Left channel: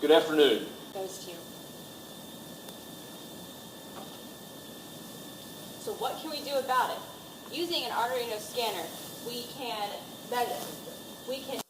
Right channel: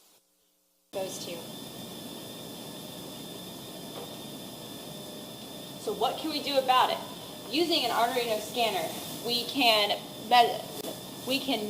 Good afternoon. Those two. So what can we do about it? Using an Arduino scanner, we can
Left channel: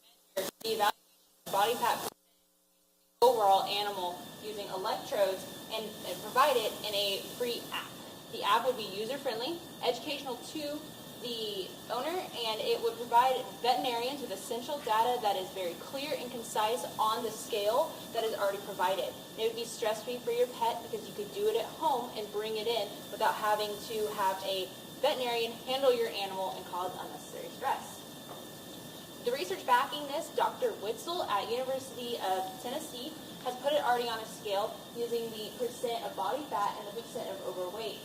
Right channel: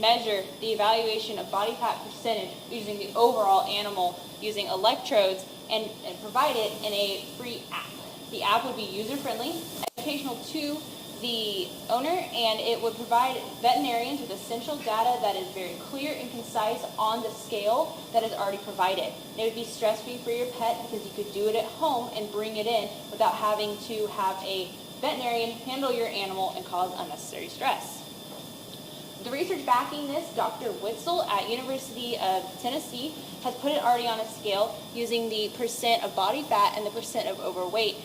measure the evaluation of body fat percentage using the overall animal using electrodes and provide it in a free app. The app would be user-friendly, educational to the owner, and it would provide veterinarians with essential data that is very clear and concise on the scale that is already provided. And it would be stress-free for your pet because you could do it at home and bring it in without having to have a veterinarian handle your animal and cause unnecessary stress. The research backing this, Dr. Witzel at University of Tennessee has put it already on a scale using the percent of body fat and the percent of overweight,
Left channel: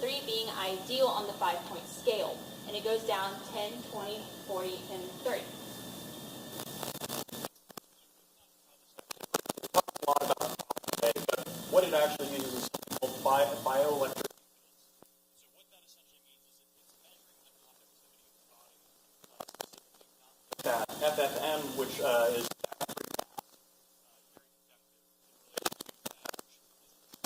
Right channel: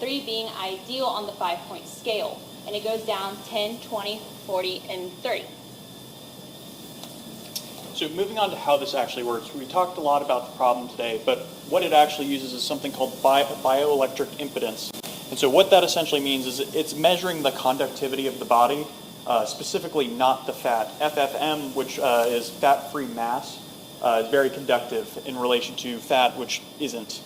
3 being ideal on the 5-point scale. And it goes down 10, 20, 40, and 30. So moving on to how this actually works, we talked a lot about the problem today, but what it actually uses is something called bioelectric impedance. And so what that essentially means is it's measuring the conductivity of the body, specifically not the fat. FFM, which is fat-free mass, is very conductive in relation to fat, which isn't.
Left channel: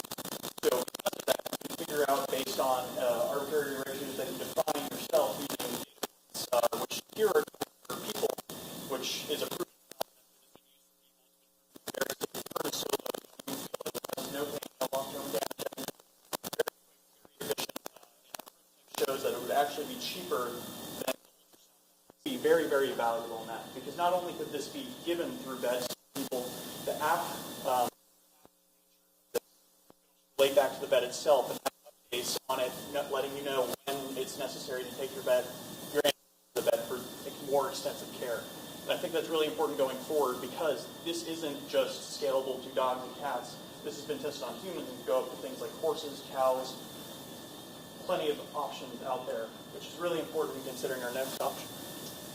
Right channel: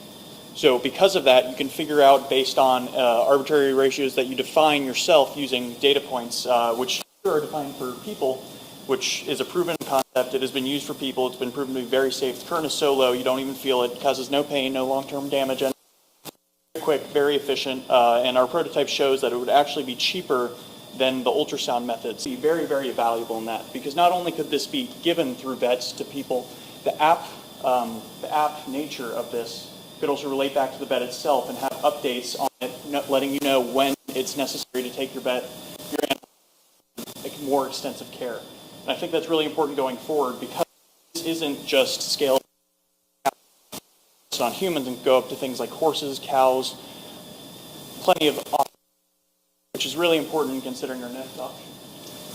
So because of that, you can figure out based on arbitrary ratios that you define yourself using data points, which here are defined for people, which is a proven concept. It has been used for people. It's been proven to be very safe. The current is so low, you don't even feel it. It causes no pain, no long-term damage, and very quick, very efficient. And our prototype shows that it would actually be cheaper than the ultrasound methods. Very, very valuable in that, because not only could this be given through vets to people, the app nature of this could also relate back to the vet itself and have updates on it, letting you know when it's necessary to take your animal to the vet for more extensive care. And I think that's really important going forward because this isn't just scalable to dogs and cats. This has been tested on humans and go up to things like horses, cows, plenty of options out there, which is really important considering our next option.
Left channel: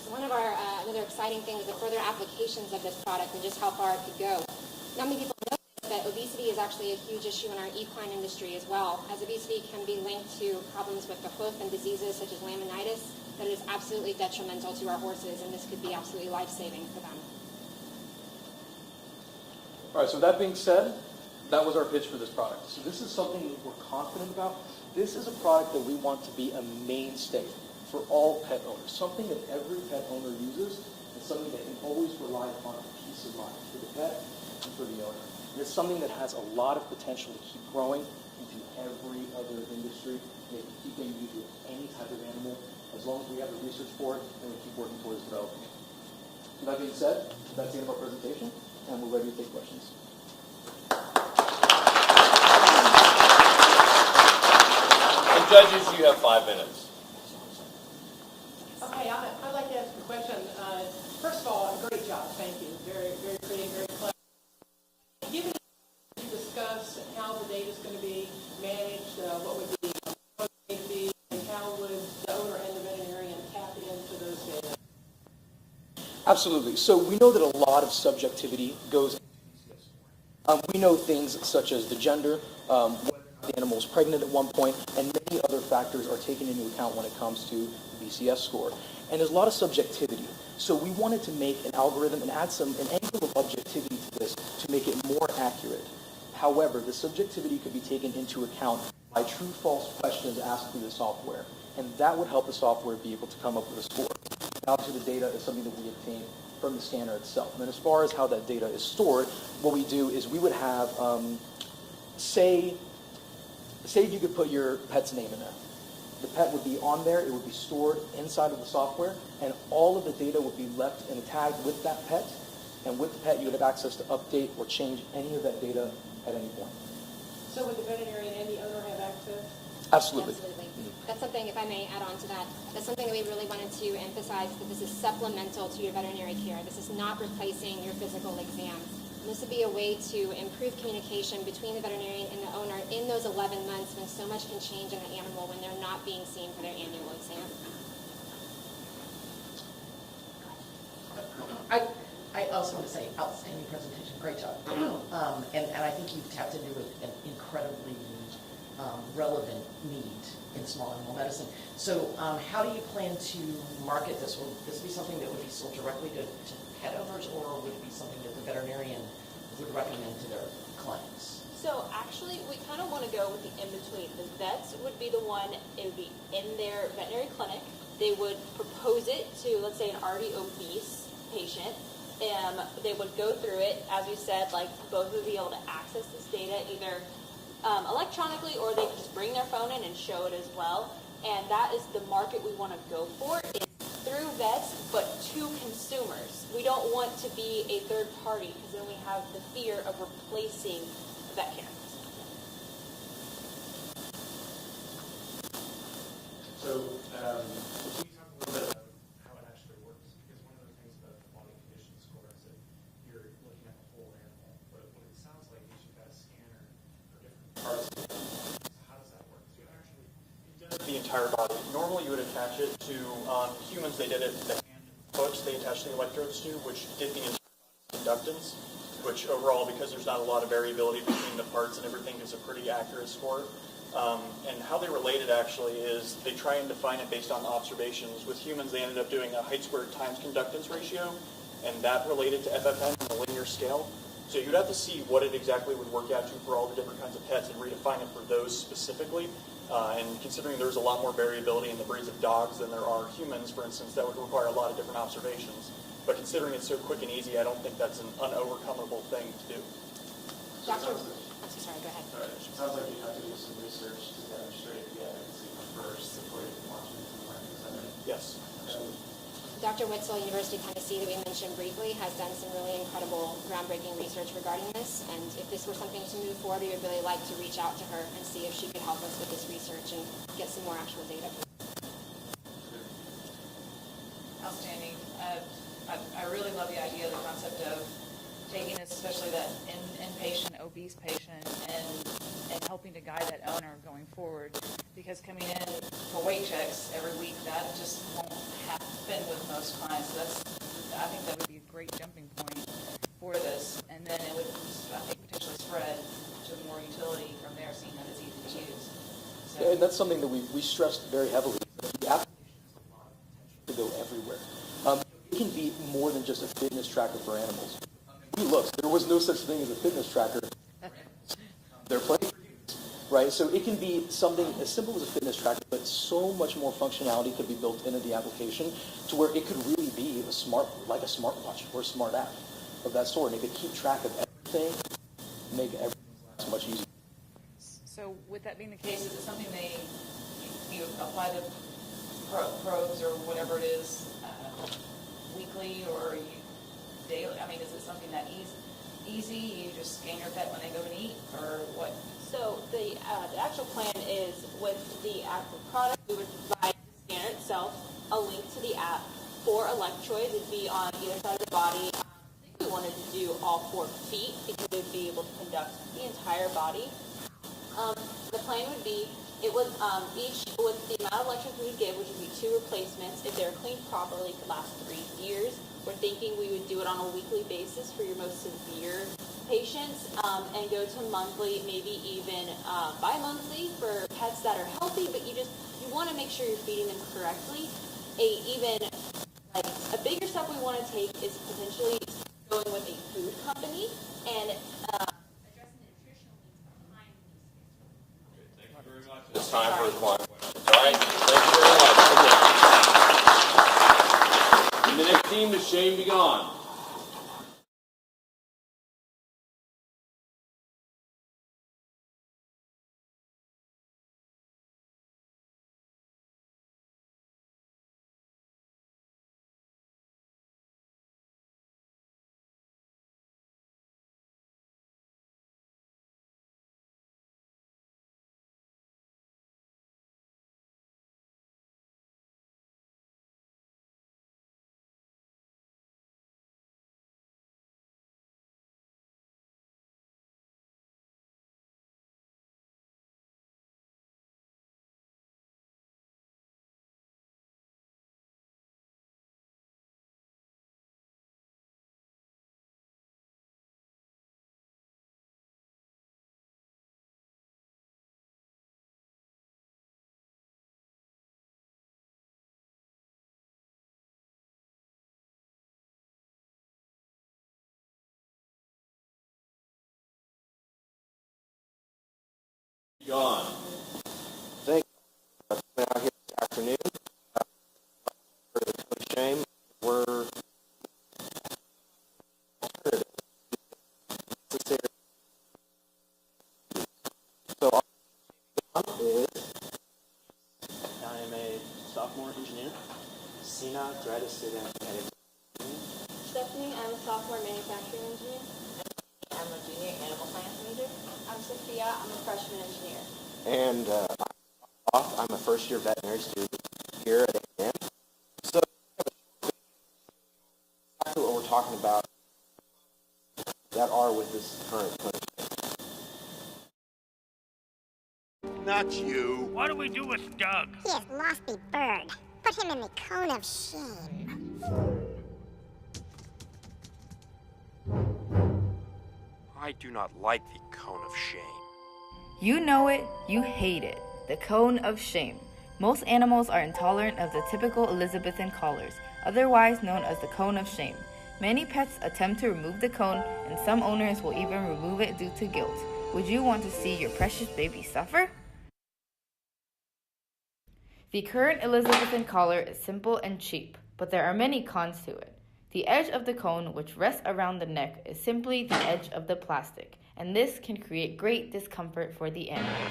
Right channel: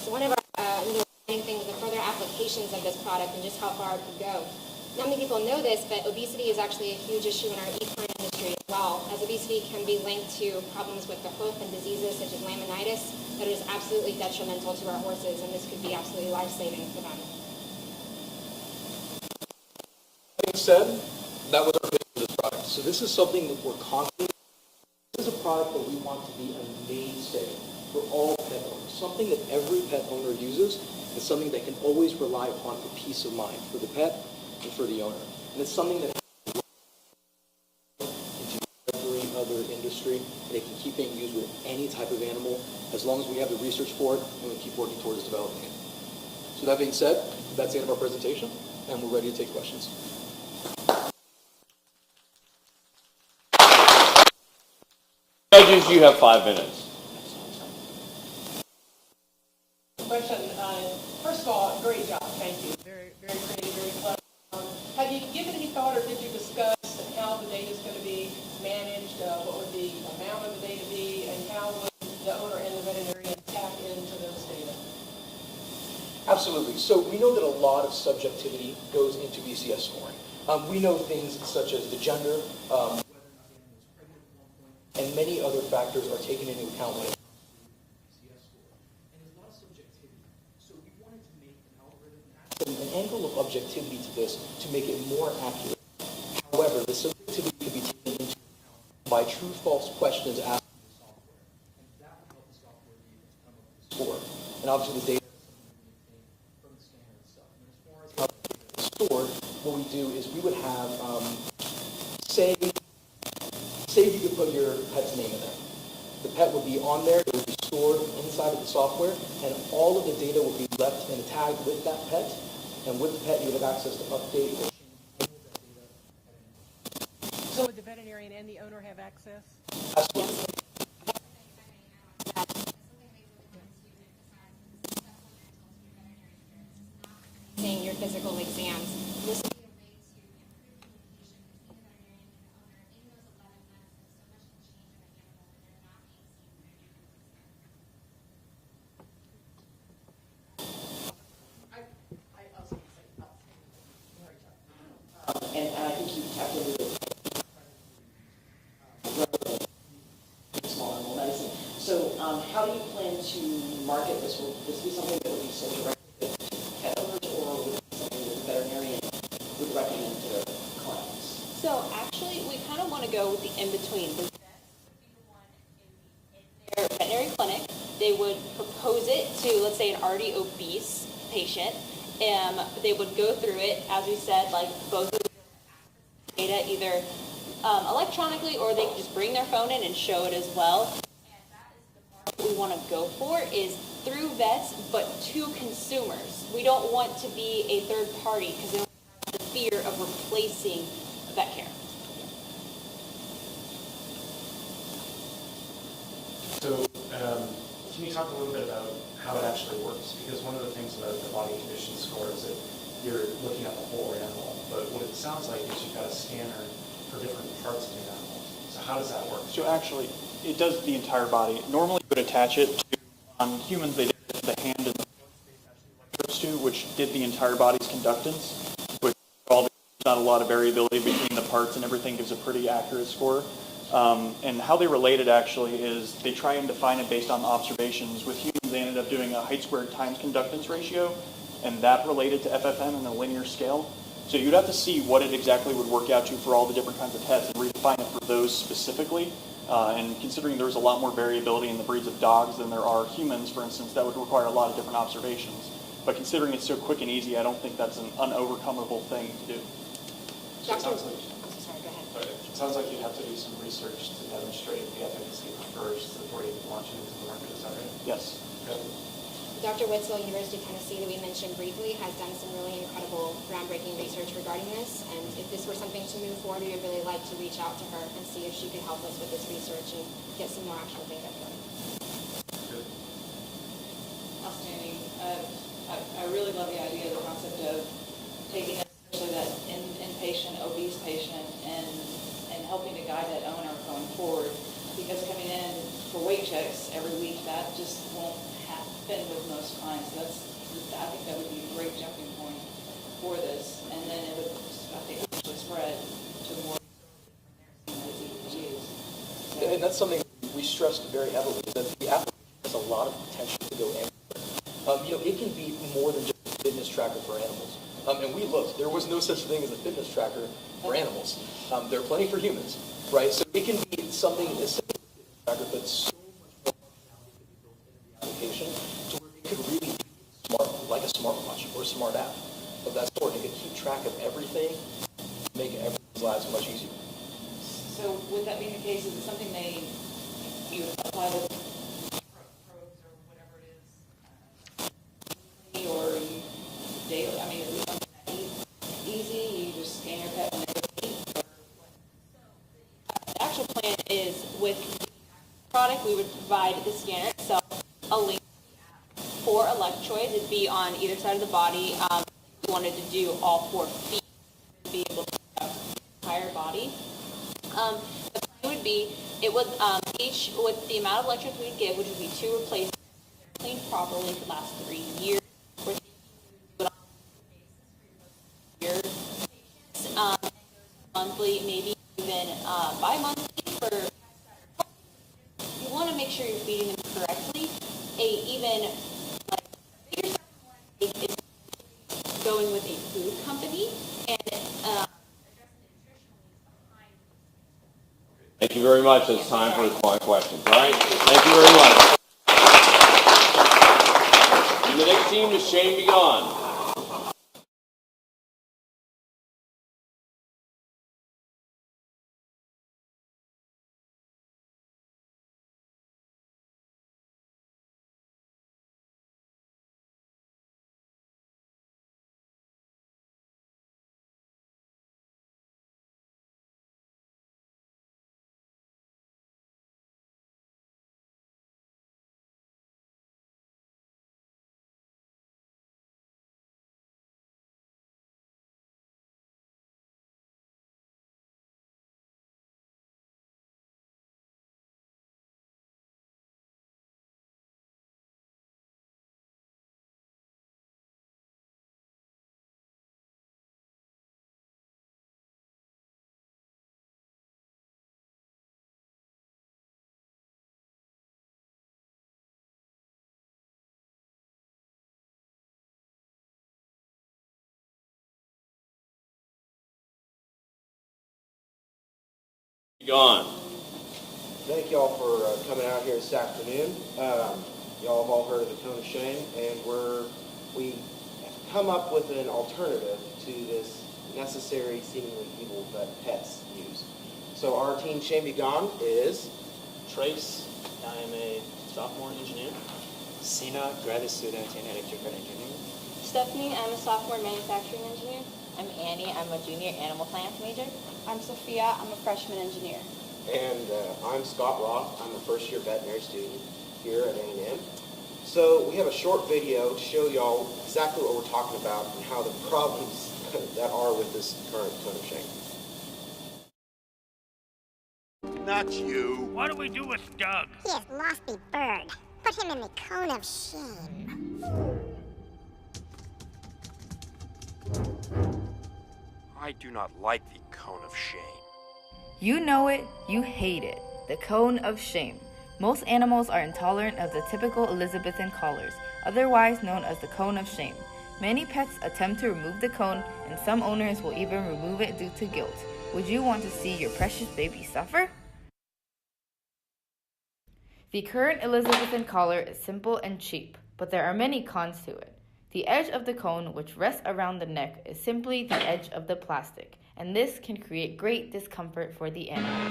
So one of our another exciting things are further applications of this product and just how far it could go. Not many people know this, but obesity is actually a huge issue in our equine industry as well, as obesity can be linked to problems with the hoof and diseases such as laminitis that is absolutely detrimental to our horses, and this could be absolutely life-saving for them. All right, so that being said, that was our pitch for this product. So this is something that we're confident about. This is a product that we want to be a mainstay for all pet owners, something that every pet owner uses, and something they can always rely upon for peace of mind for the pet and for the owner. And it's something that has a lot of potential to keep growing into every other industry, and it can keep being used with any type of animal as long as we have the research for it and we keep working towards developing it. So that being said, that's the end of our presentation, and we're ready to take questions. And judges, you have 5 minutes. Okay, I'd like to ask a question. First of all, great job. Thank you. Very, very creative, very clever. Have you given any thought, or did you discuss how the data is going to be managed? What would the amount of the data be, and how would the owner and the veterinarian tap into those data? Absolutely. So we know that a lot of subjectivity goes into BCS scoring. We know things such as the gender, whether the animal is pregnant at one point, and many other factors are taken into account when it comes to the BCS score. And there's a lot of subjectivity. So we wanted to make an algorithm and add an angle of objectivity to this to make it more accurate. However, the subjectivity can be taken into account by true-false questions asked through the software. And that would help the software be able to come up with a score. And obviously the data is something that we obtain from the scanner itself. And then as far as how that data is stored, what we do is we would have, say if you could put your pet's name in there. The pet would be on there, it would be stored inside of the software, and all of the data would be left and tagged with that pet. And with the pet, you would have access to update or change any of that data at any point. So would the veterinarian and the owner have access? Absolutely. Absolutely. That's something, if I may add on to that, that's something that we really wanted to emphasize, that this is supplemental to your veterinary care. This is not replacing your physical exams. This would be a way to improve communication between the veterinarian and the owner in those 11 months when so much can change in an animal when they're not being seen for their annual exam. I also want to say, outstanding presentation, great job. And I think you tapped into an incredibly relevant need in small animal medicine. So how do you plan to market this? Will this be something that would be sold directly to pet owners, or would it be something that the veterinarian would So actually, we kind of want to go with the in-between. The vets would be the one, it would be in their veterinary clinic. They would propose it to, let's say, an already obese patient. They would go through it, as we said, like both would be able to access this data either electronically, or they could just bring their phone in and show it as well. And that is the market we want to go for, is through vets, but to consumers. We don't want to be a third party, because then we have the fear of replacing vet care. So, can you talk a little bit about how it actually works? Because one of the things about the body condition score is that you're looking at the whole animal, but what it sounds like is you've got a scanner for different parts of the animal. So how does that work? So actually, it does the entire body. Normally, you would attach it to, on humans, they did it to the hand and the foot. They attached the electrodes to, which did the entire body's conductance, which overall, because there's not a lot of variability between the parts and everything, gives a pretty accurate score. And how they relate it actually is they try and define it based on observations. With humans, they ended up doing a height squared times conductance ratio, and that related to FFM in a linear scale. So you'd have to see what it exactly would work out to for all the different kinds of pets and redefine it for those specifically. And considering there's a lot more variability in the breeds of dogs than there are humans, for instance, that would require a lot of different observations. But considering it's so quick and easy, I don't think that's an unovercomable thing to do. So it sounds like, Sorry, go ahead. it sounds like you'd have to do some research to demonstrate the efficacy first before you can launch it into the market. Is that right? Yes. Okay. Dr. Witzel, University of Tennessee, that we mentioned briefly, has done some really incredible, groundbreaking research regarding this. And if this were something to move forward, we would really like to reach out to her and see if she could help us with this research and get some more actual data. Outstanding. I really love the idea, the concept of taking this, especially that inpatient, obese patient, and helping to guide that owner going forward. Because coming in for weight checks every week, that just won't happen with most clients. So I think that would be a great jumping point for this. And then it would, I think, potentially spread to more utility from there, seeing that it's easy to use. So, And that's something that we stressed very heavily, is that the application has a lot of potential to go everywhere. It can be more than just a fitness tracker for animals. And we looked, there was no such thing as a fitness tracker for animals. There are plenty for humans, right? So it can be something as simple as a fitness tracker, but so much more functionality could be built into the application to where it could really be like a smartwatch or a smart app of that sort. And it could keep track of everything, make everyone's lives much easier. so with that being the case, is it something you apply the probes or whatever it is weekly or you daily? I mean, is it something that easy? You just scan your pet when they go to eat, or what? So the actual plan is with the actual product, we would provide the scanner itself, a link to the app for electrodes. It'd be on either side of the body. We wanted to do all 4 feet because it would be able to conduct the entire body. The plan would be, it would each, with the amount of electrodes we'd give, which would be 2 replacements, if they're cleaned properly, it could last 3 years. We're thinking we would do it on a weekly basis for your most severe patients, and go to monthly, maybe even bi-monthly for pets that are healthy, but you want to make sure you're feeding them correctly. A bigger step we want to take is potentially going with a food company and addressing the nutritional needs behind those. Thank you very much. It's time for the questions. All right? Thank you very much. The next team to Shane be gone. Gone. Thank y'all for coming out here this afternoon. Y'all have all heard of the cone of shame, and we come up with an alternative to this necessary, seemingly evil that pets use. So our team Shame Be Gone is Trace, I am a sophomore engineer. Sina, grad student in electrical engineering. Stephanie, I'm a sophomore manufacturing engineer. I'm Annie, I'm a junior animal science major. I'm Sophia, I'm a freshman engineer. And I'm Scott Roth. I'm a first-year veterinary student here at A&M. So we have a short video to show y'all exactly what we're talking about and how the problems that are with this current cone of shame. Not you. What do we do with Doug? He is lofty bird. Put him in the cone of shame. I do not like the cone of shame. You know it, you hate it. The cone of shame. Most animals are intolerant of the typical Elizabethan collars, otherwise known as the cone of shame. Many pets attempt to remove the cone, and some owners will even remove it due to guilt. Would you want to see your precious baby suffer? The current Elizabethan collar is simple and cheap, but there are many cons to it. The edge of the cone, which rests around the neck, is simply the edge of the plastic, and this can create great discomfort for the animal.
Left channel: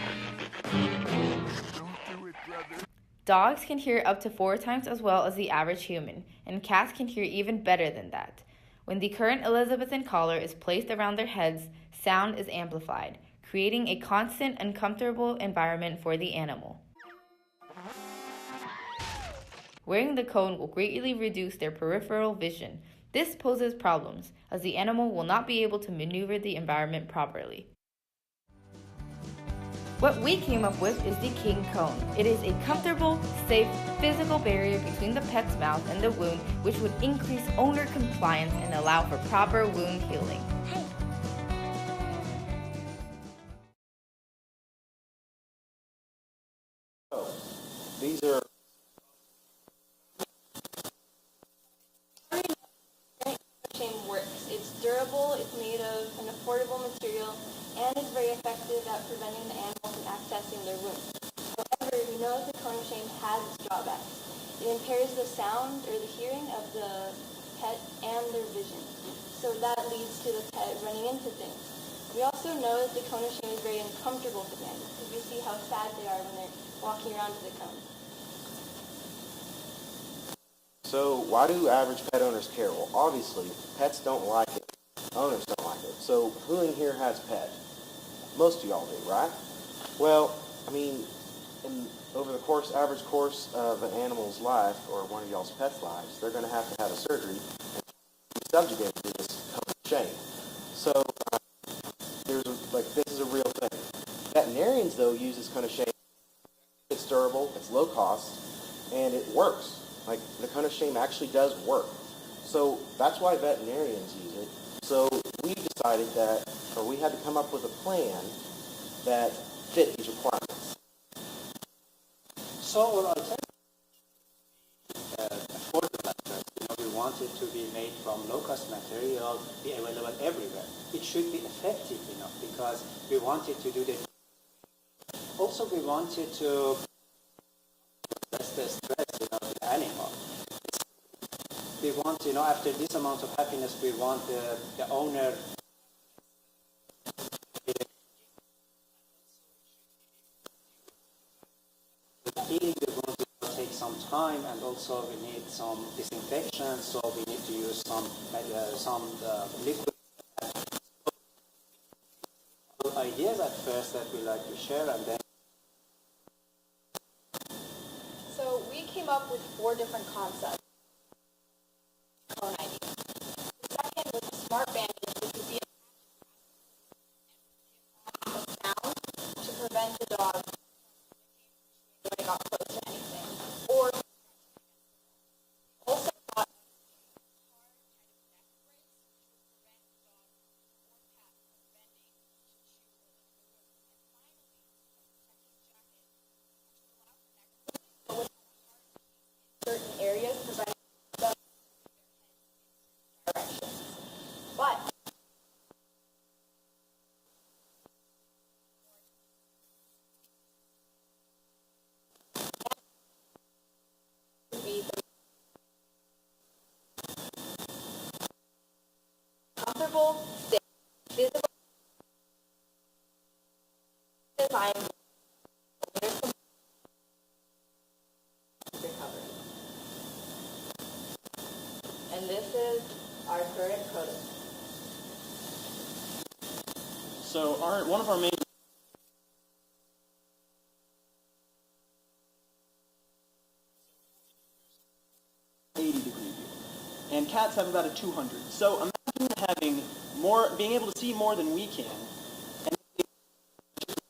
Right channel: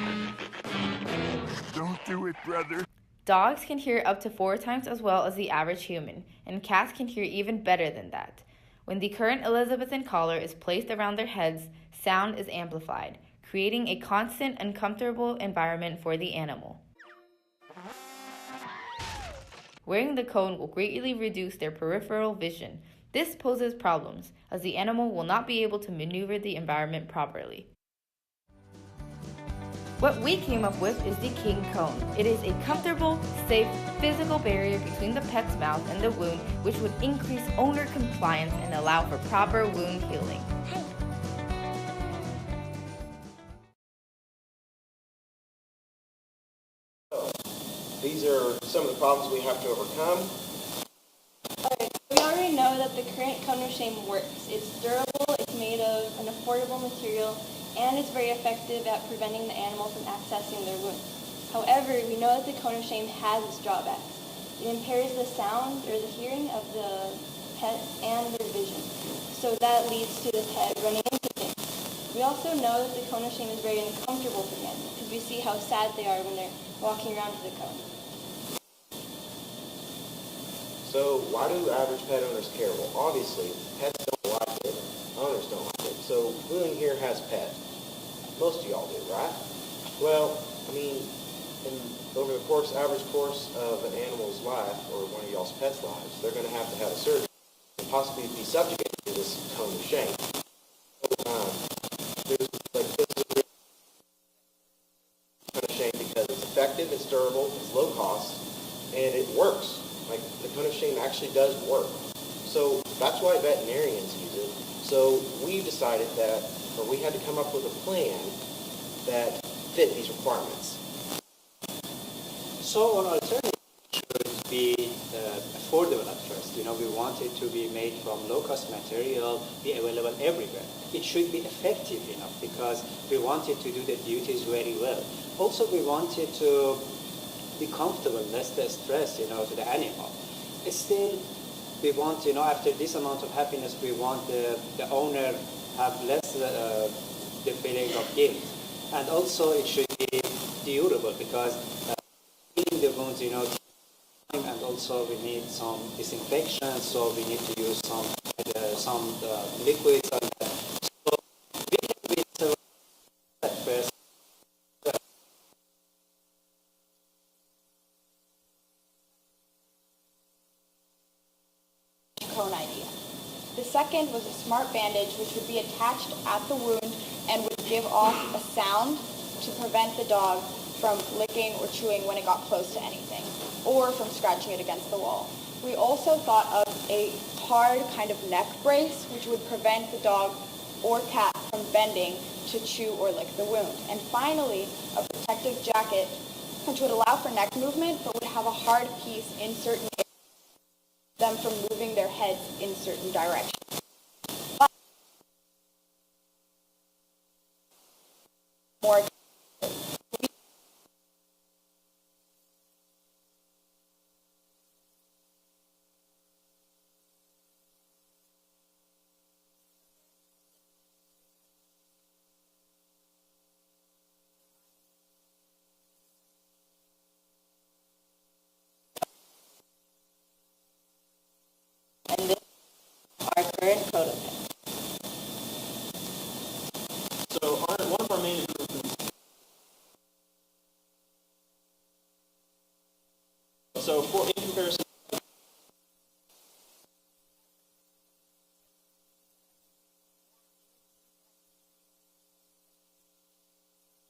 Don't do it, brother. Dogs can hear up to 4 times as well as the average human, and cats can hear even better than that. When the current Elizabethan collar is placed around their heads, sound is amplified, creating a constant, uncomfortable environment for the animal. Wearing the cone will greatly reduce their peripheral vision. This poses problems, as the animal will not be able to maneuver the environment properly. What we came up with is the King Cone. It is a comfortable, safe, physical barrier between the pet's mouth and the wound, which would increase owner compliance and allow for proper wound healing. These are some of the problems we have to overcome. Alright, we already know that the current cone of shame works. It's durable, it's made of an affordable material, and it's very effective at preventing the animal from accessing their wounds. However, we know that the cone of shame has its drawbacks. It impairs the sound or the hearing of the pet and their vision. So that leads to the pet running into things. We also know that the cone of shame is very uncomfortable for the animal, because we see how sad they are when they're walking around with the cone. So why do average pet owners care? Well, obviously, pets don't like it. Owners don't like it. So who in here has pets? Most of y'all do, right? Well, I mean, over the average course of an animal's life, or one of y'all's pets' lives, they're going to have a surgery and possibly be subjugated to this cone of shame. So this is a real thing. Veterinarians, though, use this cone of shame because it's effective, it's durable, it's low cost, and it works. Like, the cone of shame actually does work. So that's why veterinarians use it. So we decided we had to come up with a plan that fit these requirements. So an alternative should be affordable at first. We want it to be made from low-cost material, be available everywhere. It should be effective enough because we want it to do the duties very well. Also, we want it to be comfortable, less the stress, to the animal. Still, we want, after this amount of happiness, we want the owner have less the feeling of guilt. And also, it should be durable because healing the wounds, takes some time, and also we need some disinfection, so we need to use some liquids and that. So we have several ideas at first that we like to share, and then. So we came up with 4 different concepts. Cone idea. The second was a smart bandage, which would be attached at the wound and would give off a sound to prevent the dog from licking or chewing when it got close to anything, or from scratching it against the wall. We also thought of a hard kind of neck brace, which would prevent the dog or cat from bending to chew or lick the wound. And finally, a protective jacket, which would allow for neck movement, but would have a hard piece in certain areas, preventing them from moving their heads in certain directions. But more comfortable, safe, visible design. And this is our current prototype. So one of our main improvements. So in comparison, 80 degree view, and cats have about a 200. So imagine having more, being able to see more than we can, and just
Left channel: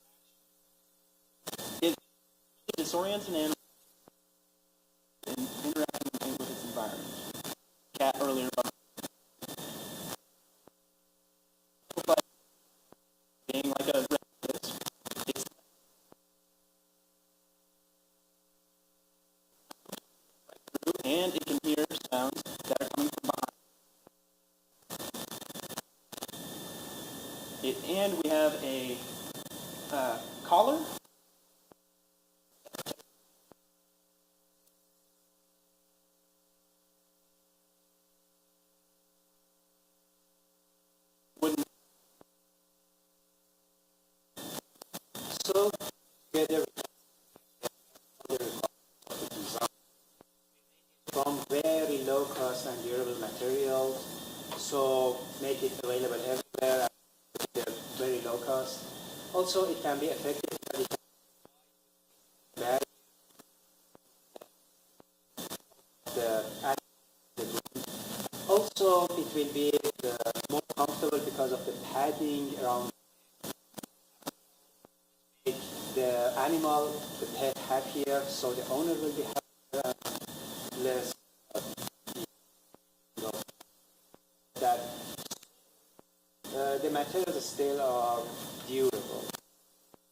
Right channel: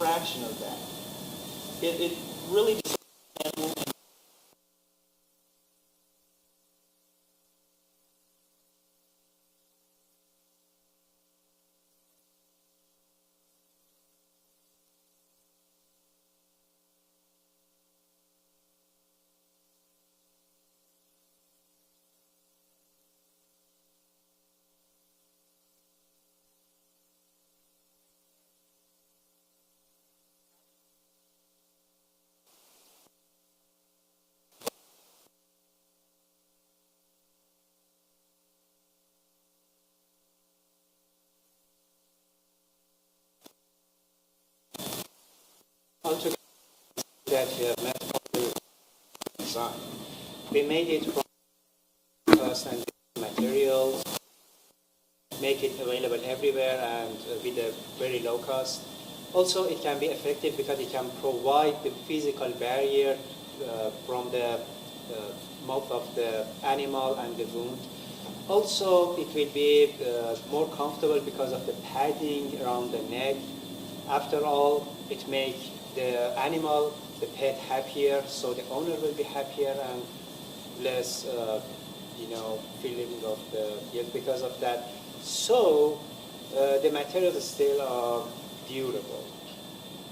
a fraction of that. It really disorients an animal and interacting with its environment. Cat earlier about being like a it's and it can hear sounds that are coming from behind. And we have a collar. So altogether, that we have met all the design. We made it from very low cost and durable materials, so make it available everywhere and with a very low cost. Also, it can be effective because it can provide the physical barrier from the mouth of the animal and the wound. Also, it will be more comfortable because of the padding around the neck. After all, it makes the animal, the pet, happier, so the owner will be happier and less, feeling of the guilt because of that. So the materials still are durable.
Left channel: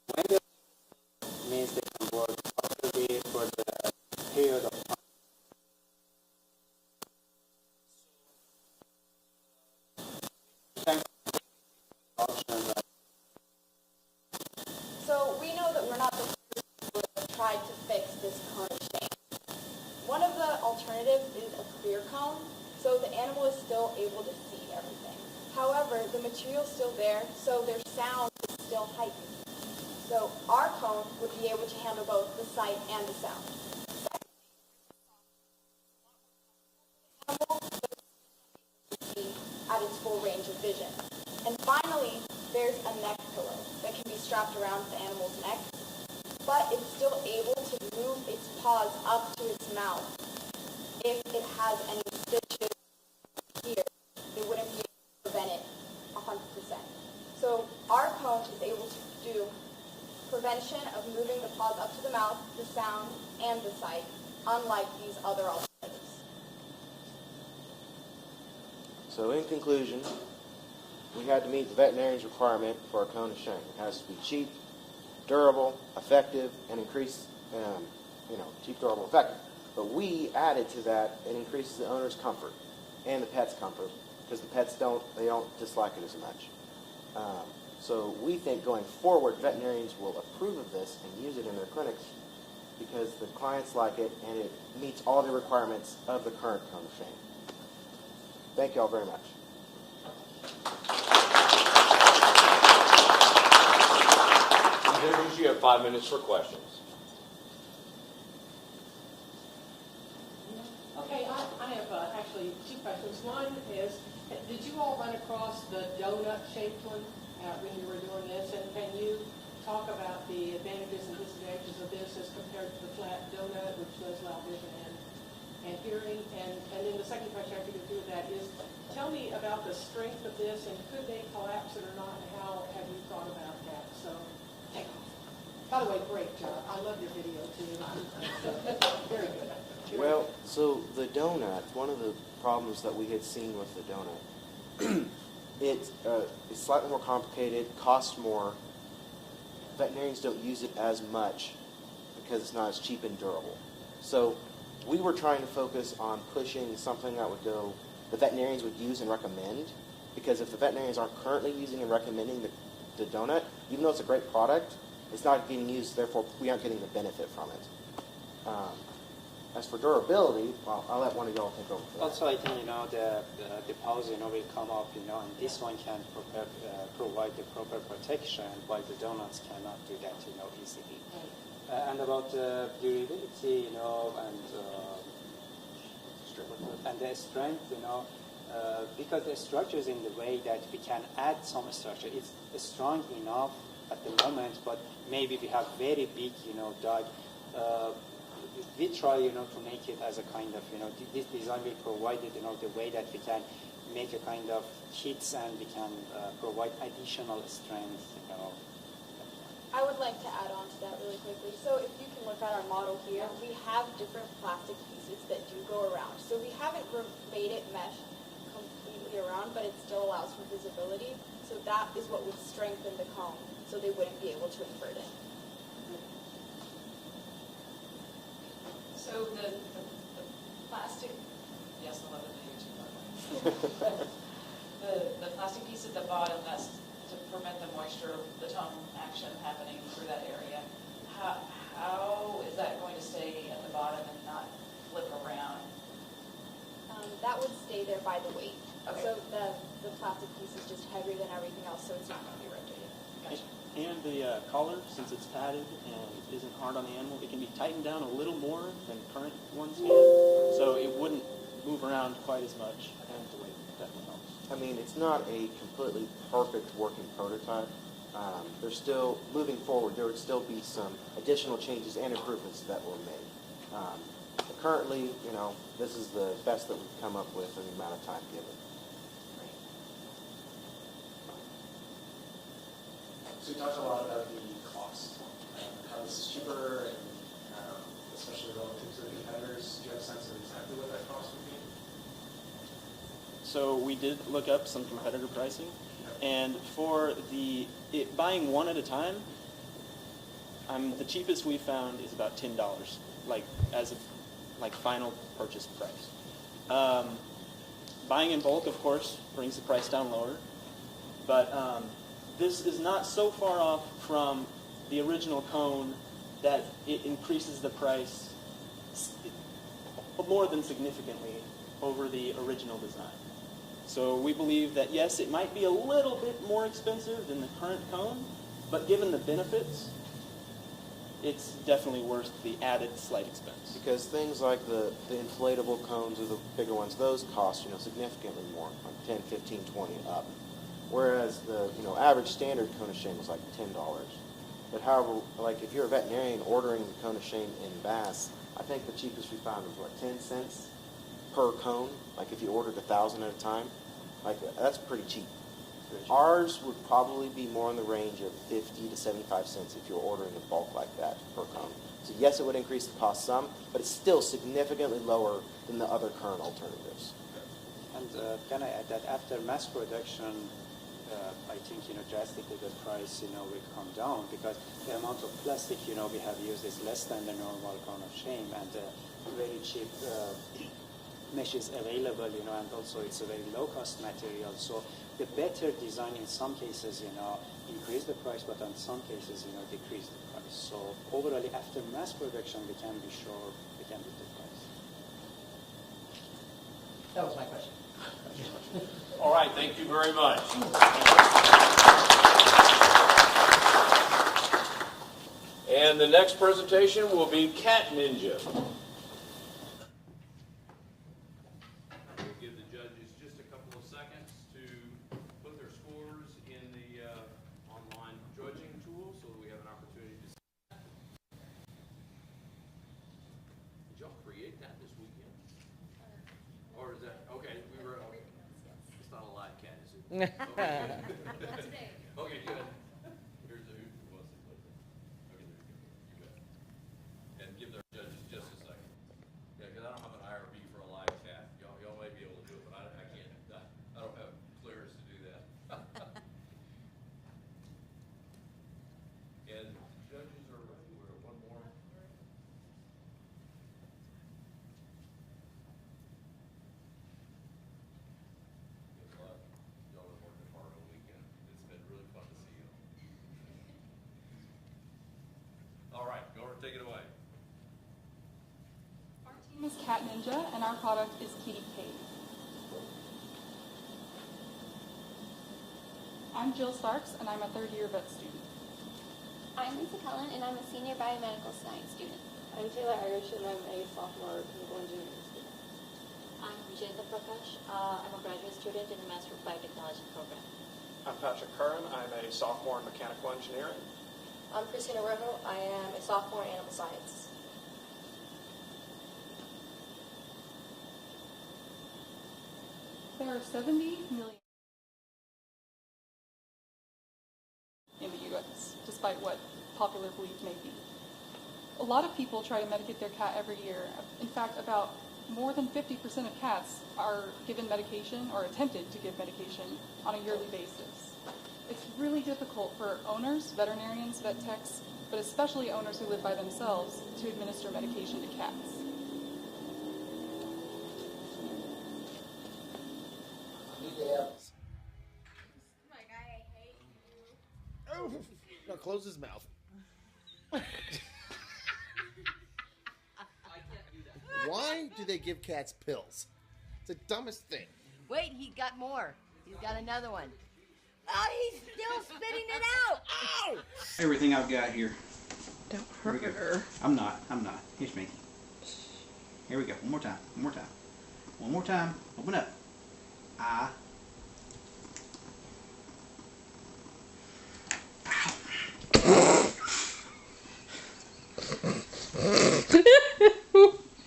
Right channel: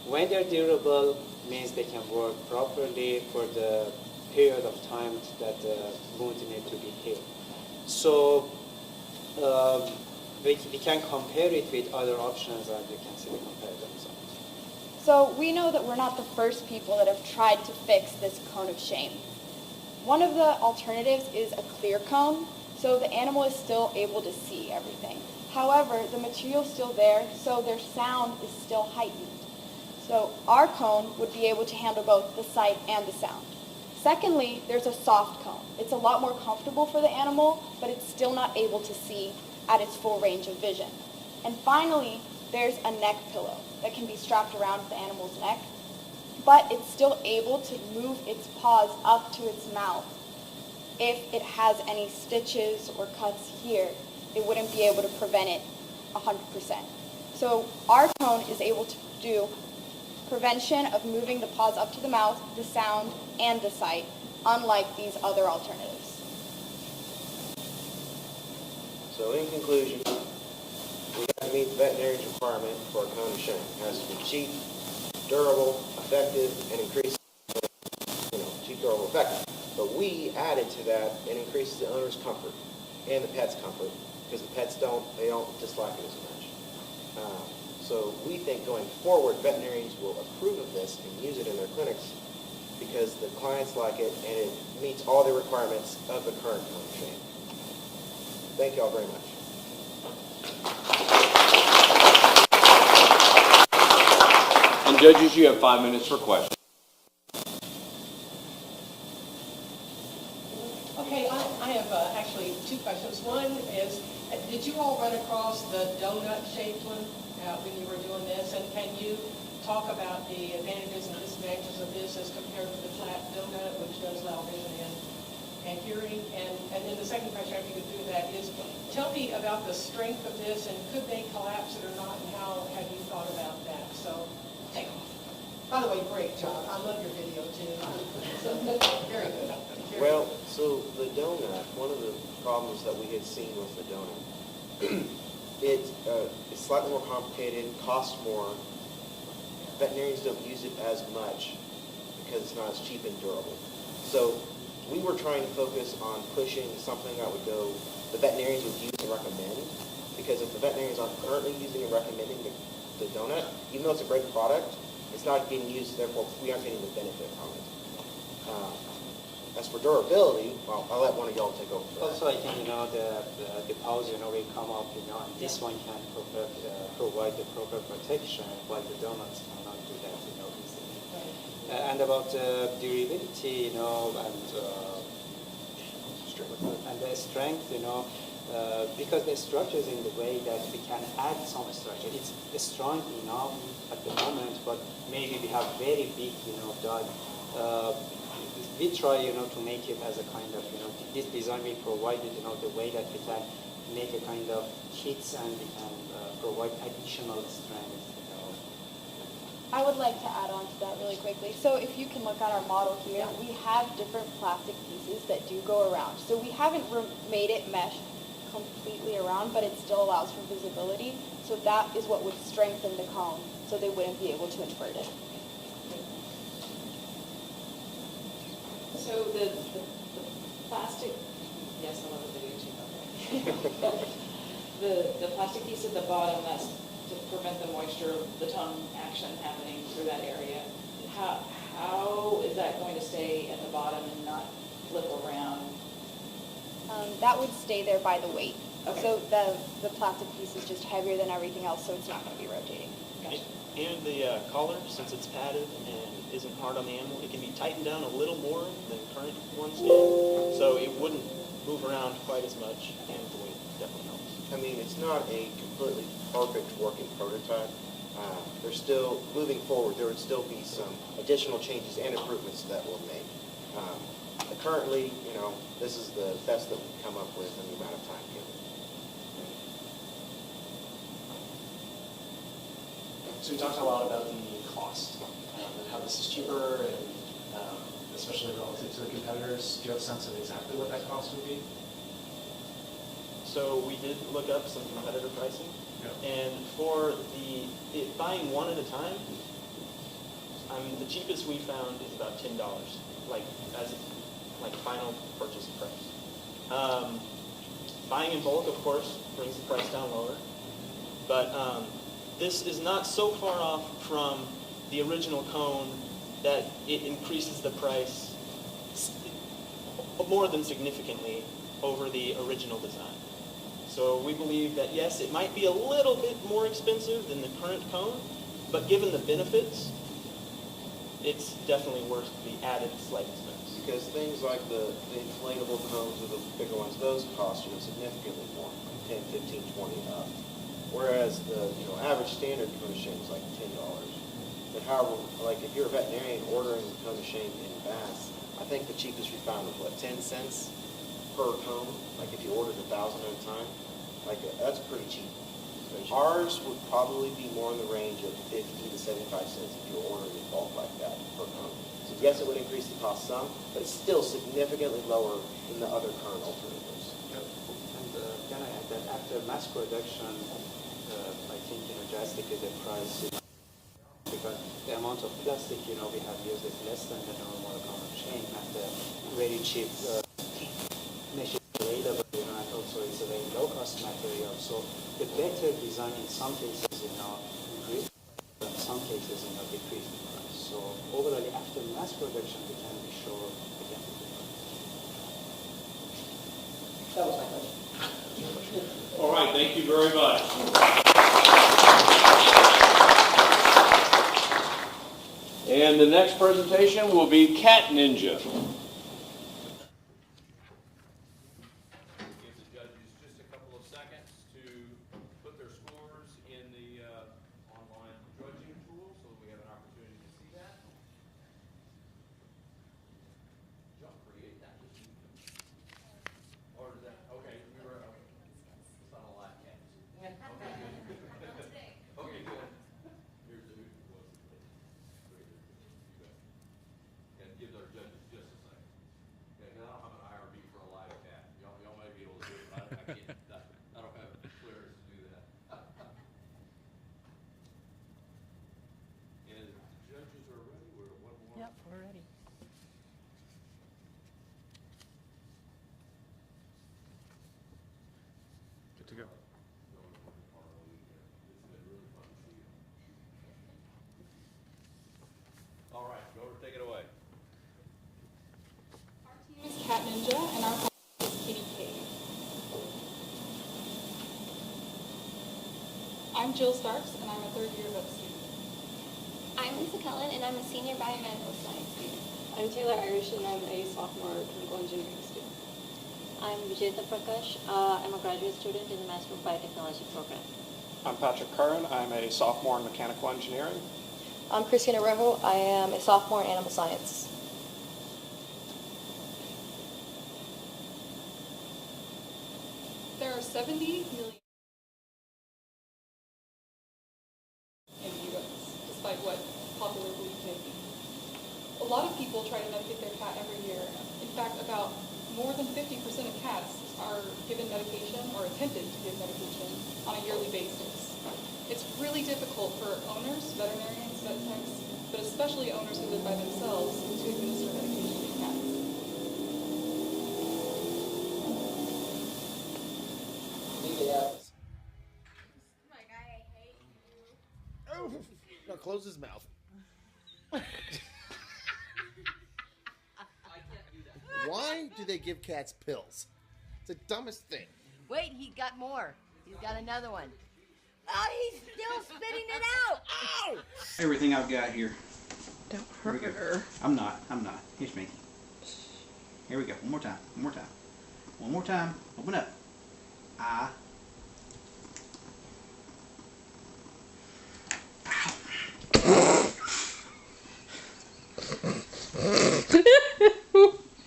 When they're durable, means they can work properly for the period of time that the wound need to be healed. So we can compare it with other options that we can see the comparison results. So we know that we're not the first people that have tried to fix this cone of shame. One of the alternatives is a clear cone, so the animal is still able to see everything. However, the material's still there, so their sound is still heightened. So our cone would be able to handle both the sight and the sound. Secondly, there's a soft cone. It's a lot more comfortable for the animal, but it's still not able to see at its full range of vision. And finally, there's a neck pillow that can be strapped around the animal's neck, but it's still able to move its paws up to its mouth. If it has any stitches or cuts here, it wouldn't be able to prevent it 100%. So our cone is able to do prevention of moving the paws up to the mouth, the sound, and the sight, unlike these other alternatives. So in conclusion, we have to meet the veterinarian's requirement for a cone of shame. It has to be cheap, durable, effective, and increase, cheap, durable, effective. But we added to that, it increases the owner's comfort and the pet's comfort, because the pets don't dislike it as much. So we think going forward, veterinarians will approve of this and use it in their clinics because the clients like it and it meets all the requirements of the current cone of shame. Thank you all very much. And judges, you have 5 minutes for questions. Okay, I have actually two questions. One is, did you all run across the donut-shaped one when you were doing this? And can you talk about the advantages and disadvantages of this as compared to the flat donut, which does loud vision and hearing? And then the second question I think to do with that is, tell me about the strength of this, and could they collapse it or not, and how have you thought about that? So, take off. By the way, great job. I love your video too. Very good. Well, so the donut, one of the problems that we had seen with the donut, it's slightly more complicated, costs more. Veterinarians don't use it as much because it's not as cheap and durable. So we were trying to focus on pushing something that would go, the veterinarians would use and recommend, because if the veterinarians aren't currently using and recommending the donut, even though it's a great product, it's not being used, therefore we aren't getting the benefit from it. As for durability, well, I'll let one of y'all take over for that. Also, I think, the paws, will come up, and this one can provide the proper protection, while the donuts cannot do that, easily. And about durability, and the strength, because the structure is in the way that we can add some structure. It's strong enough at the moment, but maybe we have very big, dog. We try, to make it as a kind of, this design will provide it, the way that we can make a kind of hits and we can provide additional strength, I would like to add on to that really quickly. So if you can look at our model here, we have different plastic pieces that do go around. So we haven't made it mesh completely around, but it still allows for visibility. So that is what would strengthen the cone, so they wouldn't be able to invert it. So the plastic, yes, I love the video too. The plastic piece at the bottom, that's to prevent the moisture, the tongue action happening through that area. How is that going to stay at the bottom and not flip around? That would stay there by the weight. Okay. So the plastic piece is just heavier than everything else, so it's not going to be rotating. Gotcha. And the collar, since it's padded and isn't hard on the animal, it can be tightened down a little more than current ones can, so it wouldn't move around quite as much, and the weight definitely helps. I mean, it's not a completely perfect working prototype. There's still, moving forward, there would still be some additional changes and improvements that were made. But currently, this is the best that we've come up with in the amount of time given. So we talked a lot about the cost, how this is cheaper, and especially relative to the competitors. Do you have a sense of exactly what that cost would be? So we did look up some competitor pricing, and for buying one at a time, the cheapest we found is about $10, like final purchase price. Buying in bulk, of course, brings the price down lower, but this is not so far off from the original cone that it increases the price more than significantly over the original design. So we believe that, yes, it might be a little bit more expensive than the current cone, but given the benefits, it's definitely worth the added slight expense. Because things like the inflatable cones or the bigger ones, those cost, significantly more, like 10, 15, 20 up. Whereas the, average standard cone of shame is like $10. But however, like if you're a veterinarian ordering the cone of shame in bass, I think the cheapest we found was 10 cents per cone. Like if you ordered 1,000 at a time, that's pretty cheap. Ours would probably be more in the range of 50 to 75 cents if you're ordering in bulk like that per cone. So yes, it would increase the cost some, but it's still significantly lower than the other current alternatives. And can I add that after mass production, I think, drastically the price, will come down, because the amount of plastic, we have used is less than the normal cone of shame, and very cheap mesh is available, and also it's a very low-cost material. So the better design in some cases, increase the price, but in some cases, decrease the price. So overall, after mass production, we can be sure we can beat the price. That was my question. All right, thank you very much. And the next presentation will be Cat Ninja. That's big. Okay, good. Here's who was it. Okay, there. And give their judges just a second. Yeah, because I don't have an IRB for a live cat. Y'all may be able to do it, but I can't. I don't have the clearance to do that. And the judges are ready. We're at one more. Yep, we're ready. Good to go. Y'all have worked hard all weekend. It's been really fun to see you. All right, go over, take it away. Part Cat Ninja, and our product is Kitty Cave. I'm Jill Starks, and I'm a third-year vet student. I'm Lisa Cullen, and I'm a senior biomedical science student. I'm Taylor Irish, and I'm a sophomore chemical engineering student. I'm Vijayta Prakash. I'm a graduate student in the Master of Biotechnology program. I'm Patrick Curran. I'm a sophomore in mechanical engineering. I'm Christina Rojo. I am a sophomore in animal science. There are 70 million in the U.S., despite what popular belief may be. A lot of people try to medicate their cat every year. In fact, about more than 50% of cats are given medication or attempted to give medication on a yearly basis. It's really difficult for owners, veterinarians, vet techs, but especially owners who live by themselves to administer medication to cats. Oh, now close his mouth. Why do they give cats pills? It's the dumbest thing. Wait, he got more. He's got another one. Oh, he's still spitting it out. Ow! Everything I've got here. Don't Here we go. I'm not. Here's me. Here we go. One more time. One more time. One more time. Open up. Ah.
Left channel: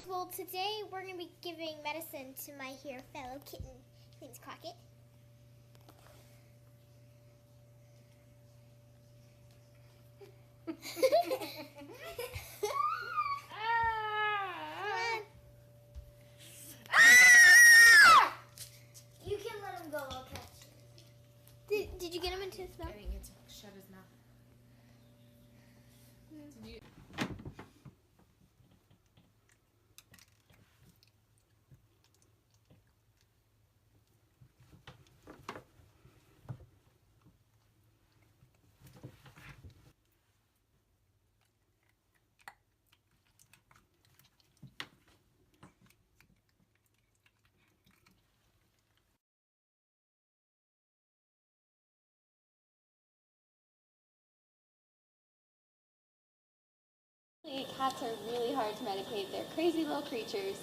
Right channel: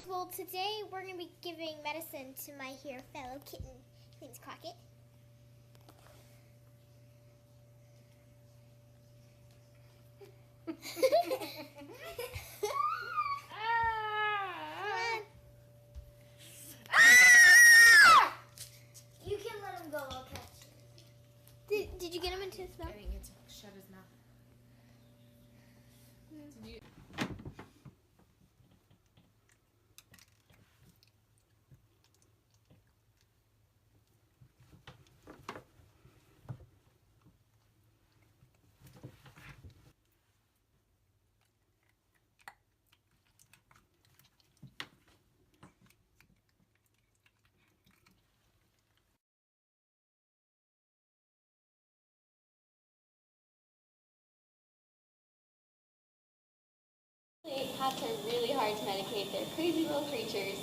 Well, today we're going to be giving medicine to my here fellow kitten. His name's Crockett. You can let him go, I'll catch you. Did you get him into his mouth? I didn't get to shut his mouth. Cats are really hard to medicate. They're crazy little creatures.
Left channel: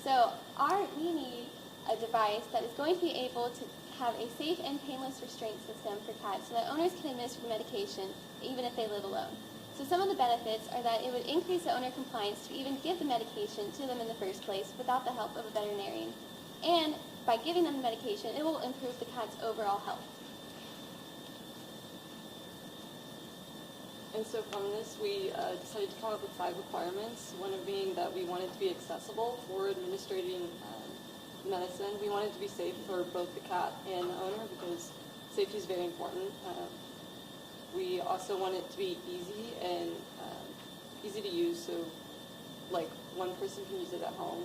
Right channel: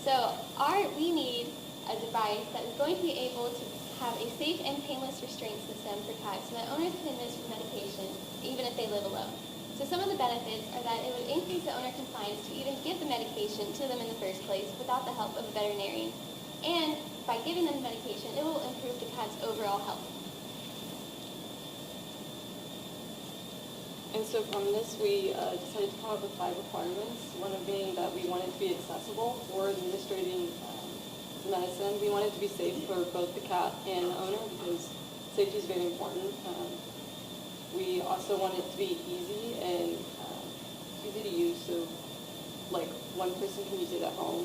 So we need a device that is going to be able to have a safe and painless restraint system for cats so that owners can administer medication even if they live alone. So some of the benefits are that it would increase the owner compliance to even give the medication to them in the first place without the help of a veterinarian. And by giving them the medication, it will improve the cat's overall health. And so from this, we decided to come up with 5 requirements. One of being that we wanted to be accessible for administrating medicine. We wanted to be safe for both the cat and the owner because safety is very important. We also want it to be easy and easy to use, so like one person can use it at home.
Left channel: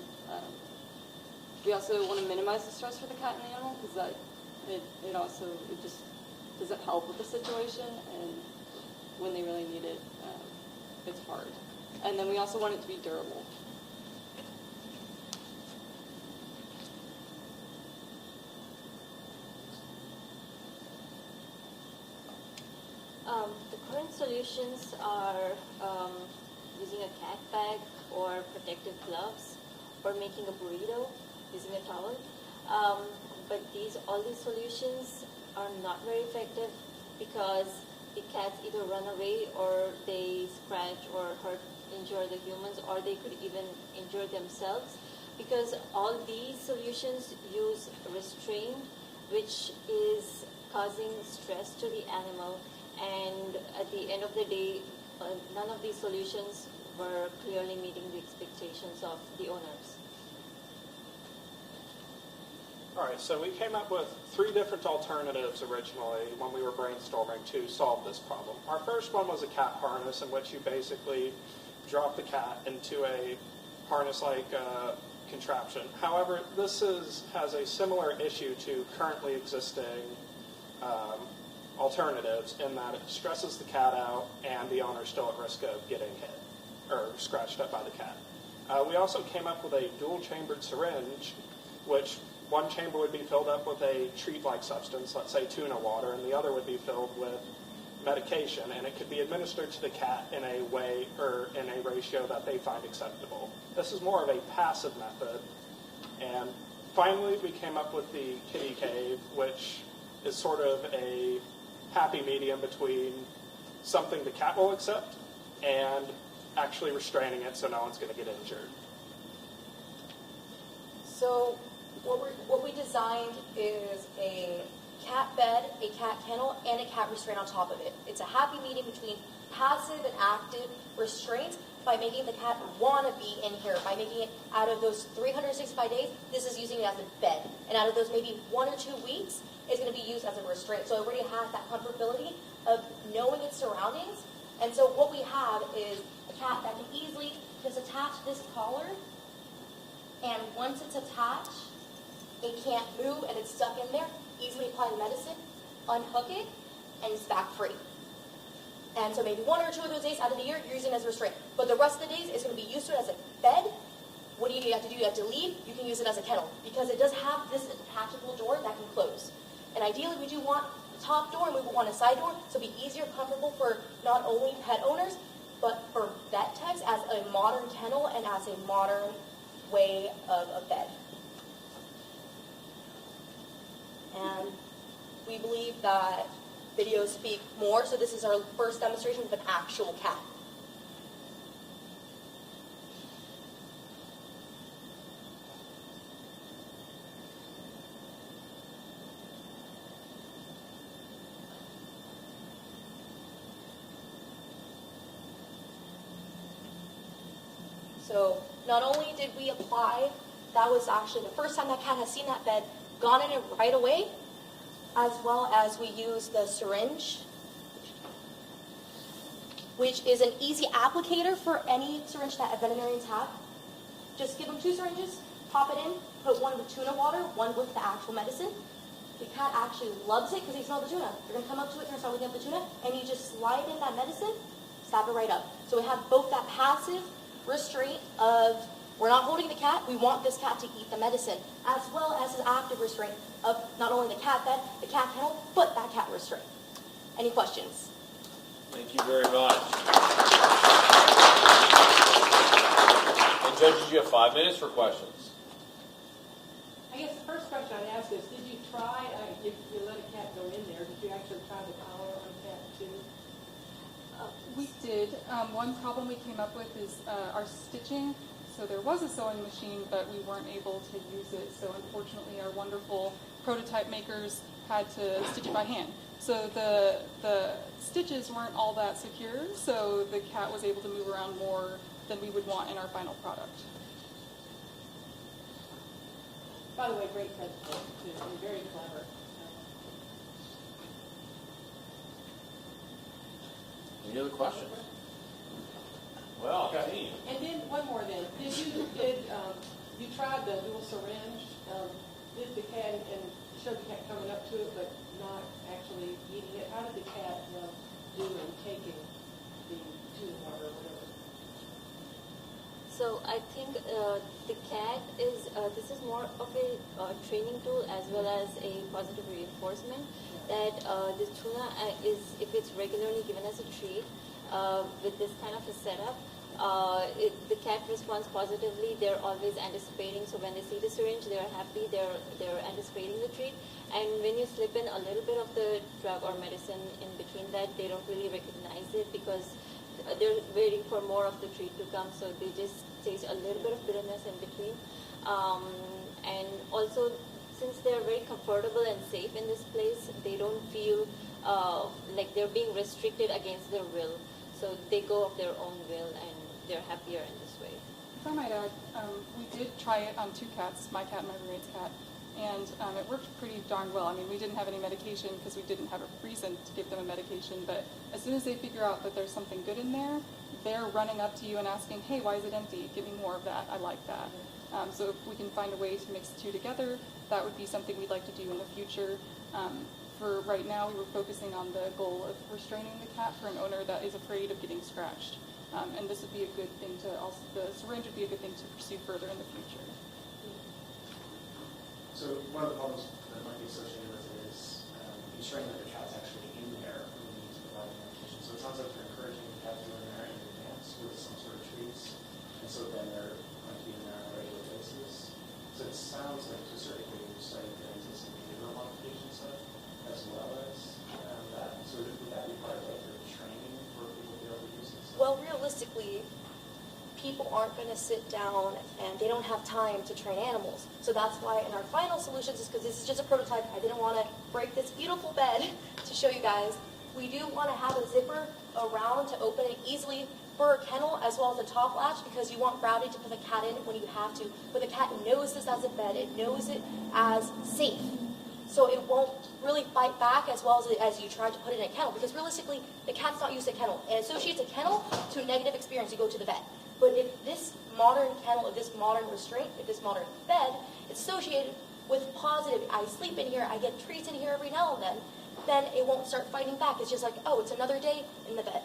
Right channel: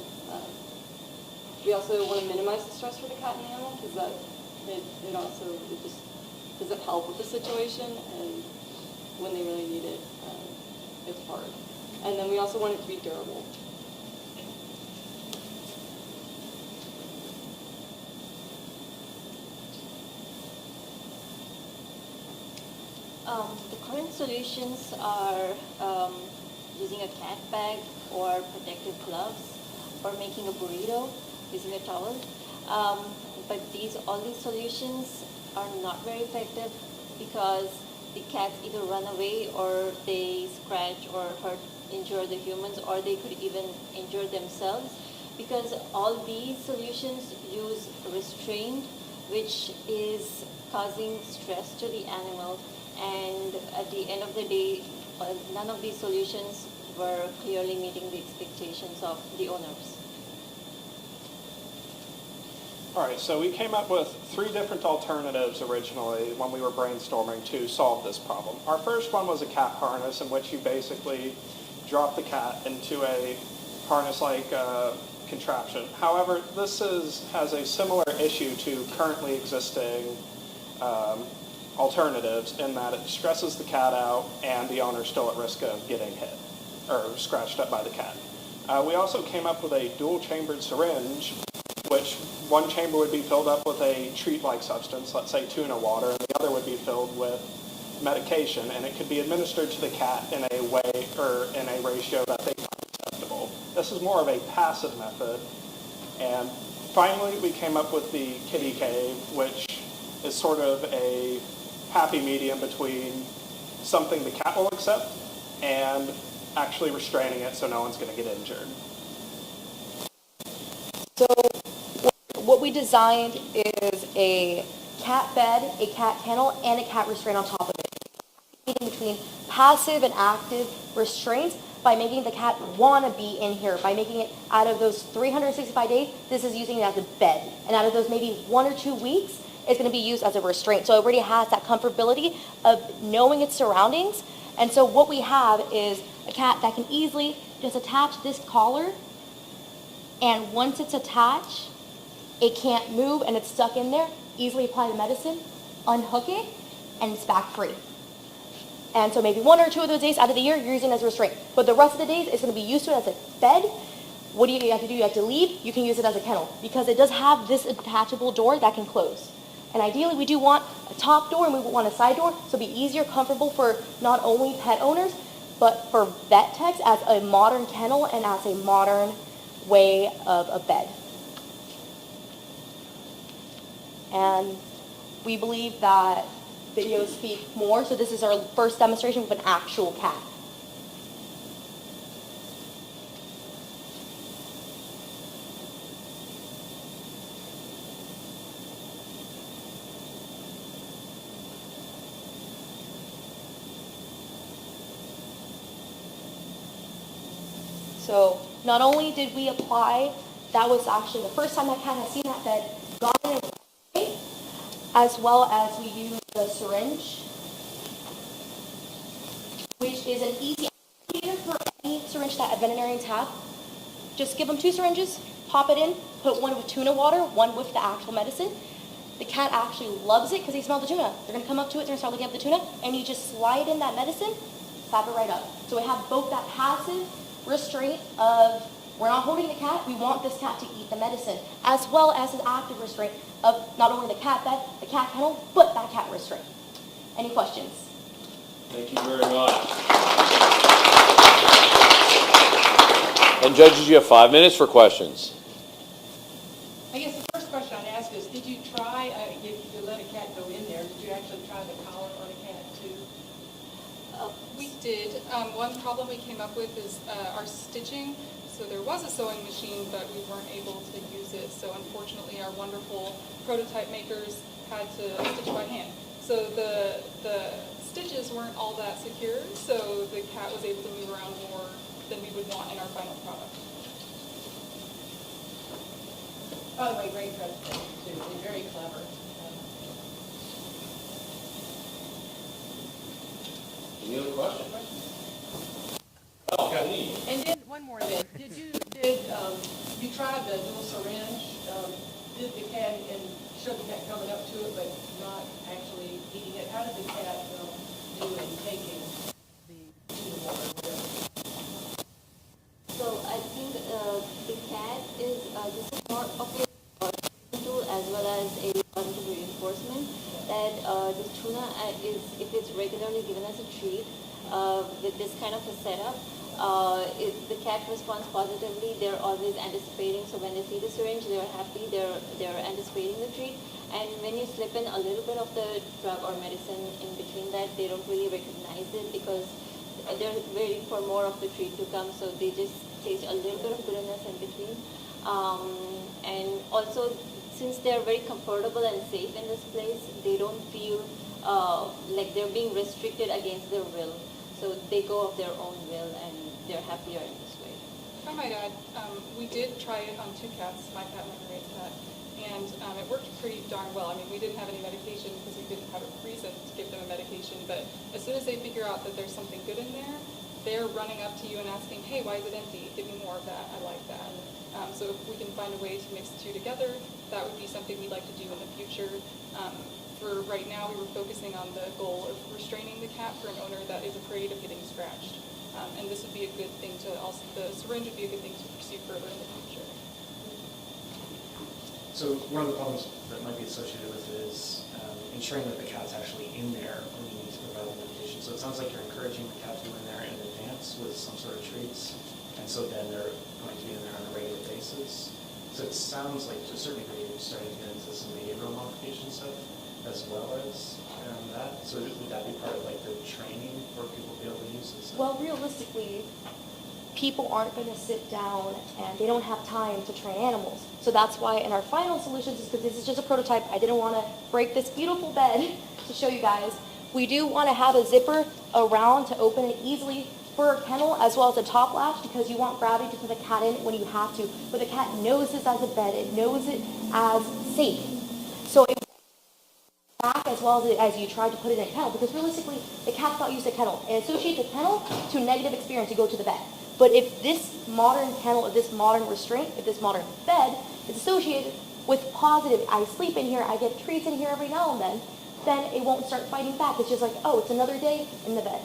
We also want to minimize the stress for the cat and the animal because it just doesn't help with the situation, and when they really need it, it's hard. And then we also want it to be durable. The current solutions are using a cat bag or protective gloves or making a burrito using a towel. But all these solutions are not very effective because the cats either run away or they scratch or injure the humans, or they could even injure themselves, because all these solutions use restraint, which is causing stress to the animal, and at the end of the day, none of these solutions were clearly meeting the expectations of the owners. All right, so we came up with 3 different alternatives originally when we were brainstorming to solve this problem. Our first one was a cat harness, in which you basically drop the cat into a harness-like contraption. However, this has a similar issue to currently existing alternatives in that it stresses the cat out and the owner's still at risk of getting hit or scratched up by the cat. We also came up with a dual-chambered syringe, which one chamber would be filled up with a treat-like substance, let's say tuna water, and the other would be filled with medication, and it could be administered to the cat in a way or in a ratio that they find acceptable. This is more of a passive method. And finally, we came up with the kitty cave, which is sort of a happy medium between something the cat will accept and actually restraining it so no one's going to get injured. So what we designed is a cat bed, a cat kennel, and a cat restraint on top of it. It's a happy medium between passive and active restraints by making the cat want to be in here, by making it out of those 365 days, this is using it as a bed. And out of those maybe 1 or 2 weeks, it's going to be used as a restraint. So it already has that comfortability of knowing its surroundings. And so what we have is a cat that can easily just attach this collar, and once it's attached, it can't move and it's stuck in there. Easily apply the medicine, unhook it, and it's back free. And so maybe 1 or 2 of those days out of the year, you're using it as a restraint. But the rest of the days, it's going to be used to it as a bed. What do you have to do? You have to leave. You can use it as a kennel because it does have this attachable door that can close. And ideally, we do want a top door and we want a side door, so it'll be easier, comfortable for not only pet owners, but for vet techs as a modern kennel and as a modern way of a bed. And we believe that videos speak more, so this is our first demonstration with an actual cat. So not only did we apply, that was actually the first time that cat has seen that bed, got in it right away, as well as we used the syringe, which is an easy applicator for any syringe that veterinarians have. Just give them 2 syringes, pop it in, put one with tuna water, one with the actual medicine. The cat actually loves it because they smell the tuna. They're going to come up to it, they're going to start looking at the tuna, and you just slide in that medicine, slap it right up. So we have both that passive restraint of we're not holding the cat, we want this cat to eat the medicine, as well as an active restraint of not only the cat bed, the cat kennel, but that cat restraint. Any questions? Thank you very much. And judges, you have 5 minutes for questions. I guess the first question I'd ask is, did you try, if you let a cat go in there, did you actually try the collar on a cat too? We did. One problem we came up with is our stitching. So there was a sewing machine, but we weren't able to use it. So unfortunately, our wonderful prototype makers had to stitch by hand. So the stitches weren't all that secure, so the cat was able to move around more than we would want in our final product. By the way, great presentation too. They're very clever. Any other questions? Well, and then one more then. You tried the little syringe? Did the cat and showed the cat coming up to it, but not actually eating it? How did the cat do in taking the tuna water or whatever? So I think the cat is, this is more of a training tool as well as a positive reinforcement that the tuna is, if it's regularly given as a treat with this kind of a setup, if the cat responds positively, they're always anticipating. So when they see the syringe, they're happy, they're anticipating the treat. And when you slip in a little bit of the drug or medicine in between that, they don't really recognize it because they're waiting for more of the treat to come. So they just taste a little bit of bitterness in between. And also, since they're very comfortable and safe in this place, they don't feel like they're being restricted against their will. So they go of their own will and they're happier in this way. If I might add, we did try it on 2 cats, my cat and my roommate's cat, and it worked pretty darn well. I mean, we didn't have any medication because we didn't have a reason to give them a medication, but as soon as they figure out that there's something good in there, they're running up to you and asking, hey, why is it empty? Give me more of that. I like that. So if we can find a way to mix the 2 together, that would be something we'd like to do in the future. For right now, we were focusing on the goal of restraining the cat for an owner that is afraid of getting scratched. And this would be a good thing to also, the syringe would be a good thing to pursue further in the future. So one of the problems that might be associated with it is ensuring that the cat's actually in there when you need to provide the medication. So it sounds like you're encouraging the cat to go in there in advance with some sort of treats, and so then they're going to be in there on a regular basis. So it sounds like to a certain degree you're starting to get into some behavioral modification stuff as well as that. So would that be part of like the training for people to be able to use this? Well, realistically, people aren't going to sit down and they don't have time to train animals. So that's why in our final solutions, is because this is just a prototype, I didn't want to break this beautiful bed to show you guys. We do want to have a zipper around to open it easily for a kennel, as well as a top latch, because you want gravity to put the cat in when you have to. But the cat knows this as a bed, it knows it as safe. So it won't really fight back as well as you tried to put it in a kennel, because realistically, the cat's not used to kennel. It associates a kennel to a negative experience. You go to the vet. But if this modern kennel, if this modern restraint, if this modern bed is associated with positive, I sleep in here, I get treats in here every now and then it won't start fighting back. It's just like, oh, it's another day in the bed.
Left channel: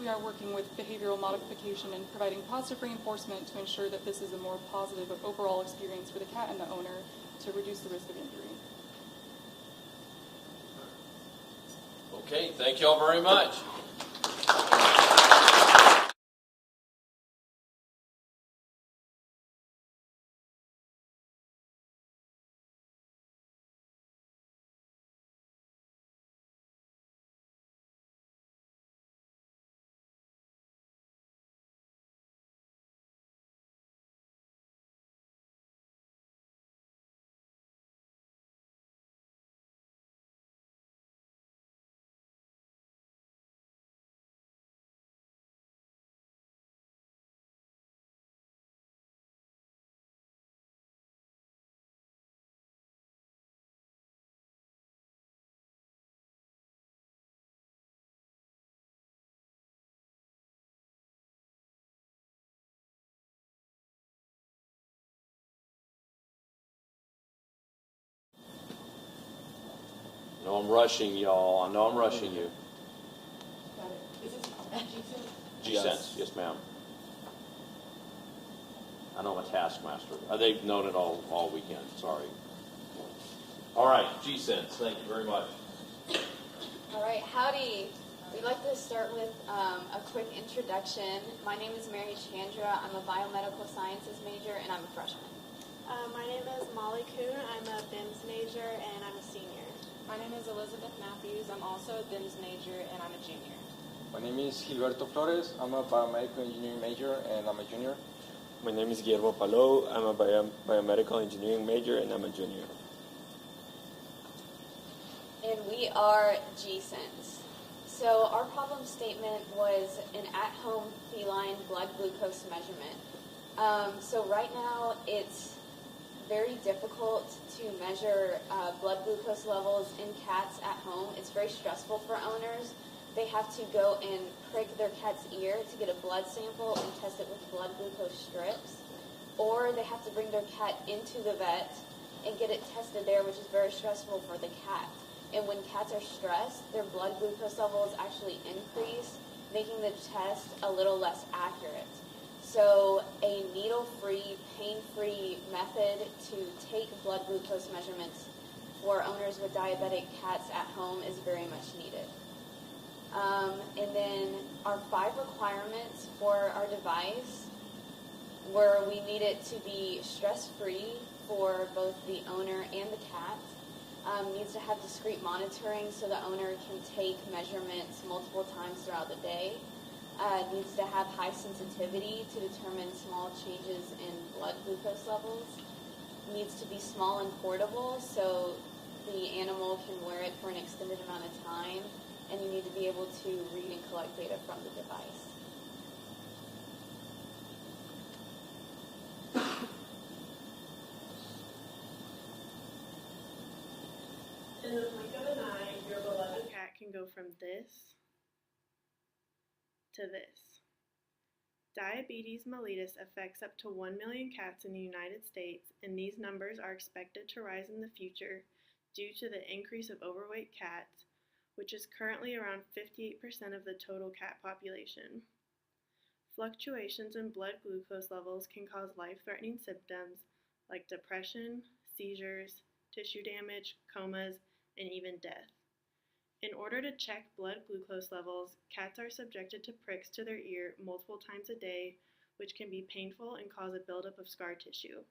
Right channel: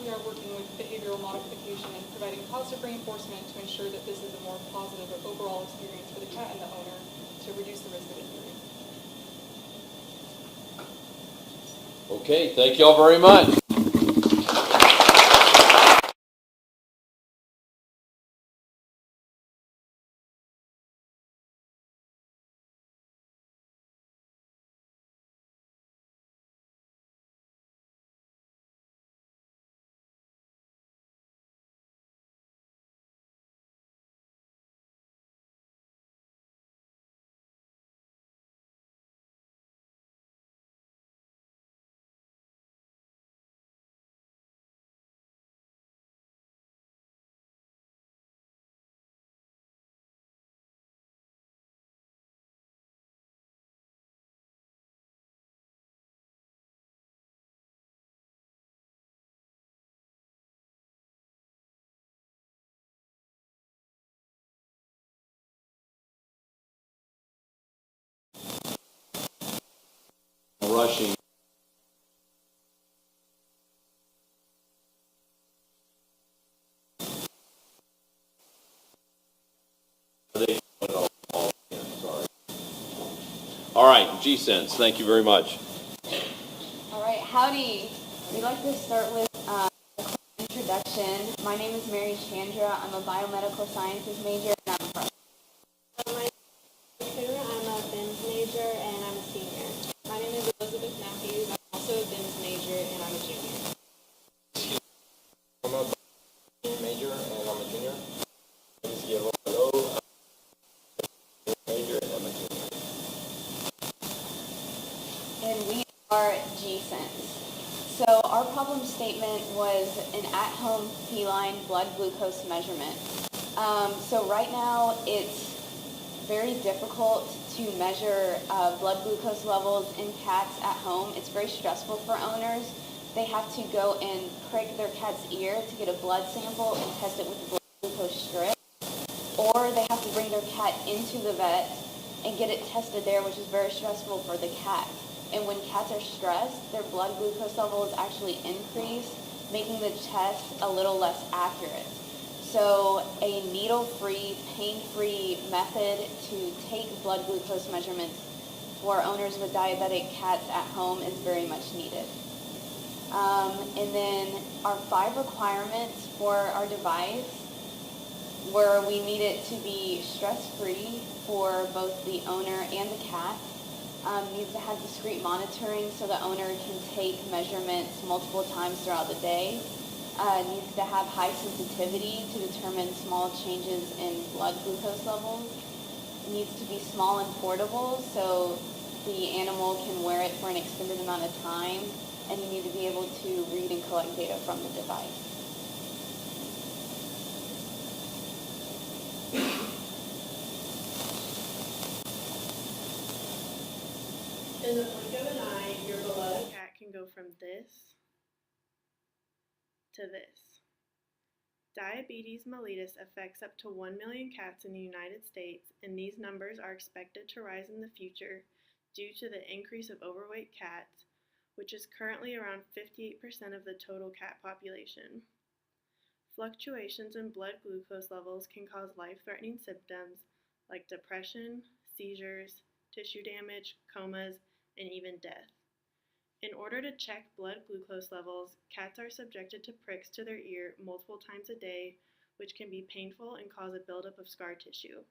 We are working with behavioral modification and providing positive reinforcement to ensure that this is a more positive overall experience for the cat and the owner to reduce the risk of injury. Okay, thank y'all very much. No, I'm rushing y'all. I know I'm rushing you. G-Sense, yes ma'am. I know I'm a taskmaster. They've known it all weekend, sorry. All right, G-Sense, thank you very much. All right, howdy. We'd like to start with a quick introduction. My name is Mary Chandra. I'm a biomedical sciences major and I'm a freshman. My name is Molly Kuhn. I'm a BIMS major and I'm a senior. My name is Elizabeth Matthews. I'm also a BIMS major and I'm a junior. My name is Gilberto Flores. I'm a biomedical engineering major and I'm a junior. My name is Guillermo Palou. I'm a biomedical engineering major and I'm a junior. And we are G-Sense. So our problem statement was an at-home feline blood glucose measurement. So right now it's very difficult to measure blood glucose levels in cats at home. It's very stressful for owners. They have to go and prick their cat's ear to get a blood sample and test it with blood glucose strips. Or they have to bring their cat into the vet and get it tested there, which is very stressful for the cat. And when cats are stressed, their blood glucose levels actually increase, making the test a little less accurate. So a needle-free, pain-free method to take blood glucose measurements for owners with diabetic cats at home is very much needed. And then our 5 requirements for our device were we need it to be stress-free for both the owner and the cat. Needs to have discrete monitoring so the owner can take measurements multiple times throughout the day. Needs to have high sensitivity to determine small changes in blood glucose levels. Needs to be small and portable so the animal can wear it for an extended amount of time, and you need to be able to read and collect data from the device. In the blink of an eye, your beloved cat can go from this to this. Diabetes mellitus affects up to 1 million cats in the United States, and these numbers are expected to rise in the future due to the increase of overweight cats, which is currently around 58% of the total cat population. Fluctuations in blood glucose levels can cause life-threatening symptoms like depression, seizures, tissue damage, comas, and even death. In order to check blood glucose levels, cats are subjected to pricks to their ear multiple times a day, which can be painful and cause a buildup of scar tissue.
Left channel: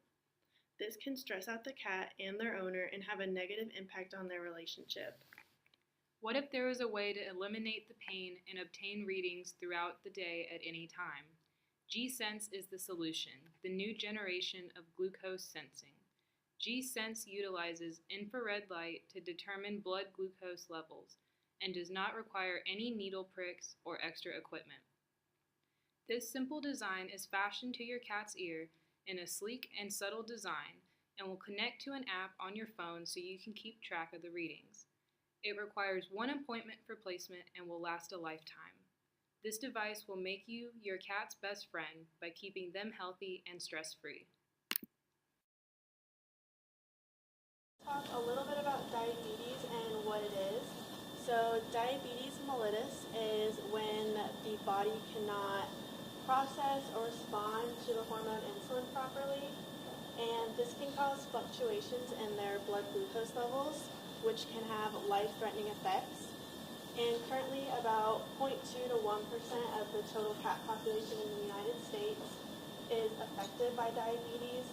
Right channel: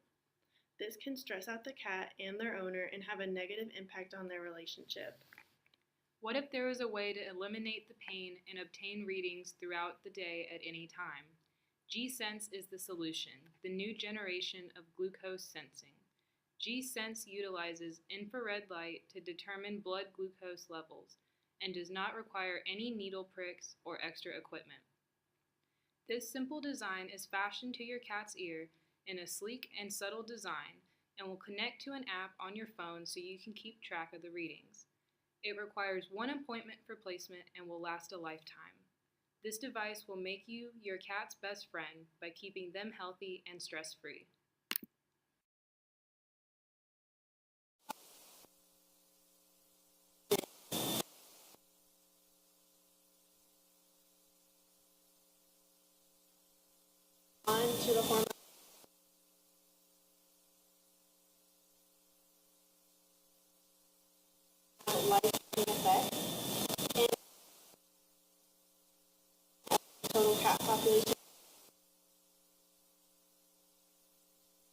This can stress out the cat and their owner and have a negative impact on their relationship. What if there was a way to eliminate the pain and obtain readings throughout the day at any time? G-Sense is the solution, the new generation of glucose sensing. G-Sense utilizes infrared light to determine blood glucose levels and does not require any needle pricks or extra equipment. This simple design is fashioned to your cat's ear in a sleek and subtle design and will connect to an app on your phone so you can keep track of the readings. It requires one appointment for placement and will last a lifetime. This device will make you your cat's best friend by keeping them healthy and stress-free. Talk a little bit about diabetes and what it is. So diabetes mellitus is when the body cannot process or respond to the hormone insulin properly, and this can cause fluctuations in their blood glucose levels, which can have life-threatening effects. And currently about 0.2 to 1% of the total cat population in the United States is affected by diabetes.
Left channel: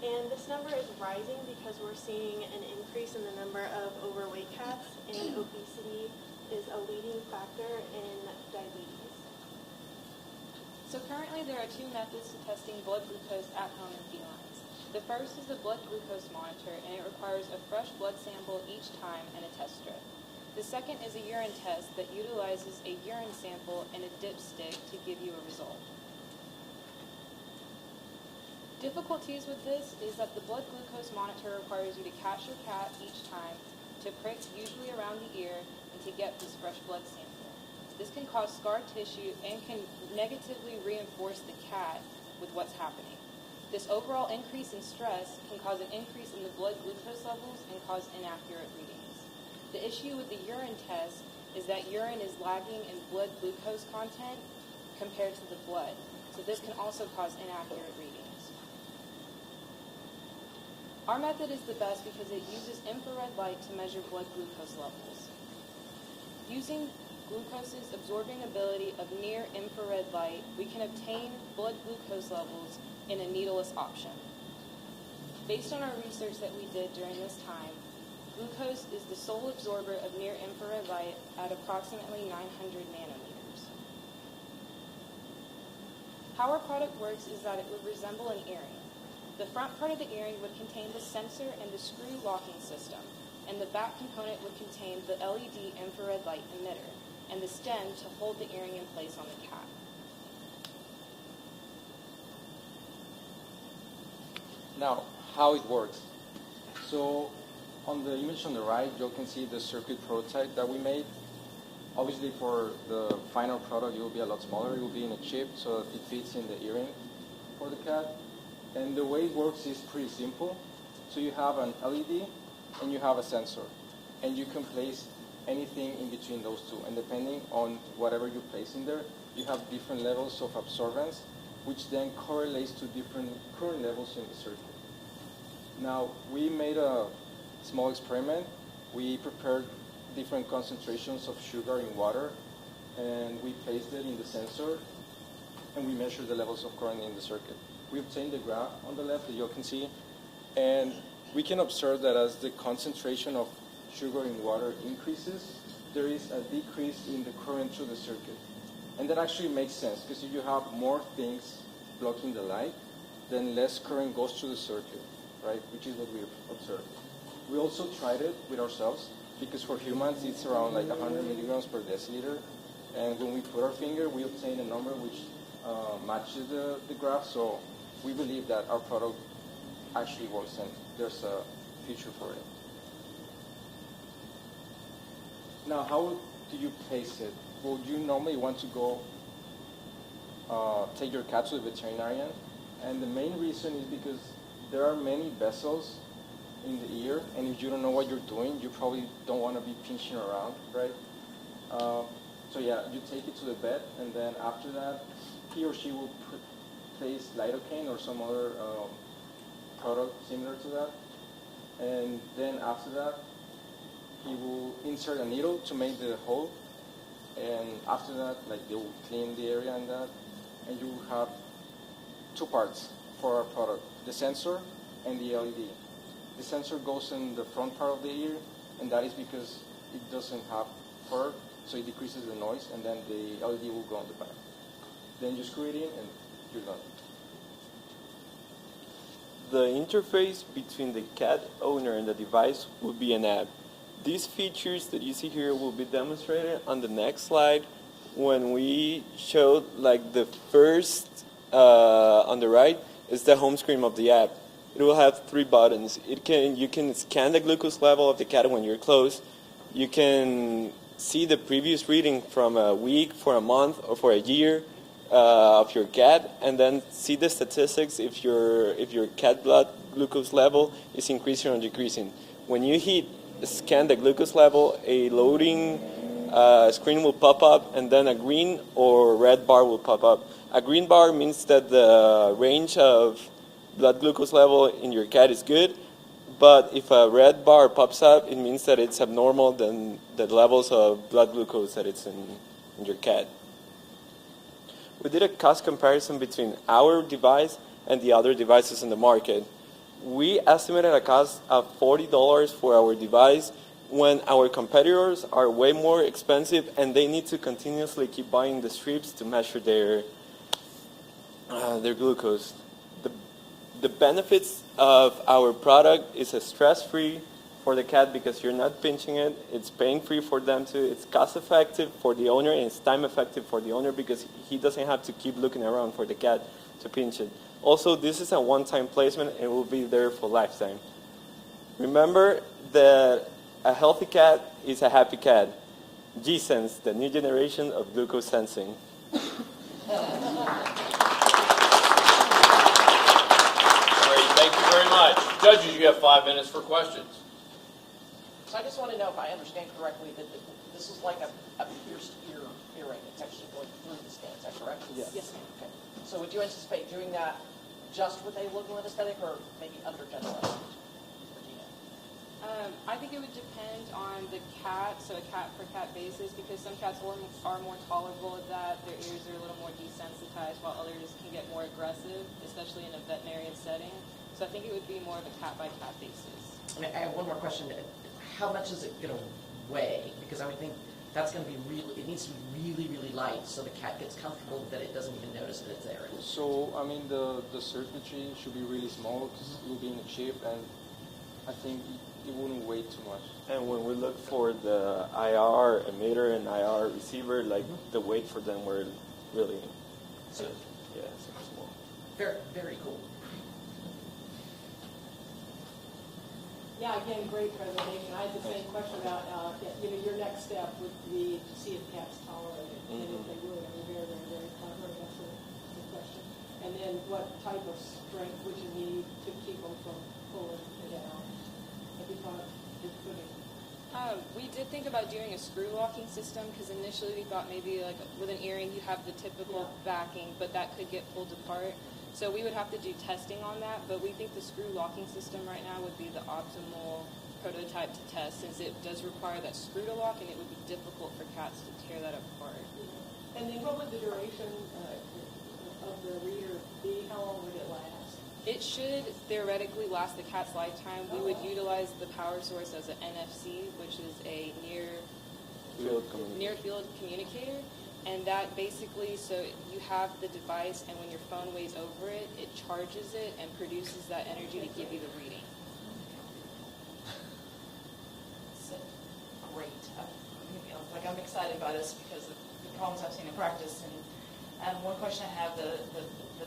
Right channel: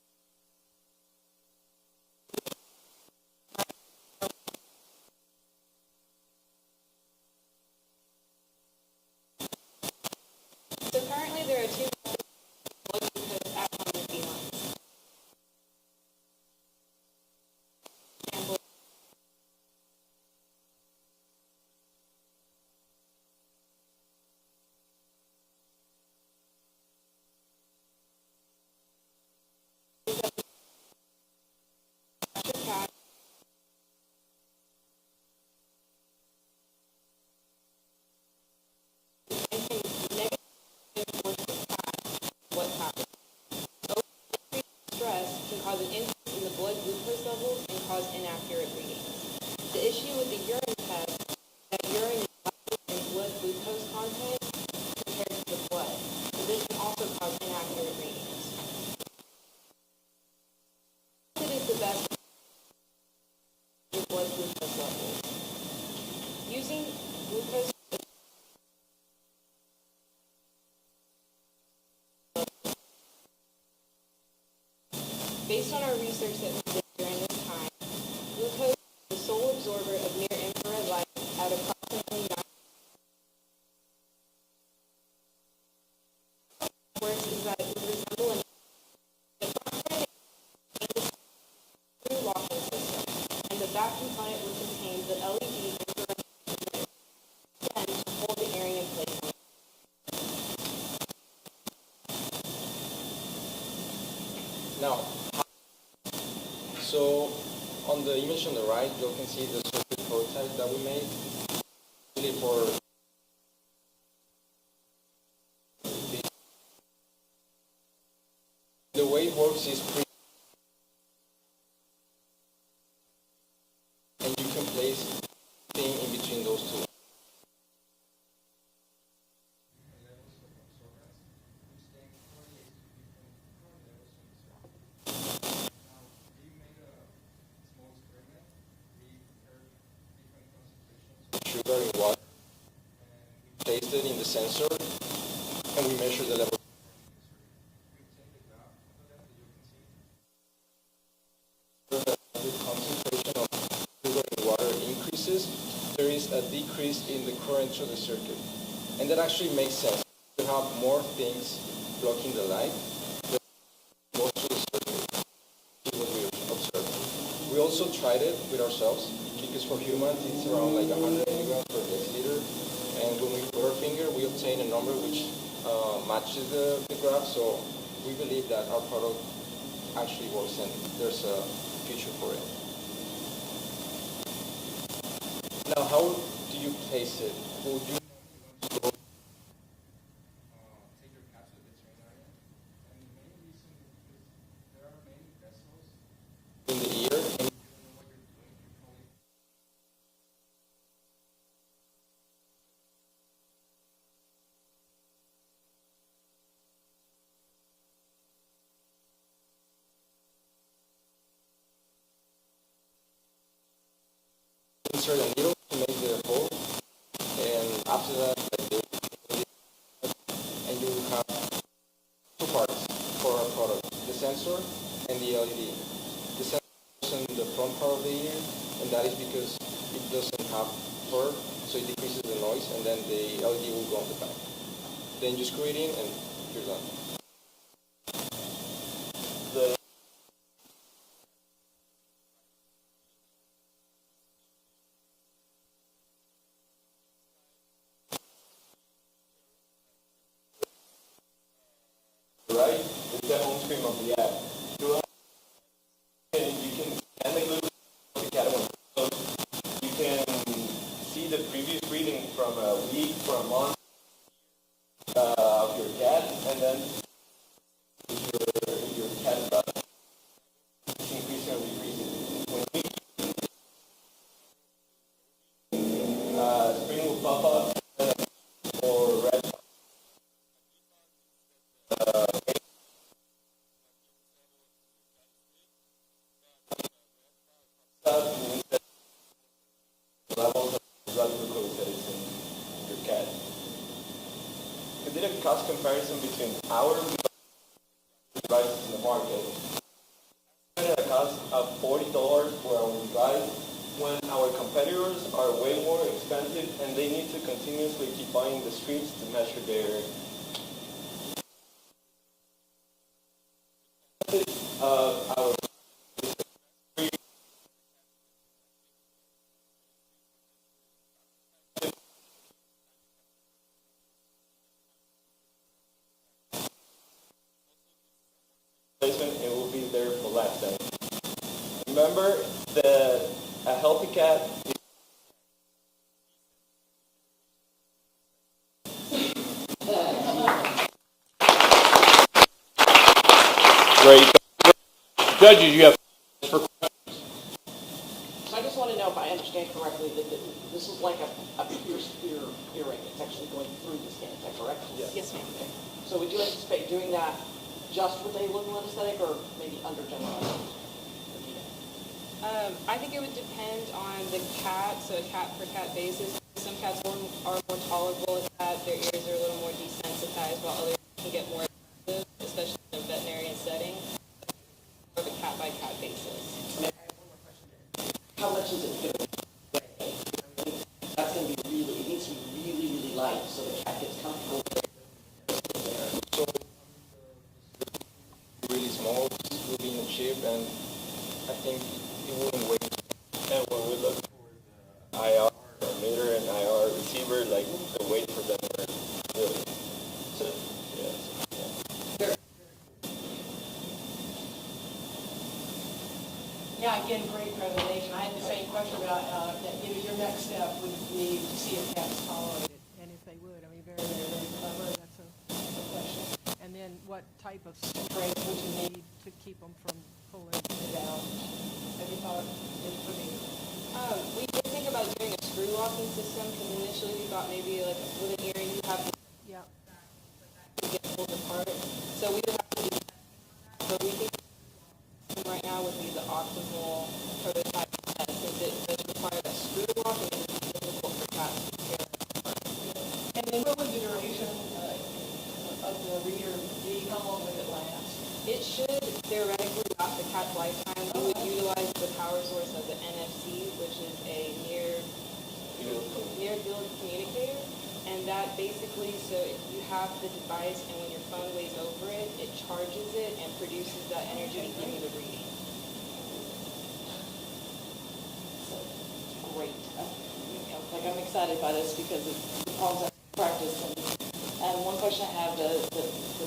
And this number is rising because we're seeing an increase in the number of overweight cats, and obesity is a leading factor in diabetes. So currently there are two methods to testing blood glucose at home in felines. The first is the blood glucose monitor, and it requires a fresh blood sample each time and a test strip. The second is a urine test that utilizes a urine sample and a dipstick to give you a result. Difficulties with this is that the blood glucose monitor requires you to catch your cat each time, to prick usually around the ear, and to get this fresh blood sample. This can cause scar tissue and can negatively reinforce the cat with what's happening. This overall increase in stress can cause an increase in the blood glucose levels and cause inaccurate readings. The issue with the urine test is that urine is lacking in blood glucose content compared to the blood, so this can also cause inaccurate readings. Our method is the best because it uses infrared light to measure blood glucose levels. Using glucose's absorbing ability of near-infrared light, we can obtain blood glucose levels in a needleless option. Based on our research that we did during this time, glucose is the sole absorber of near-infrared light at approximately 900 nanometers. How our product works is that it would resemble an earring. The front part of the earring would contain the sensor and the screw locking system, and the back component would contain the LED infrared light emitter, and the stem to hold the earring in place on the cat. Now, how it works. So, on the image on the right, you can see the circuit prototype that we made. Obviously, for the final product, it will be a lot smaller. It will be in a chip, so that it fits in the earring for the cat. And the way it works is pretty simple. So you have an LED and you have a sensor. And you can place anything in between those two. And depending on whatever you place in there, you have different levels of absorbance, which then correlates to different current levels in the circuit. Now, we made a small experiment. We prepared different concentrations of sugar in water, and we placed it in the sensor, and we measured the levels of current in the circuit. We obtained the graph on the left that you can see, and we can observe that as the concentration of sugar in the water increases, there is a decrease in the current through the circuit. And that actually makes sense, because if you have more things blocking the light, then less current goes through the circuit, right? Which is what we observed. We also tried it with ourselves, because for humans it's around like 100 milligrams per deciliter, and when we put our finger, we obtain a number which matches the graph, so we believe that our product actually works and there's a future for it. Now, how do you place it? Well, you normally want to go take your cat to the veterinarian, and the main reason is because there are many vessels in the ear, and if you don't know what you're doing, you probably don't want to be pinching around, right? So yeah, you take it to the vet, and then after that, he or she will place lidocaine or some other product similar to that. And then after that, he will insert a needle to make the hole. And after that, like they will clean the area and that. And you will have two parts for our product, the sensor and the LED. The sensor goes in the front part of the ear, and that is because it doesn't have fur, so it decreases the noise, and then the LED will go on the back. Then you screw it in, and you're done. The interface between the cat owner and the device will be an app. These features that you see here will be demonstrated on the next slide when we show like the first on the right is the home screen of the app. It will have 3 buttons. You can scan the glucose level of the cat when you're close. You can see the previous reading from a week, for a month, or for a year of your cat, and then see the statistics if your cat blood glucose level is increasing or decreasing. When you hit scan the glucose level, a loading screen will pop up, and then a green or red bar will pop up. A green bar means that the range of blood glucose level in your cat is good, but if a red bar pops up, it means that it's abnormal than the levels of blood glucose that it's in your cat. We did a cost comparison between our device and the other devices in the market. We estimated a cost of $40 for our device when our competitors are way more expensive and they need to continuously keep buying the strips to measure their glucose. The benefits of our product is stress-free for the cat because you're not pinching it. It's pain-free for them too. It's cost-effective for the owner, and it's time-effective for the owner because he doesn't have to keep looking around for the cat to pinch it. Also, this is a one-time placement and it will be there for lifetime. Remember that a healthy cat is a happy cat. G-Sense, the new generation of glucose sensing. Great, thank you very much. Judges, you have 5 minutes for questions. So I just want to know if I understand correctly that this is like a pierced earring. It's actually going through the skin. Is that correct? Yes. Yes, ma'am. Okay. So would you anticipate doing that just with a local anesthetic or maybe under general anesthetic? I think it would depend on the cat, so a cat per cat basis, because some cats are more tolerable at that, their ears are a little more desensitized, while others can get more aggressive, especially in a veterinarian setting. So I think it would be more of a cat by cat basis. I have one more question. How much is it going to weigh? Because I would think that's going to be it needs to be really, really light so the cat gets comfortable that it doesn't even notice that it's there. So, I mean, the circuitry should be really small, it will be in a chip, and I think it wouldn't weigh too much. And when we look for the IR emitter and IR receiver, like the weight for them were really, Very, very cool. Yeah, again, great presentation. I had the same question about, your next step would be to see if cats tolerate it. And if they would, I mean, very clever, that's a question. And then what type of strength would you need to keep them from pulling it down? Have you thought in putting? We did think about doing a screw locking system, because initially we thought maybe like with an earring you have the typical backing, but that could get pulled apart. So we would have to do testing on that, but we think the screw locking system right now would be the optimal prototype to test, since it does require that screw to lock and it would be difficult for cats to tear that apart. And then what would the duration of the reader be? How long would it last? It should theoretically last the cat's lifetime. We would utilize the power source as an NFC, which is a near field communicator. And that basically, so you have the device, and when your phone weighs over it, it charges it and produces that energy to give you the reading. So, great. I'm excited by this because of the problems I've seen in practice. And one question I have, the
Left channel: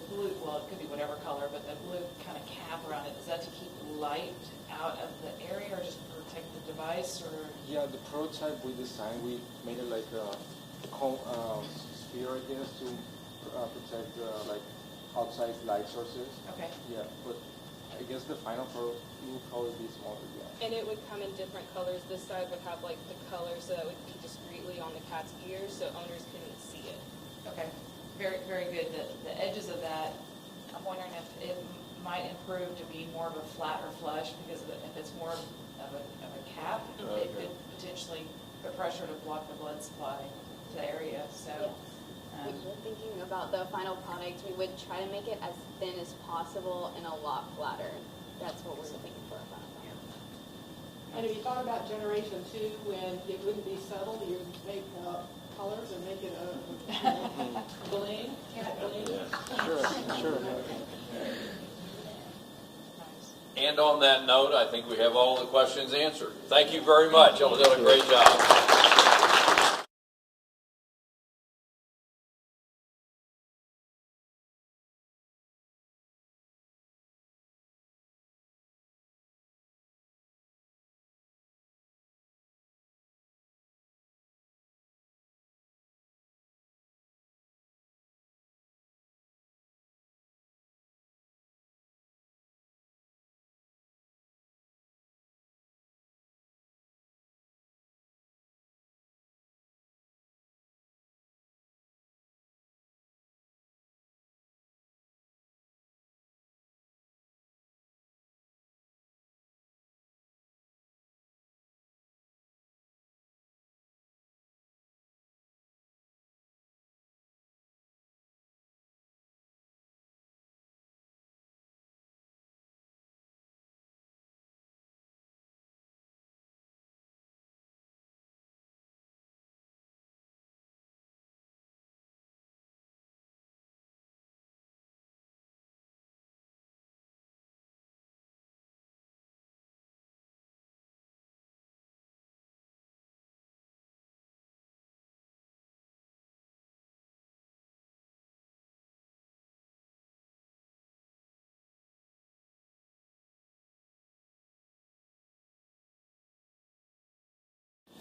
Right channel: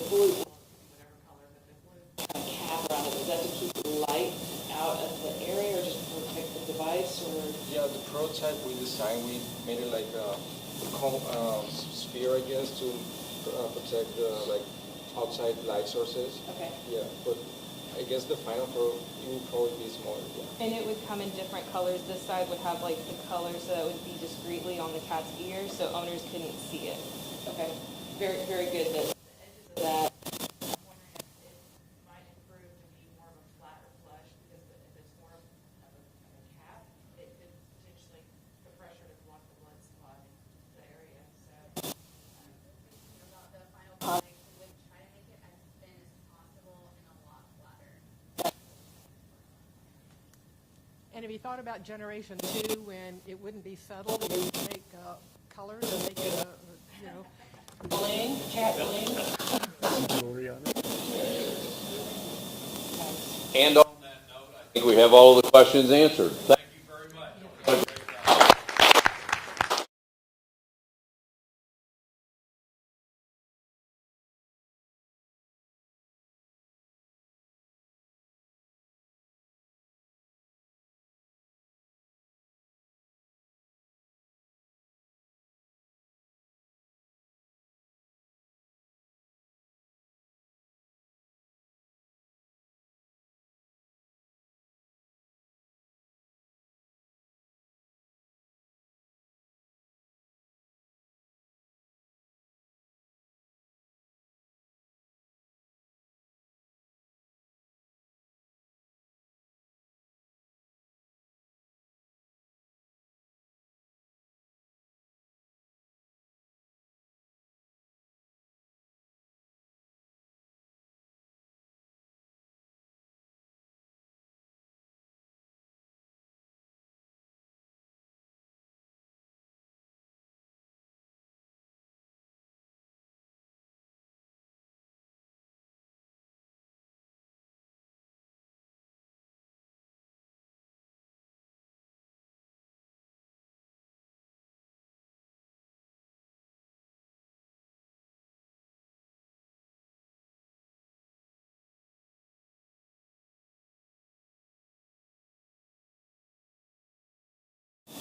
blue, well, it could be whatever color, but the blue kind of cap around it, is that to keep light out of the area or just to protect the device? Or? Yeah, the prototype we designed, we made it like a sphere, I guess, to protect like outside light sources. Okay. Yeah, but I guess the final pro it would probably be smaller. Yeah. And it would come in different colors. This side would have like the colors, so it would be discreetly on the cat's ear, so owners couldn't see it. Okay. very, very good. The edges of that, I'm wondering if it might improve to be more of a flat or flush, because if it's more of a cap, it could potentially put pressure to block the blood supply to the area. So. We're thinking about the final product. We would try to make it as thin as possible and a lot flatter. That's what we're looking for about it. And have you thought about generation 2 when it wouldn't be subtle, but you would make colors and make it a bling, cat bling? Sure. And on that note, I think we have all the questions answered. Thank you very much. Y'all did a great job.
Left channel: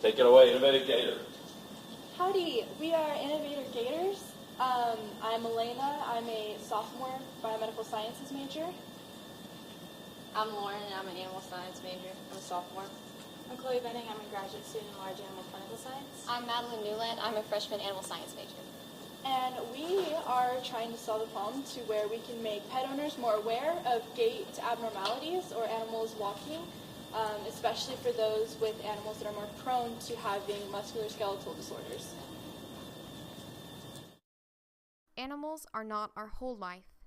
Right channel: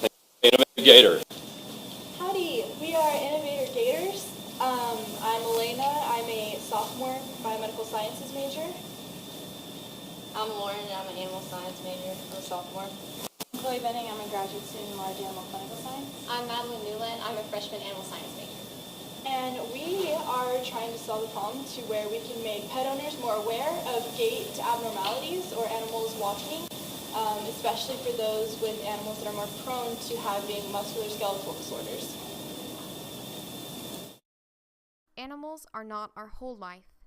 Take it away, Innovative Gator. Howdy, we are Innovator Gators. I'm Elena. I'm a sophomore biomedical sciences major. I'm Lauren, and I'm an animal science major, a sophomore. I'm Chloe Benning. I'm a graduate student in large animal clinical science. I'm Madeline Newland. I'm a freshman animal science major. And we are trying to solve the problem to where we can make pet owners more aware of gait abnormalities or animals walking, especially for those with animals that are more prone to having musculoskeletal disorders. Animals are not our whole life,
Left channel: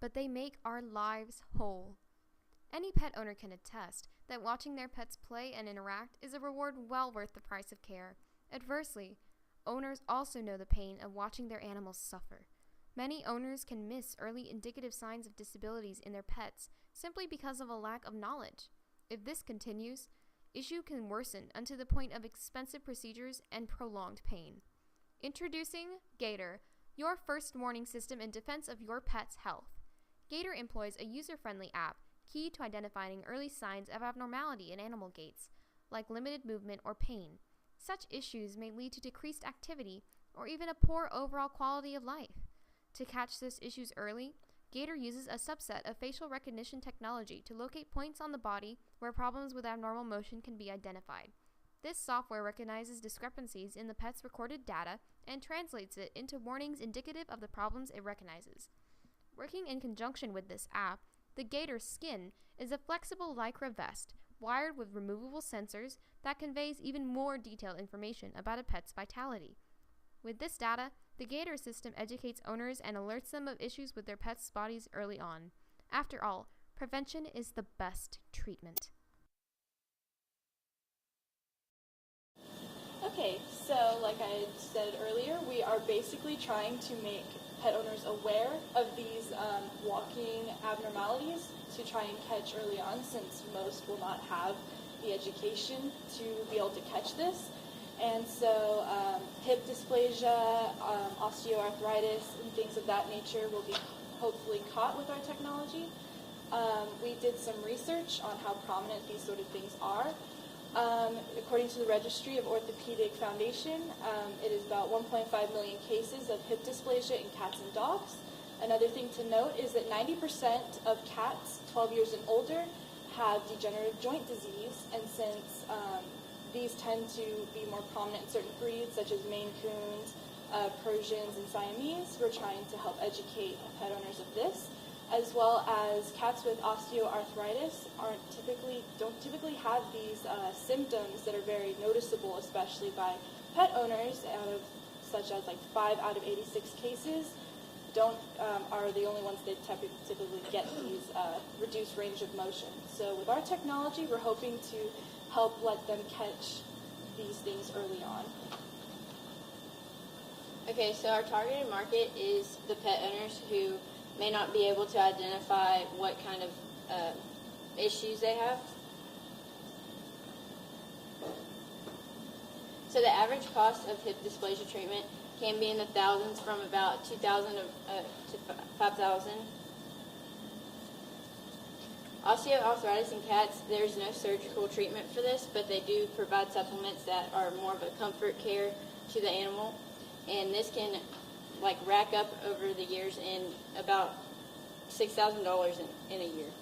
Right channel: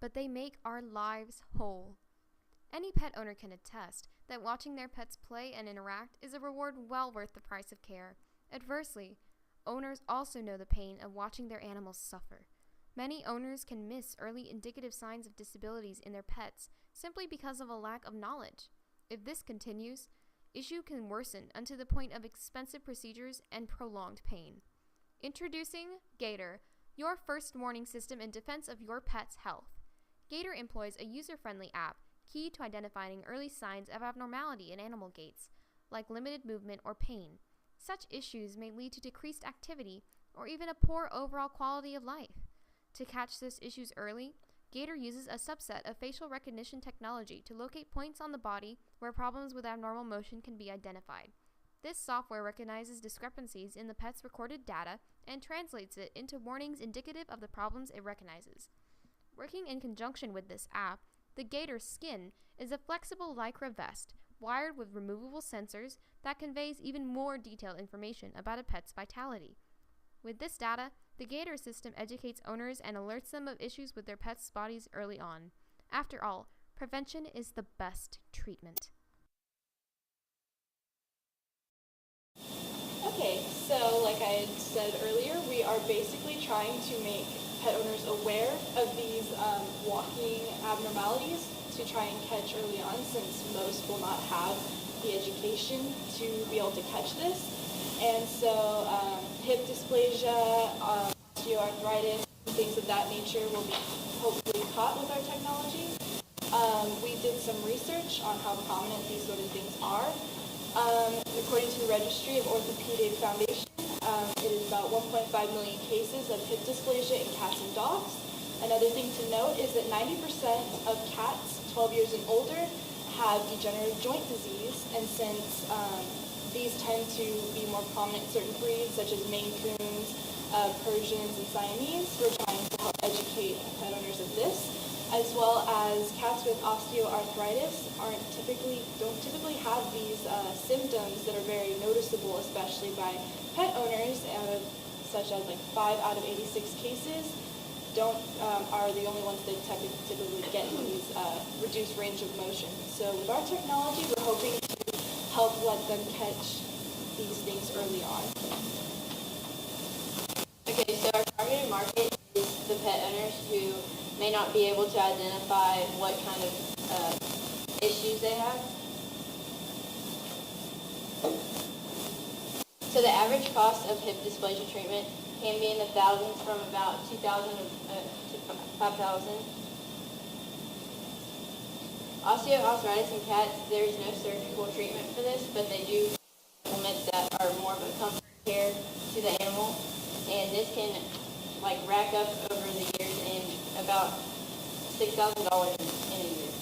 but they make our lives whole. Any pet owner can attest that watching their pets play and interact is a reward well worth the price of care. Adversely, owners also know the pain of watching their animals suffer. Many owners can miss early indicative signs of disabilities in their pets simply because of a lack of knowledge. If this continues, issue can worsen unto the point of expensive procedures and prolonged pain. Introducing Gator, your first warning system in defense of your pet's health. Gator employs a user-friendly app key to identifying early signs of abnormality in animal gaits, like limited movement or pain. Such issues may lead to decreased activity or even a poor overall quality of life. To catch these issues early, Gator uses a subset of facial recognition technology to locate points on the body where problems with abnormal motion can be identified. This software recognizes discrepancies in the pet's recorded data and translates it into warnings indicative of the problems it recognizes. Working in conjunction with this app, the Gator Skin is a flexible Lycra vest wired with removable sensors that conveys even more detailed information about a pet's vitality. With this data, the Gator system educates owners and alerts them of issues with their pets' bodies early on. After all, prevention is the best treatment. Okay, so like I had said earlier, we are basically trying to make pet owners aware of these walking abnormalities to try and catch early on, since most will not have the education to be able to catch this. And so hip dysplasia, osteoarthritis, and things of that nature will be hopefully caught with our technology. We did some research on how prominent these sort of things are. According to the Registry of Orthopedic Foundation, it is about 1.5 million cases of hip dysplasia in cats and dogs. Another thing to note is that 90% of cats 12 years and older have degenerative joint disease, and since these tend to be more prominent in certain breeds, such as Maine Coons, Persians and Siamese. We're trying to help educate pet owners of this, as well as cats with osteoarthritis don't typically have these symptoms that are very noticeable, especially by pet owners, such as like 5 out of 86 cases are the only ones that typically get these reduced range of motion. So with our technology, we're hoping to help let them catch these things early on. Okay, so our targeted market is the pet owners who may not be able to identify what kind of issues they have. So the average cost of hip dysplasia treatment can be in the thousands, from about $2,000 to $5,000. Osteoarthritis in cats, there's no surgical treatment for this, but they do provide supplements that are more of a comfort care to the animal, and this can rack up over the years in about $6,000 in a year.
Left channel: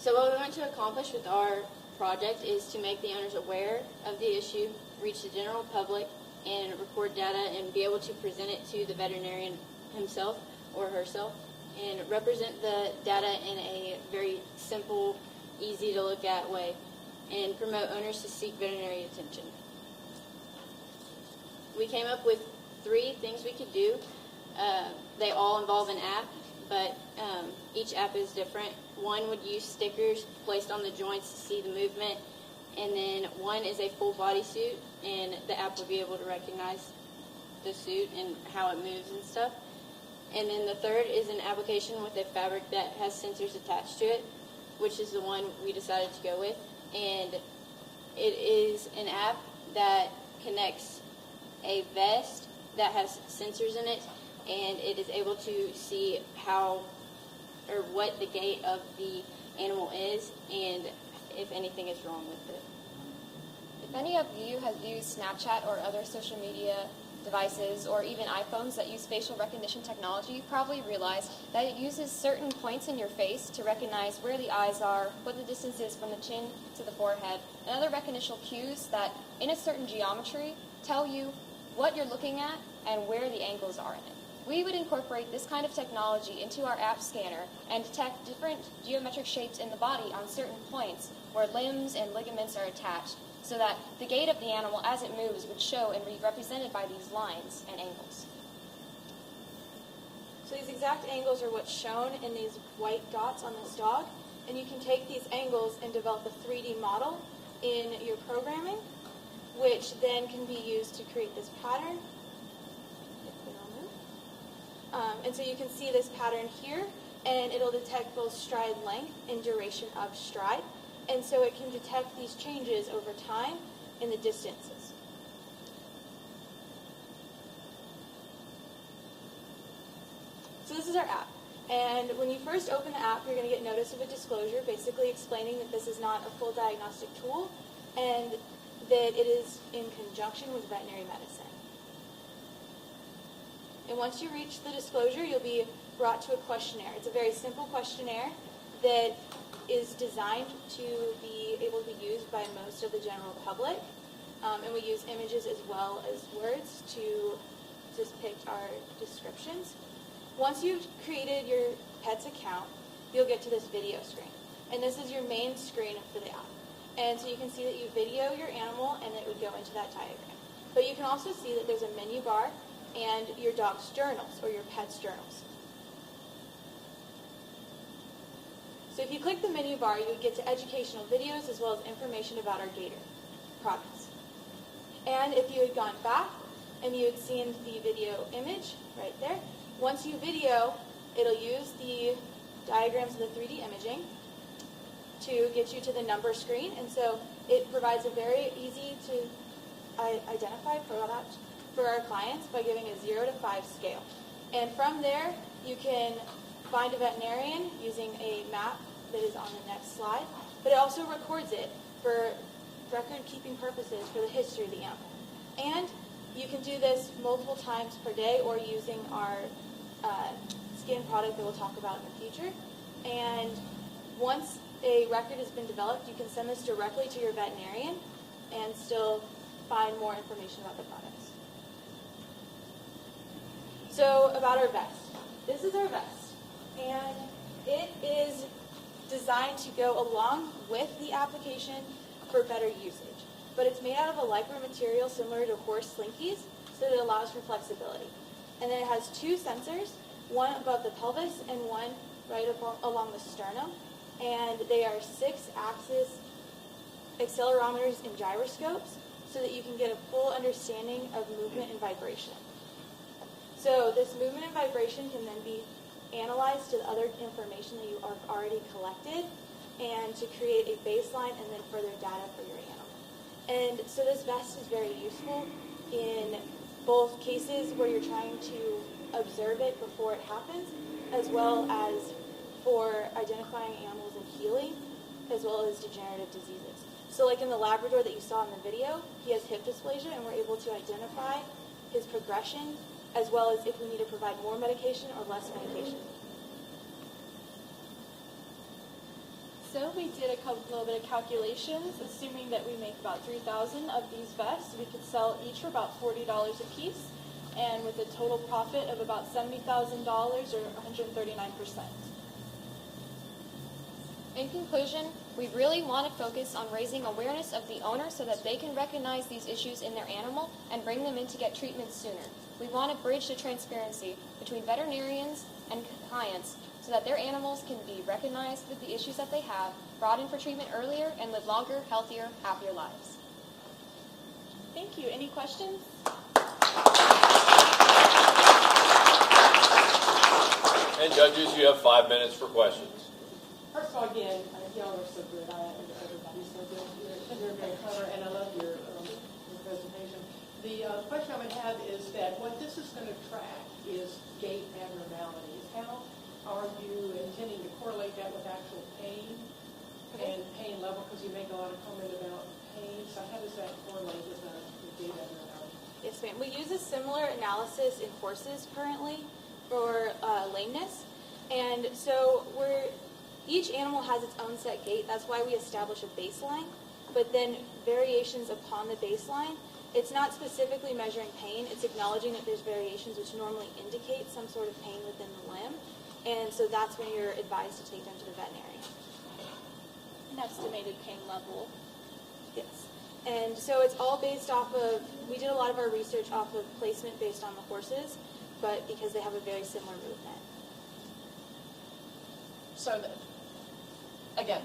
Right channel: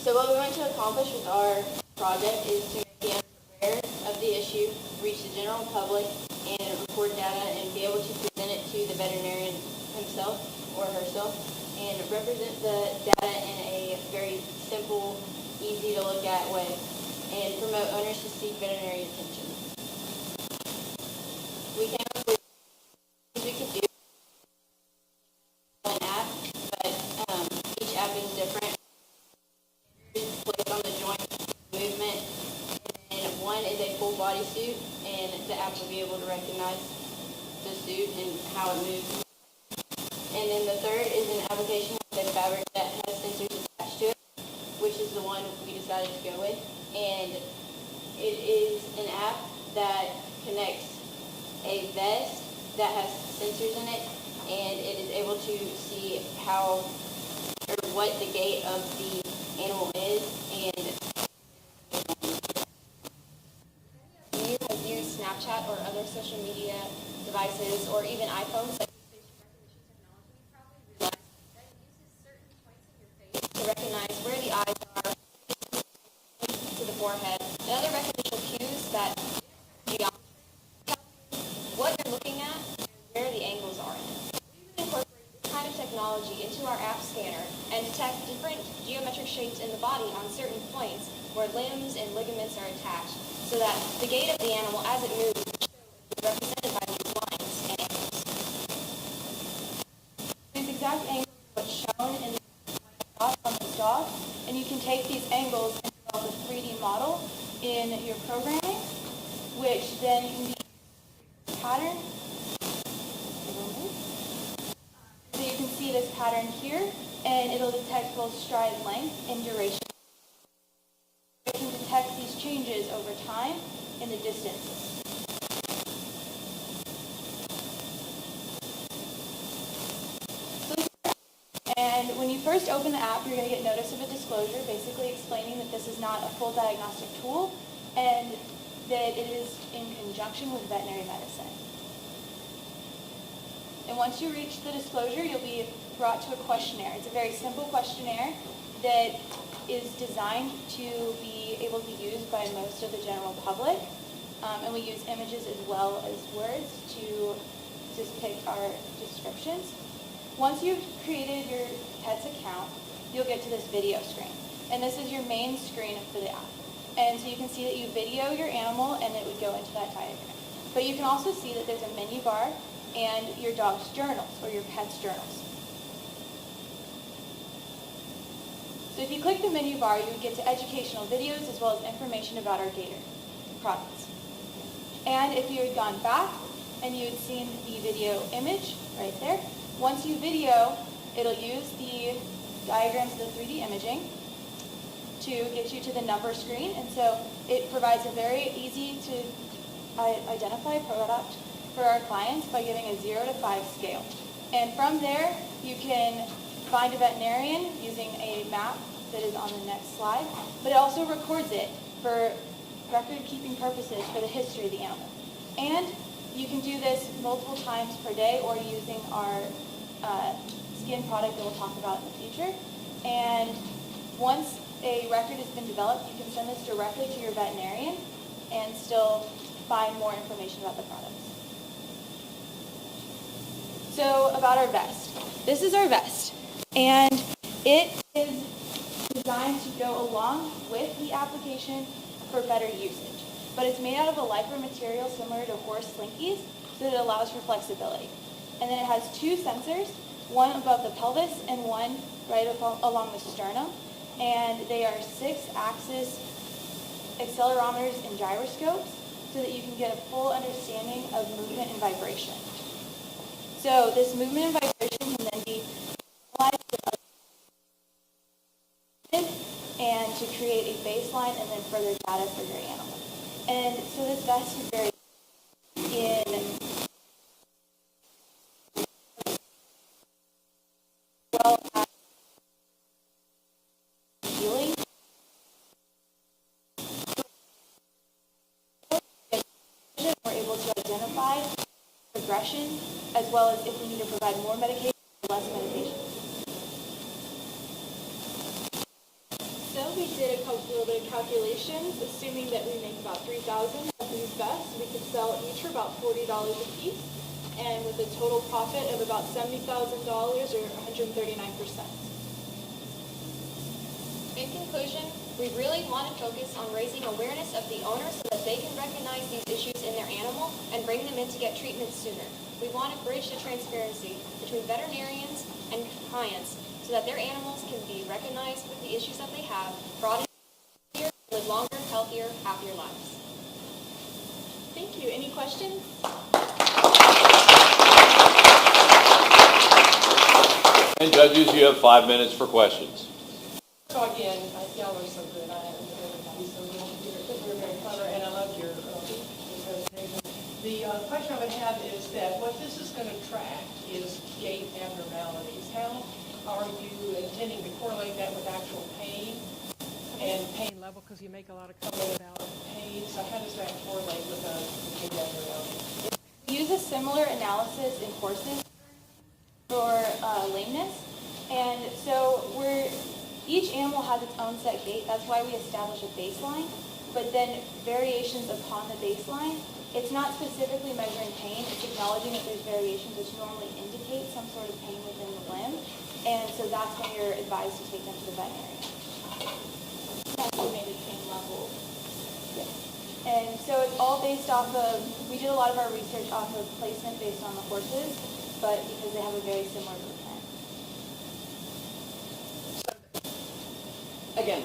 So what we want to accomplish with our project is to make the owners aware of the issue, reach the general public, and record data and be able to present it to the veterinarian himself or herself, and represent the data in a very simple, easy to look at way, and promote owners to seek veterinary attention. We came up with 3 things we could do. They all involve an app, but each app is different. One would use stickers placed on the joints to see the movement, and then one is a full body suit, and the app will be able to recognize the suit and how it moves and stuff. And then the third is an application with a fabric that has sensors attached to it, which is the one we decided to go with. And it is an app that connects a vest that has sensors in it, and it is able to see what the gait of the animal is, and if anything is wrong with it. If any of you have used Snapchat or other social media devices, or even iPhones that use facial recognition technology, you've probably realized that it uses certain points in your face to recognize where the eyes are, what the distance is from the chin to the forehead, and other recognition cues that, in a certain geometry, tell you what you're looking at and where the angles are in it. We would incorporate this kind of technology into our app scanner and detect different geometric shapes in the body on certain points where limbs and ligaments are attached, so that the gait of the animal as it moves would show and be represented by these lines and angles. So these exact angles are what's shown in these white dots on this dog, and you can take these angles and develop a 3D model in your programming, which then can be used to create this pattern. And so you can see this pattern here, and it'll detect both stride length and duration of stride. And so it can detect these changes over time in the distances. So this is our app. And when you first open the app, you're going to get notice of a disclosure, basically explaining that this is not a full diagnostic tool, and that it is in conjunction with veterinary medicine. And once you reach the disclosure, you'll be brought to a questionnaire. It's a very simple questionnaire that is designed to be able to be used by most of the general public. And we use images as well as words to depict our descriptions. Once you've created your pet's account, you'll get to this video screen. And this is your main screen for the app. And so you can see that you video your animal, and it would go into that diagram. But you can also see that there's a menu bar and your dog's journals, or your pet's journals. So if you click the menu bar, you would get to educational videos as well as information about our Gator products. And if you had gone back and you had seen the video image right there, once you video, it'll use the diagrams of the 3D imaging to get you to the number screen. And so it provides a very easy to identify product for our clients by giving a 0 to 5 scale. And from there, you can find a veterinarian using a map that is on the next slide, but it also records it for record-keeping purposes for the history of the animal. And you can do this multiple times per day, or using our skin product that we'll talk about in the future. And once a record has been developed, you can send this directly to your veterinarian and still find more information about the products. So about our vest. This is our vest, and it is designed to go along with the application for better usage. But it's made out of a lipo material similar to horse slinkies, so that it allows for flexibility. And then it has two sensors, one above the pelvis and one right along the sternum. And they are 6-axis accelerometers and gyroscopes, so that you can get a full understanding of movement and vibration. So this movement and vibration can then be analyzed with other information that you have already collected, and to create a baseline and then further data for your animal. And so this vest is very useful in both cases where you're trying to observe it before it happens, as well as for identifying animals in healing, as well as degenerative diseases. So like in the Labrador that you saw in the video, he has hip dysplasia, and we're able to identify his progression, as well as if we need to provide more medication or less medication. So we did a little bit of calculations, assuming that we make about 3,000 of these vests. We could sell each for about $40 a piece, and with a total profit of about $70,000 or 139%. In conclusion, we really want to focus on raising awareness of the owner so that they can recognize these issues in their animal and bring them in to get treatment sooner. We want to bridge the transparency between veterinarians and clients so that their animals can be recognized with the issues that they have, brought in for treatment earlier, and live longer, healthier, happier lives. Thank you. Any questions? And judges, you have 5 minutes for questions. First of all, again, y'all are so good. I haven't heard everybody so good here, but you're very clever, and I love your presentation. The question I would have is that what this is going to track is gait abnormalities. How are you intending to correlate that with actual pain and pain level? Because you make a lot of comment about pain. So how does that correlate with a gait abnormality? Yes, ma'am. We use a similar analysis in horses currently for lameness. And so each animal has its own set gait. That's why we establish a baseline. But then variations upon the baseline, it's not specifically measuring pain. It's acknowledging that there's variations which normally indicate some sort of pain within the limb. And so that's when you're advised to take them to the veterinarian. Estimated pain level. Yes. And so it's all based off of, we did a lot of our research off of placement based on the horses, but because they have a very similar movement. So, again,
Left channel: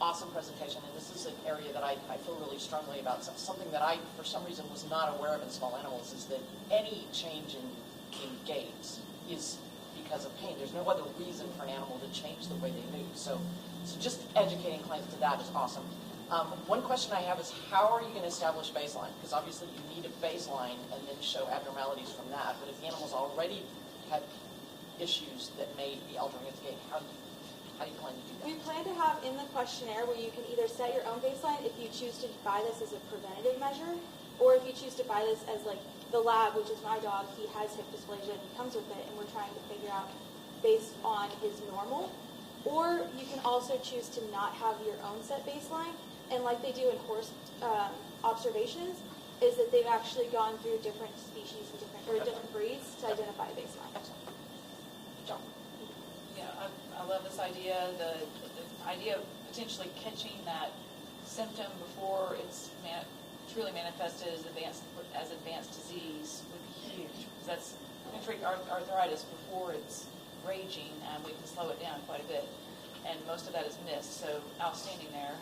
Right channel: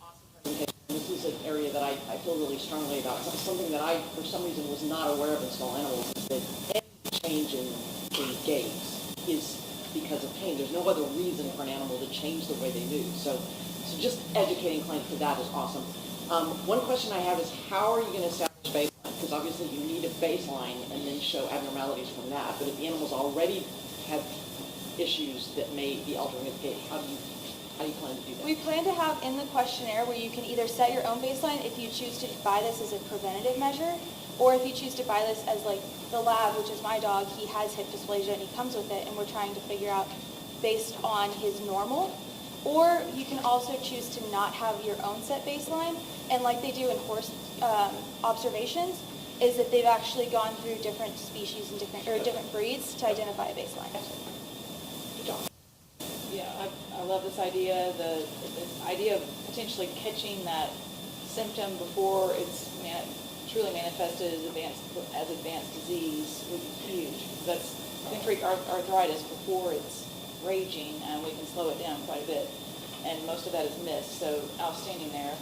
awesome presentation, and this is an area that I feel really strongly about. Something that I, for some reason, was not aware of in small animals is that any change in gait is because of pain. There's no other reason for an animal to change the way they move. So just educating clients to that is awesome. One question I have is, how are you going to establish baseline? Because obviously you need a baseline and then show abnormalities from that. But if the animal's already had issues that may be altering its gait, how do you plan to do that? We plan to have in the questionnaire where you can either set your own baseline if you choose to buy this as a preventative measure, or if you choose to buy this as like the lab, which is my dog, he has hip dysplasia and he comes with it, and we're trying to figure out based on his normal. Or you can also choose to not have your own set baseline, and like they do in horse observations, is that they've actually gone through different species and different breeds to identify a baseline. Yeah, I love this idea. The idea of potentially catching that symptom before it's truly manifested as advanced disease would be huge. That's we can treat arthritis before it's raging, and we can slow it down quite a bit. And most of that is missed. So outstanding there.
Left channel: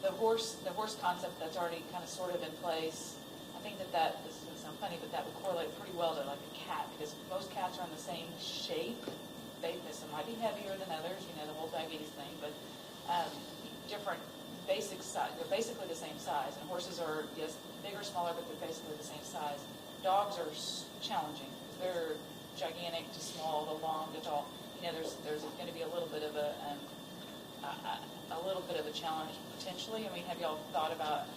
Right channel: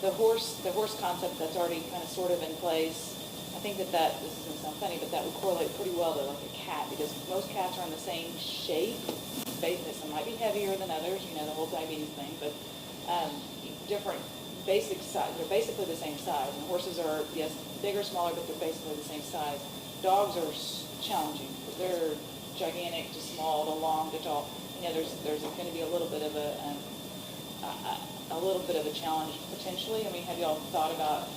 The horse concept that's already kind of sort of in place. I think that this is going to sound funny, but that would correlate pretty well to like a cat, because most cats are in the same shape. Some might be heavier than others, the whole diabetes thing, but different basic size. They're basically the same size. And horses are, yes, bigger, smaller, but they're basically the same size. Dogs are challenging because they're gigantic to small to long to tall. There's going to be a little bit of a challenge potentially. I mean, have y'all thought about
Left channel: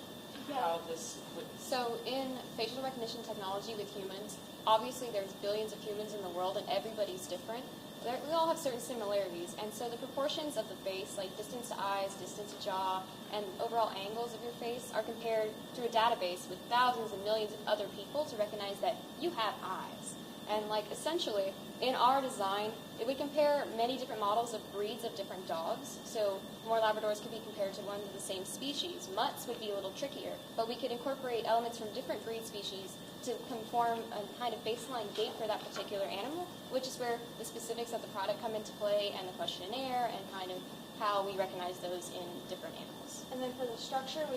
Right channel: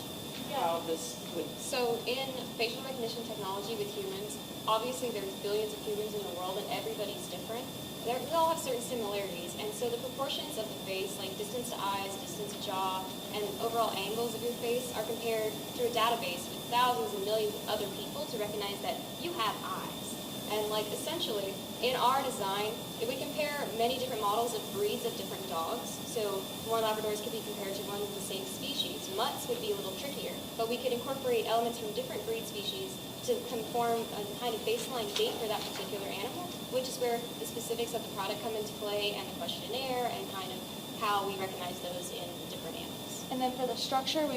how this would. So in facial recognition technology with humans, obviously there's billions of humans in the world and everybody's different. We all have certain similarities, and so the proportions of the face, like distance to eyes, distance to jaw, and overall angles of your face are compared through a database with thousands and millions of other people to recognize that you have eyes. And like essentially, in our design, if we compare many different models of breeds of different dogs, so more Labradors could be compared to ones of the same species. Mutts would be a little trickier, but we could incorporate elements from different breed species to conform a kind of baseline gait for that particular animal, which is where the specifics of the product come into play and the questionnaire and kind of how we recognize those in different animals. And then for the structure,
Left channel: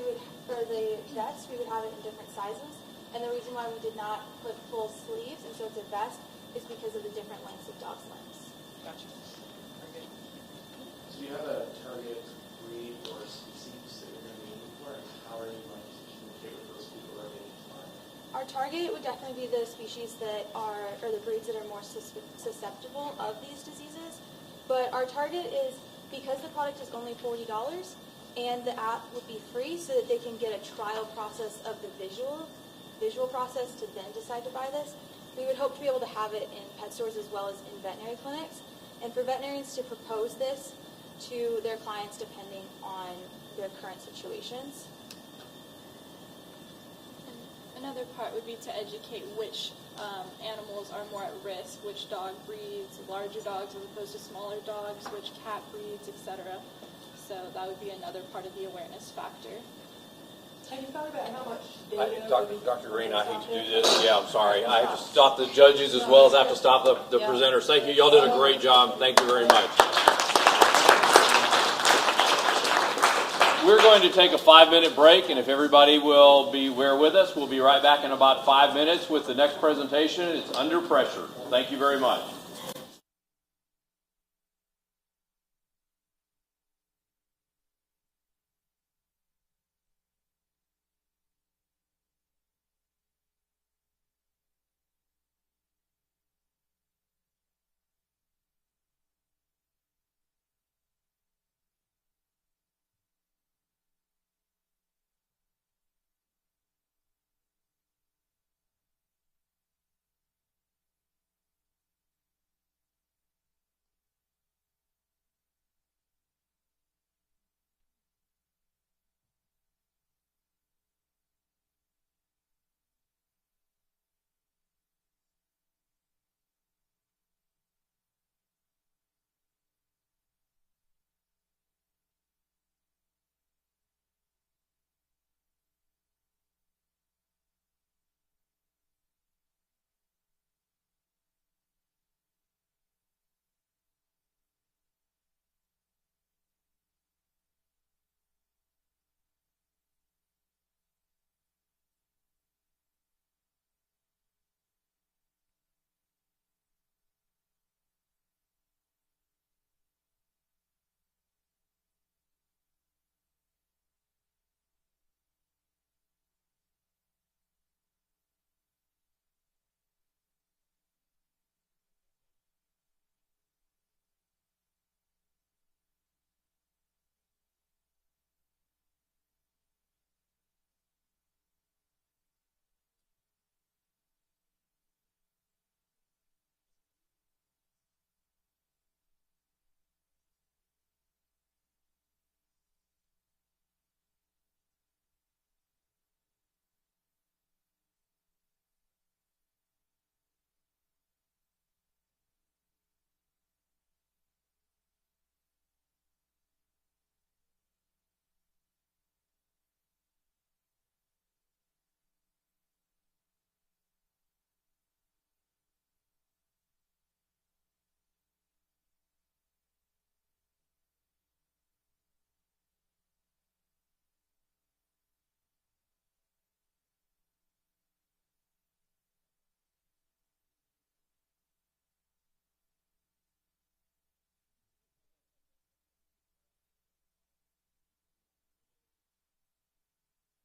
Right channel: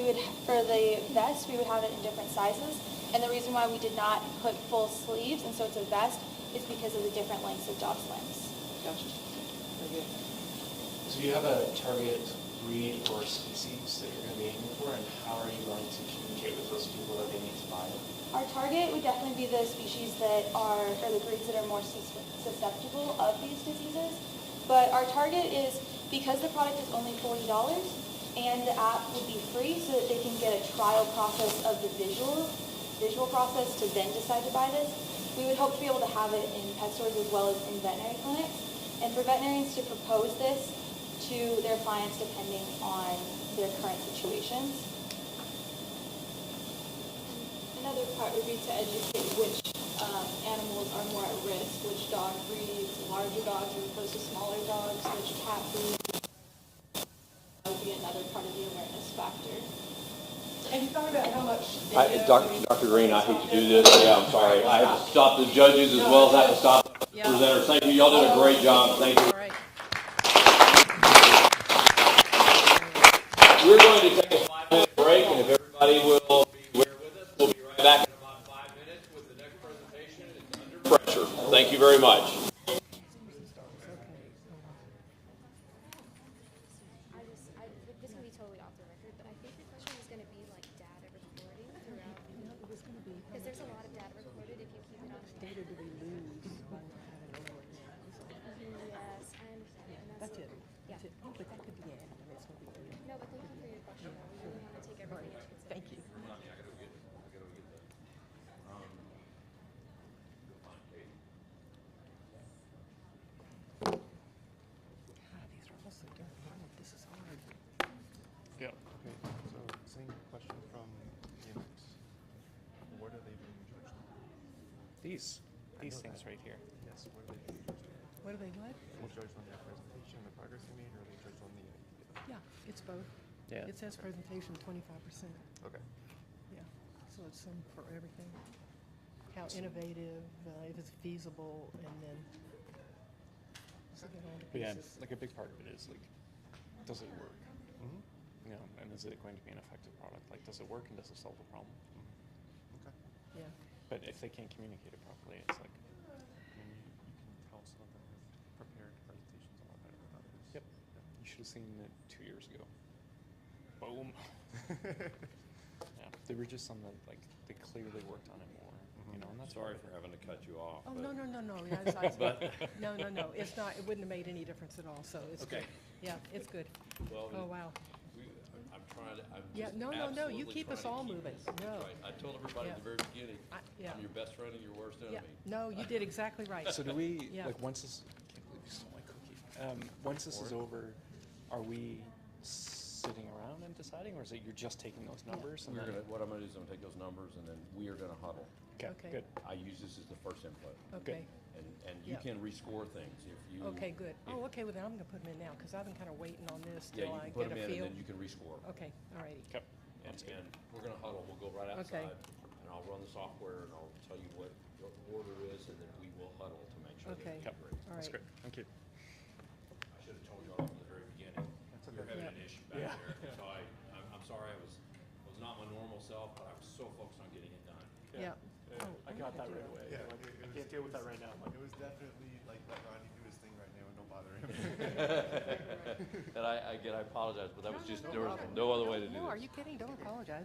for the vest, we would have it in different sizes. And the reason why we did not put full sleeves, and so it's a vest, is because of the different lengths of dog's limbs. Gotcha. Very good. So do you have a target breed or species that you're going to be aiming for, and how are you going to communicate with those people that they need to buy it? Our target would definitely be the species that are, or the breeds that are more susceptible of these diseases. But our target is, because the product is only $40 and the app would be free so that they can get a trial process of the visual process to then decide to buy this, we would hope to be able to have it in pet stores as well as in veterinary clinics. And for veterinarians to propose this to their clients depending on their current situations. Another part would be to educate which animals are more at risk, which dog breeds, larger dogs as opposed to smaller dogs, which cat breeds, etc. So that would be another part of the awareness factor. Have you thought about how much Dr. Green, I hate to do this. Yeah, I'm sorry. I have to stop the judges as well as I have to stop the presenters. Thank you. Y'all did a great job. Thank you very much. We're going to take a 5-minute break, and if everybody will bear with us, we'll be right back in about 5 minutes with the next presentation. It's Under Pressure. Thank you very much. These things right here. Yes, what are they being judged on? What are they what? Are they judged on your presentation, the progress you made, or are they judged on the idea? Yeah, it's both. Yeah. It says presentation 25%. Okay. Yeah, so it's some for everything. How innovative, if it's feasible, and then so get all the But yeah, pieces. like a big part of it is like, does it work? Mm-hmm. You know, and is it going to be an effective product? Like, does it work and does it solve the problem? Okay. Yeah. But if they can't communicate it properly, it's like. I mean, you can tell some of them have prepared presentations a lot better than others. Yep. You should have seen it 2 years ago. Boom. Yeah, there were just some that like they clearly worked on it more. You know, and that's Sorry for having to cut you off. Oh, but- no. No. It's not, it wouldn't have made any difference at all, so it's Okay. good. Yeah, it's good. Well, Oh, wow. I'm trying to. I'm Yeah, just no, you absolutely keep us trying to all keep moving. this. No. Right. I told everybody at the very beginning, yeah. I'm your best friend and your worst Yeah, enemy. no, you did exactly right. So do we, Yeah. like once this, I can't believe you stole my cookie. Once this is over, are we sitting around and deciding, or is it you're just taking those numbers? And then- What I'm gonna do is I'm gonna take those numbers and then we are gonna huddle. Okay, good. I use this as the first input. Okay. And you Yeah. can rescore things if you. Okay, good. Oh, okay, well then I'm gonna put them in now, because I've been kind of waiting on this Yeah, till you I can put get them a in feel. and then you can rescore. Okay, all righty. Okay. And we're gonna huddle, we'll go right Okay. outside, and I'll run the software, and I'll tell you what the order is, and then we will huddle to make sure that Okay. we get ready. All That's right. great. Thank you. I should have told you all from the very beginning. You're having an issue back there, so I'm sorry, I was not my normal self, but I was so focused on getting it done. Yeah. Oh, I got that right away. Yeah, Like, it I was- can't deal with that right now. It was definitely like, let Ronnie do his thing right now and don't bother him. And I apologize, but that was just, there was problem. no other way to do No, are this. you kidding? Don't apologize.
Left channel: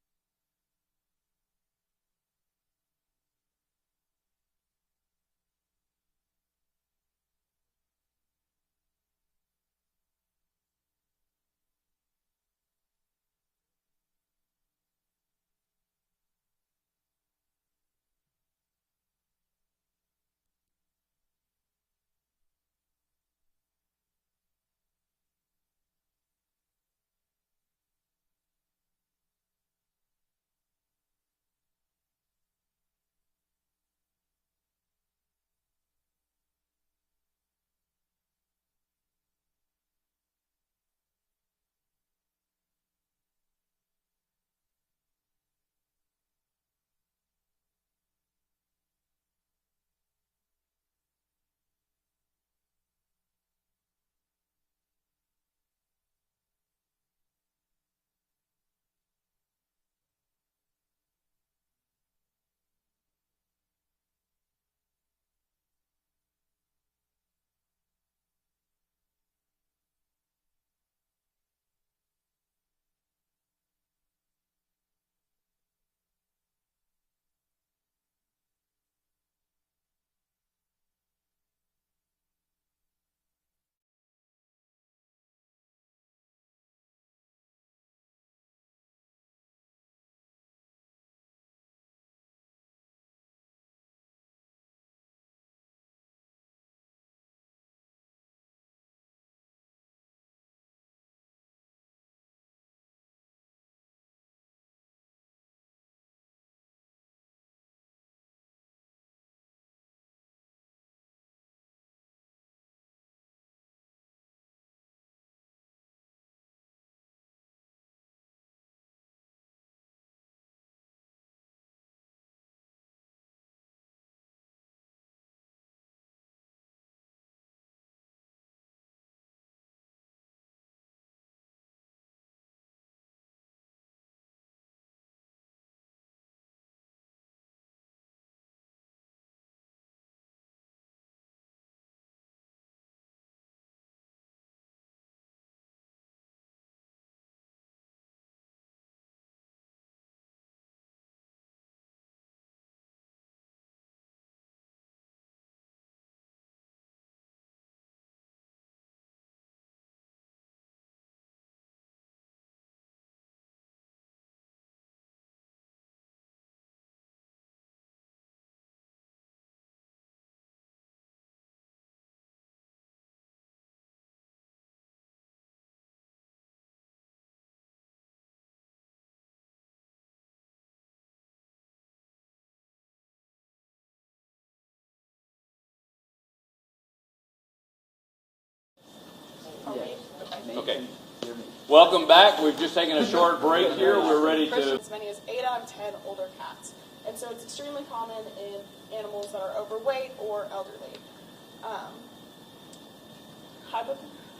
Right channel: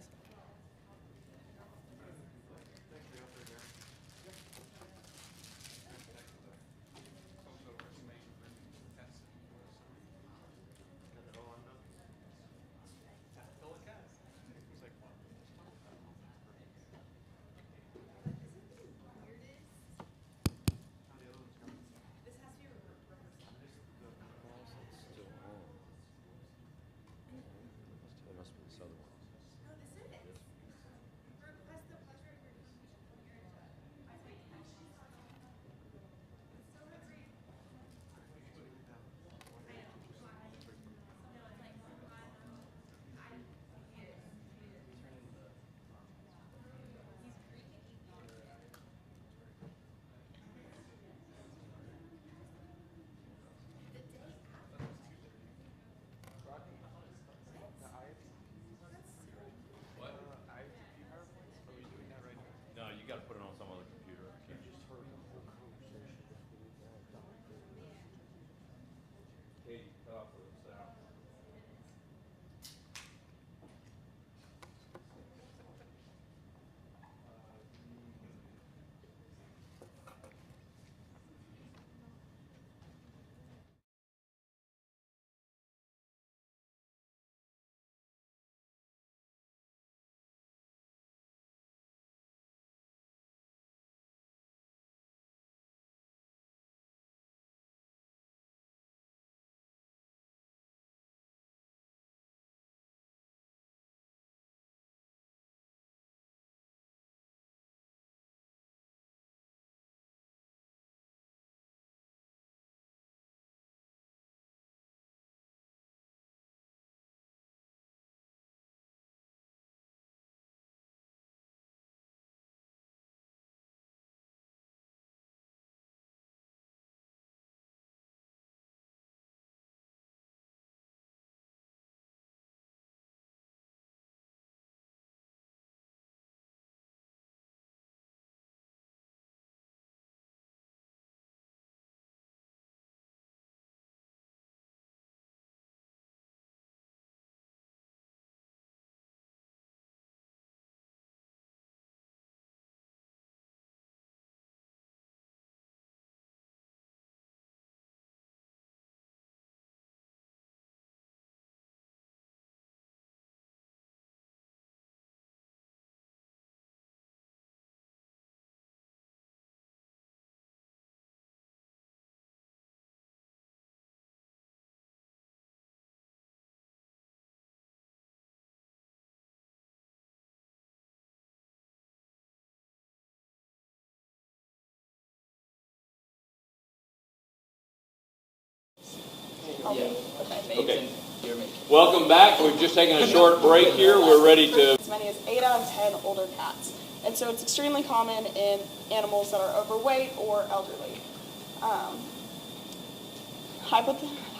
makes Okay. and your make. Welcome back. We've just taken a short break here. We're ready to. As many as 8 out of 10 older cats. And so it's extremely common in animals that are overweight or elderly.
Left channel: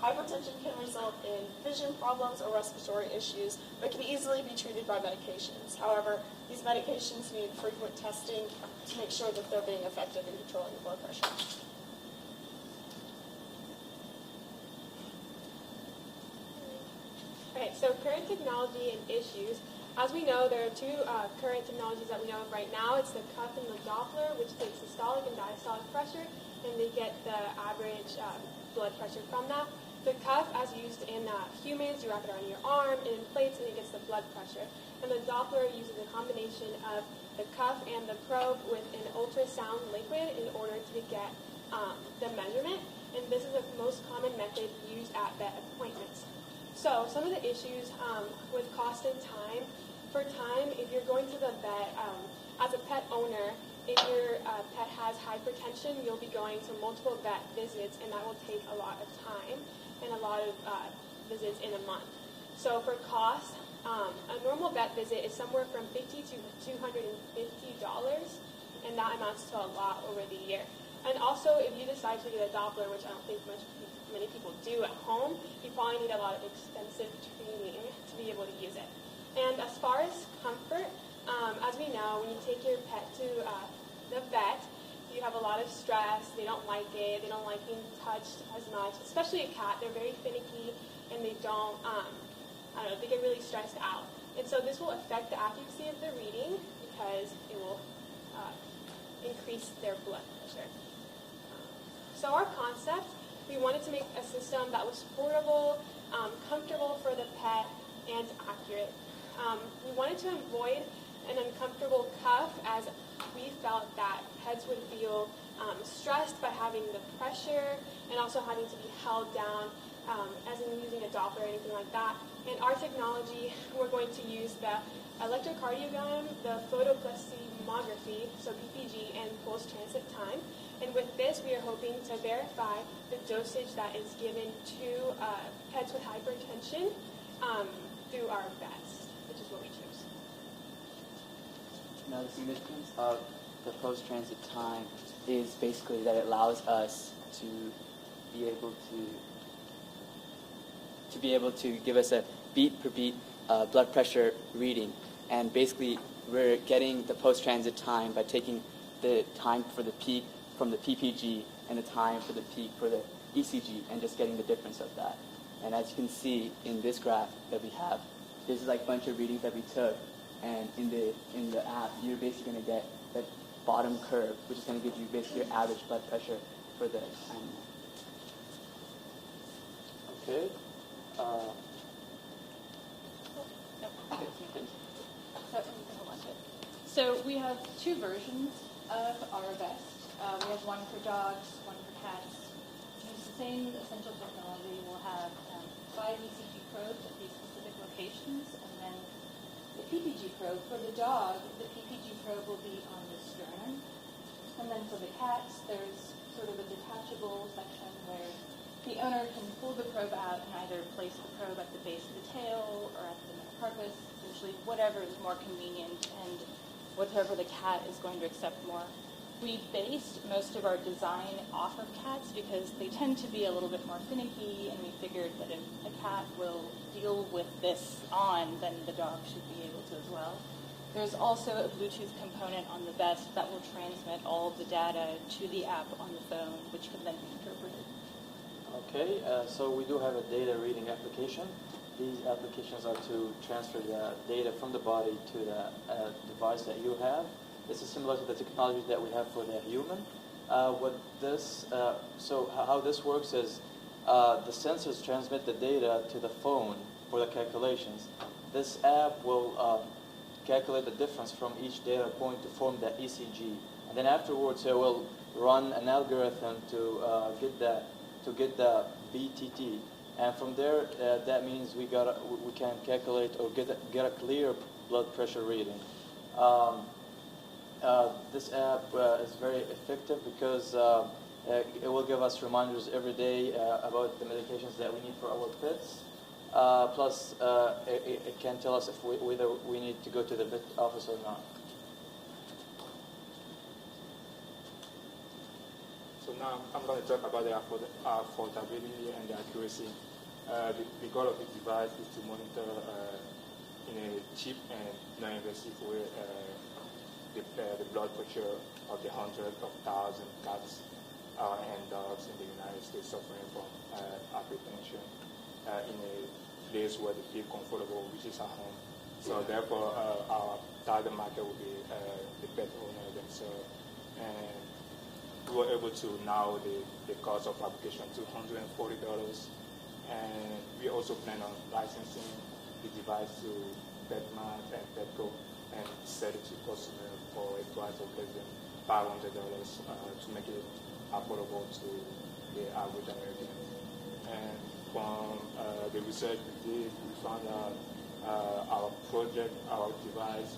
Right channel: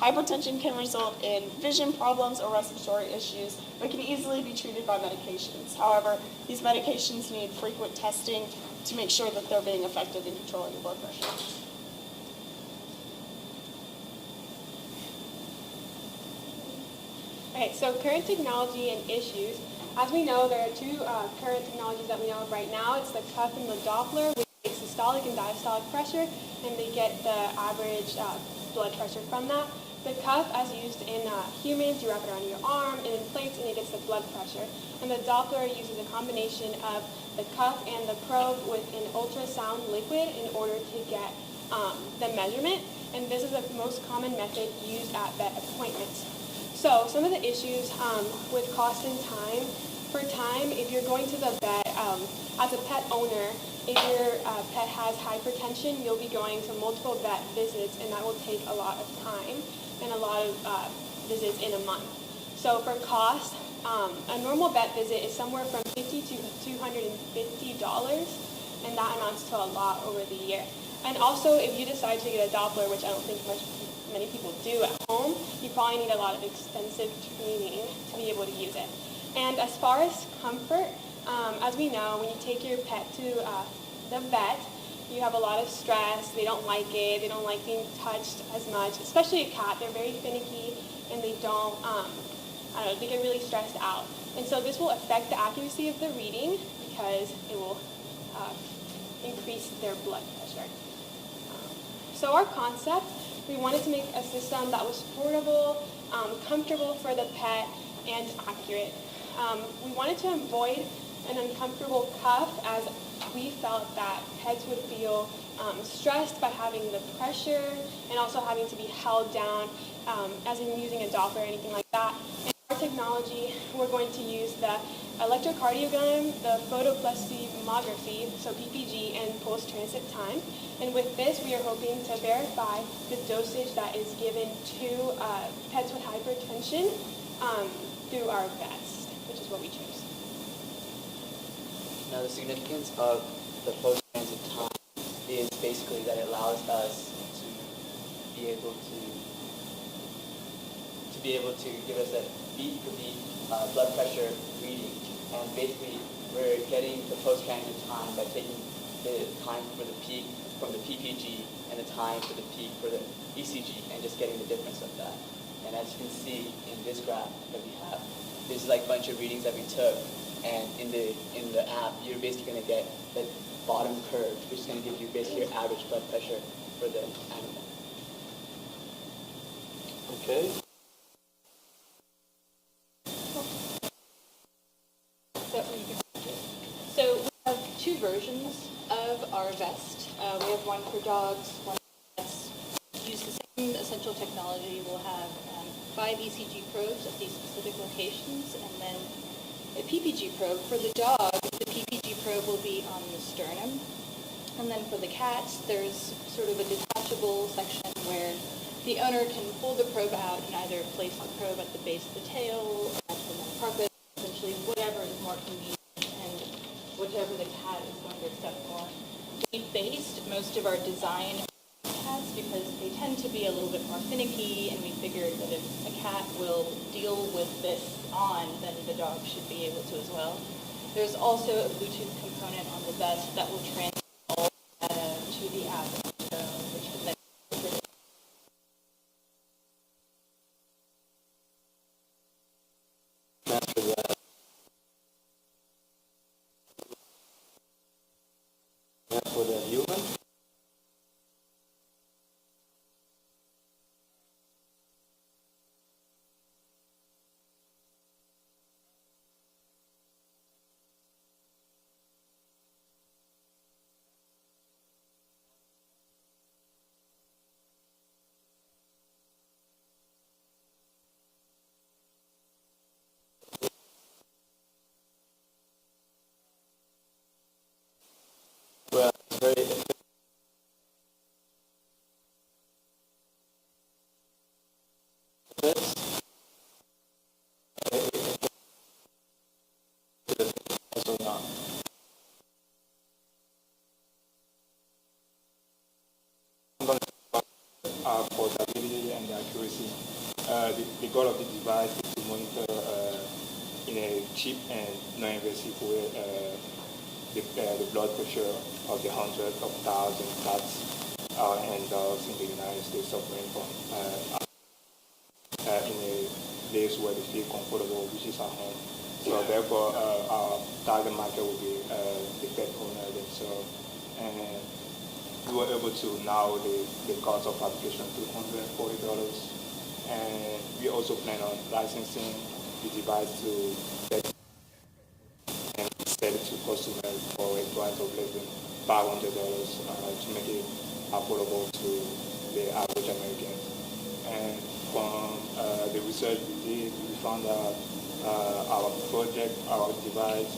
Hypertension can result in vision problems or respiratory issues, but can easily be treated by medications. However, these medications need frequent testing to make sure that they're being effective in controlling the blood pressure. Okay, so current technology and issues. As we know, there are two current technologies that we know of right now. It's the cuff and the Doppler, which takes systolic and diastolic pressure, and they get the average blood pressure from that. The cuff, as used in humans, you wrap it around your arm, and it inflates, and it gets the blood pressure. And the Doppler uses a combination of the cuff and the probe with an ultrasound liquid in order to get the measurement. And this is the most common method used at vet appointments. So some of the issues with cost and time. For time, if you're going to the vet, as a pet owner, if your pet has hypertension, you'll be going to multiple vet visits, and that will take a lot of time and a lot of visits in a month. So for cost, a normal vet visit is somewhere from $50 to $250, and that amounts to a lot over the year. And also, if you decide to get a Doppler, which I don't think many people do at home, you probably need a lot of extensive training to be able to use it. And as far as comfort, as we know, when you take your pet to the vet, you have a lot of stress. They don't like it. They don't like being touched as much, especially a cat. They're very finicky, and they don't, they get really stressed out. And so this will affect the accuracy of the reading because it will increase their blood pressure. So our concept, we wanted to make a system that was portable, comfortable for the pet, and accurate. We wanted to avoid an uncomfortable cuff, as we felt that pets would feel stressed by having the pressure and also having to be held down, as in using a Doppler or anything like that. In our technology, we're going to use the electrocardiogram, the photoplethysmography, so PPG, and post-transit time. And with this, we are hoping to verify the dosage that is given to pets with hypertension through our vest, which is what we choose. Now, the significance of the post-transit time is basically that it allows us to be able to give us a beat per beat blood pressure reading, and basically we're getting the post-transit time by taking the time for the peak from the PPG and the time for the peak for the ECG, and just getting the difference of that. And as you can see in this graph that we have, there's like a bunch of readings that we took, and in the app, you're basically going to get the bottom curve, which is going to give you basically your average blood pressure for the animal. Okay. So we have two versions of our vest. We have one for dogs, one for cats. We use the same essential technology. We'll have 5 ECG probes at these specific locations, and then a PPG probe. For the dog, the PPG probe will be on the sternum. And then for the cats, there's sort of a detachable section where the owner can pull the probe out and either place the probe at the base of the tail or at the carpet, essentially whatever is more convenient and whichever the cat is going to accept more. We based most of our design off of cats because they tend to be a little bit more finicky, and we figured that if a cat will deal with this on, then the dog should be able to as well. There's also a Bluetooth component on the vest that will transmit all of the data to the app on the phone, which can then be interpreted. Okay, so we do have a data reading application. These applications are to transfer the data from the body to the device that you have. This is similar to the technology that we have for the human. So how this works is the sensors transmit the data to the phone for the calculations. This app will calculate the difference from each data point to form the ECG, and then afterwards it will run an algorithm to get the BTT, and from there that means we can calculate or get a clear blood pressure reading. This app is very effective because It will give us reminders every day about the medications that we need for our pets. Plus, it can tell us if whether we need to go to the vet office or not. So now I'm going to talk about the affordability and the accuracy. The goal of the device is to monitor in a cheap and non-invasive way the blood pressure of the hundreds of thousands of cats and dogs in the United States suffering from hypertension in a place where they feel comfortable, which is at home. So therefore, our target market will be the pet owner themselves. And we were able to narrow the cost of application to $140. And we also plan on licensing the device to VetMED and Petco and sell it to customers for a price of less than $500 to make it affordable to the average American. And from the research we did, we found that our project, our device,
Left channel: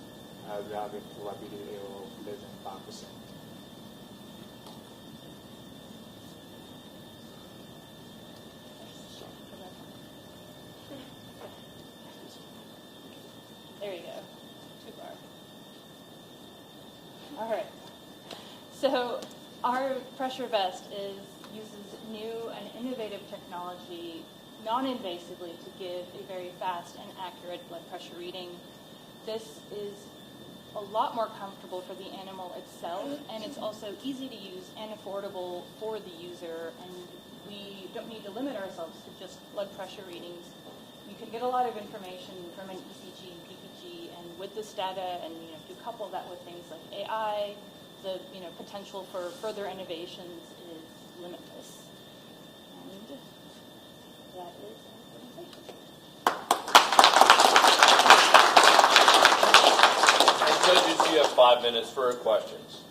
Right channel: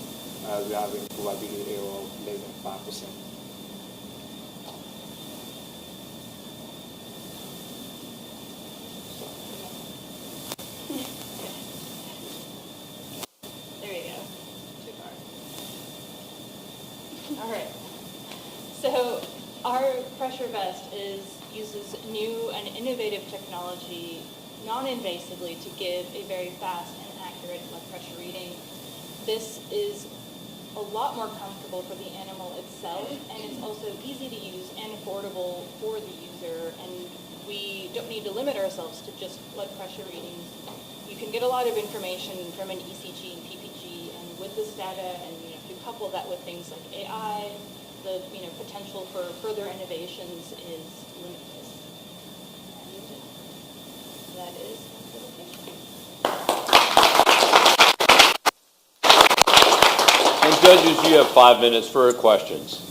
we have a probability of less than 5%. There you go. Too far. All right. So our pressure vest uses new and innovative technology, non-invasively, to give a very fast and accurate blood pressure reading. This is a lot more comfortable for the animal itself, and it's also easy to use and affordable for the user. And we don't need to limit ourselves to just blood pressure readings. You can get a lot of information from an ECG and PPG, and with this data, and if you couple that with things like AI, the potential for further innovations is limitless. And that is And judges, you have 5 minutes for questions.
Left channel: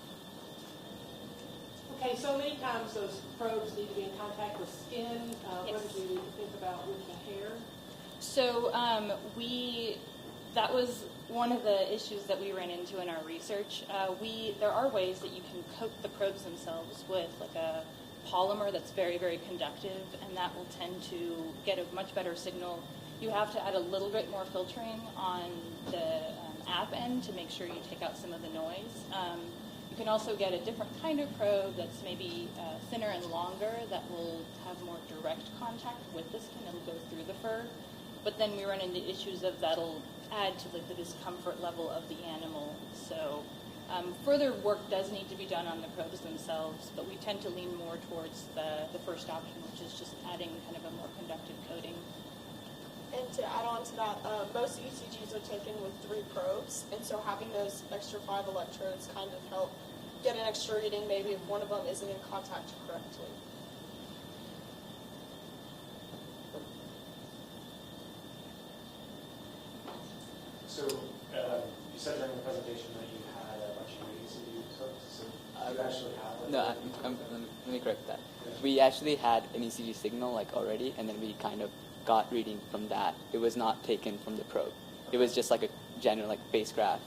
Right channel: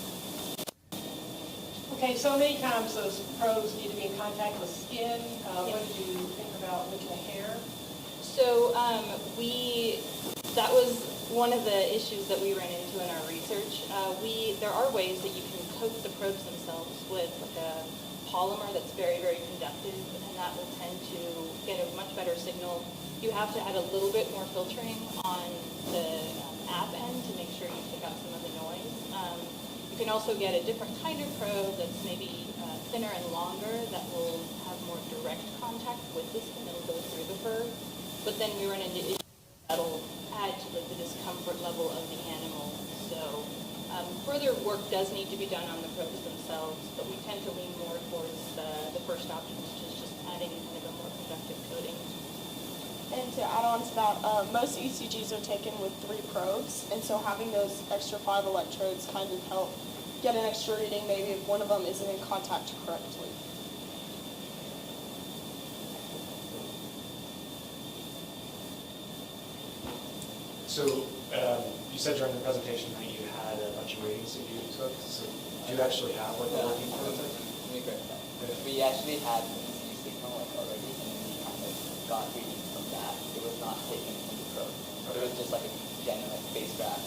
Okay, so many times those probes need to be in contact with skin. What did you think about with the hair? So that was one of the issues that we ran into in our research. There are ways that you can coat the probes themselves with like a polymer that's very, very conductive, and that will tend to get a much better signal. You have to add a little bit more filtering on the app end to make sure you take out some of the noise. You can also get a different kind of probe that's maybe thinner and longer that will have more direct contact with the skin. It'll go through the fur. But then we run into issues of that'll add to the discomfort level of the animal. So further work does need to be done on the probes themselves, but we tend to lean more towards the first option, which is just adding kind of a more conductive coating. And to add on to that, most ECGs are taken with 3 probes, and so having those extra 5 electrodes kind of help get an extra reading maybe if one of them isn't in contact correctly. So you said during the presentation that you had a bunch of readings that you took. So do you actually have like No, a reading from it? let me correct that. We actually had an ECG signal already, and then we kind of got reading from that. It was not taken from the probe. It was just like a general face graph,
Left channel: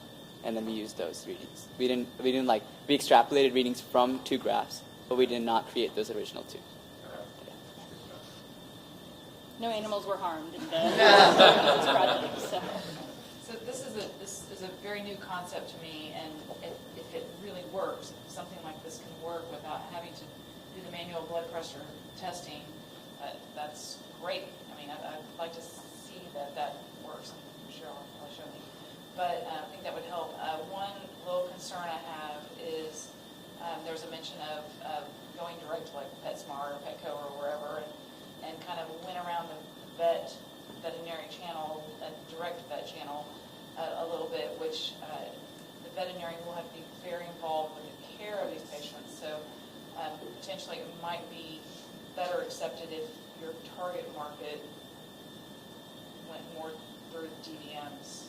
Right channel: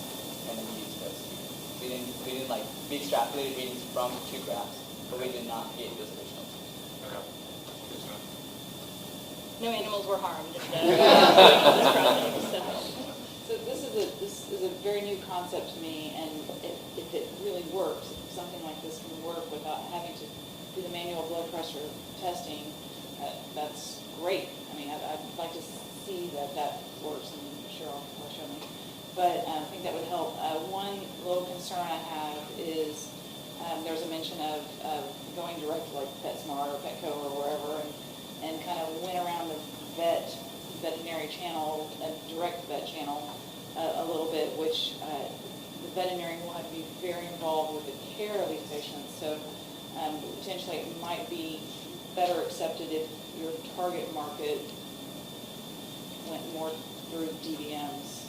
and then we used those readings. We extrapolated readings from 2 graphs, but we did not create those original 2. No animals were harmed in this project. So this is a very new concept to me, and if it really works, if something like this can work without having to do the manual blood pressure testing, that's great. I mean, I'd like to see that works, and Cheryl will show me. But I think that would help. One little concern I have is there's a mention of going direct to like PetSmart or Petco or wherever, and kind of went around the veterinary channel, direct vet channel a little bit, which the veterinarian will have to be very involved with the care of these patients. So potentially it might be better accepted if your target market went more through DVMs.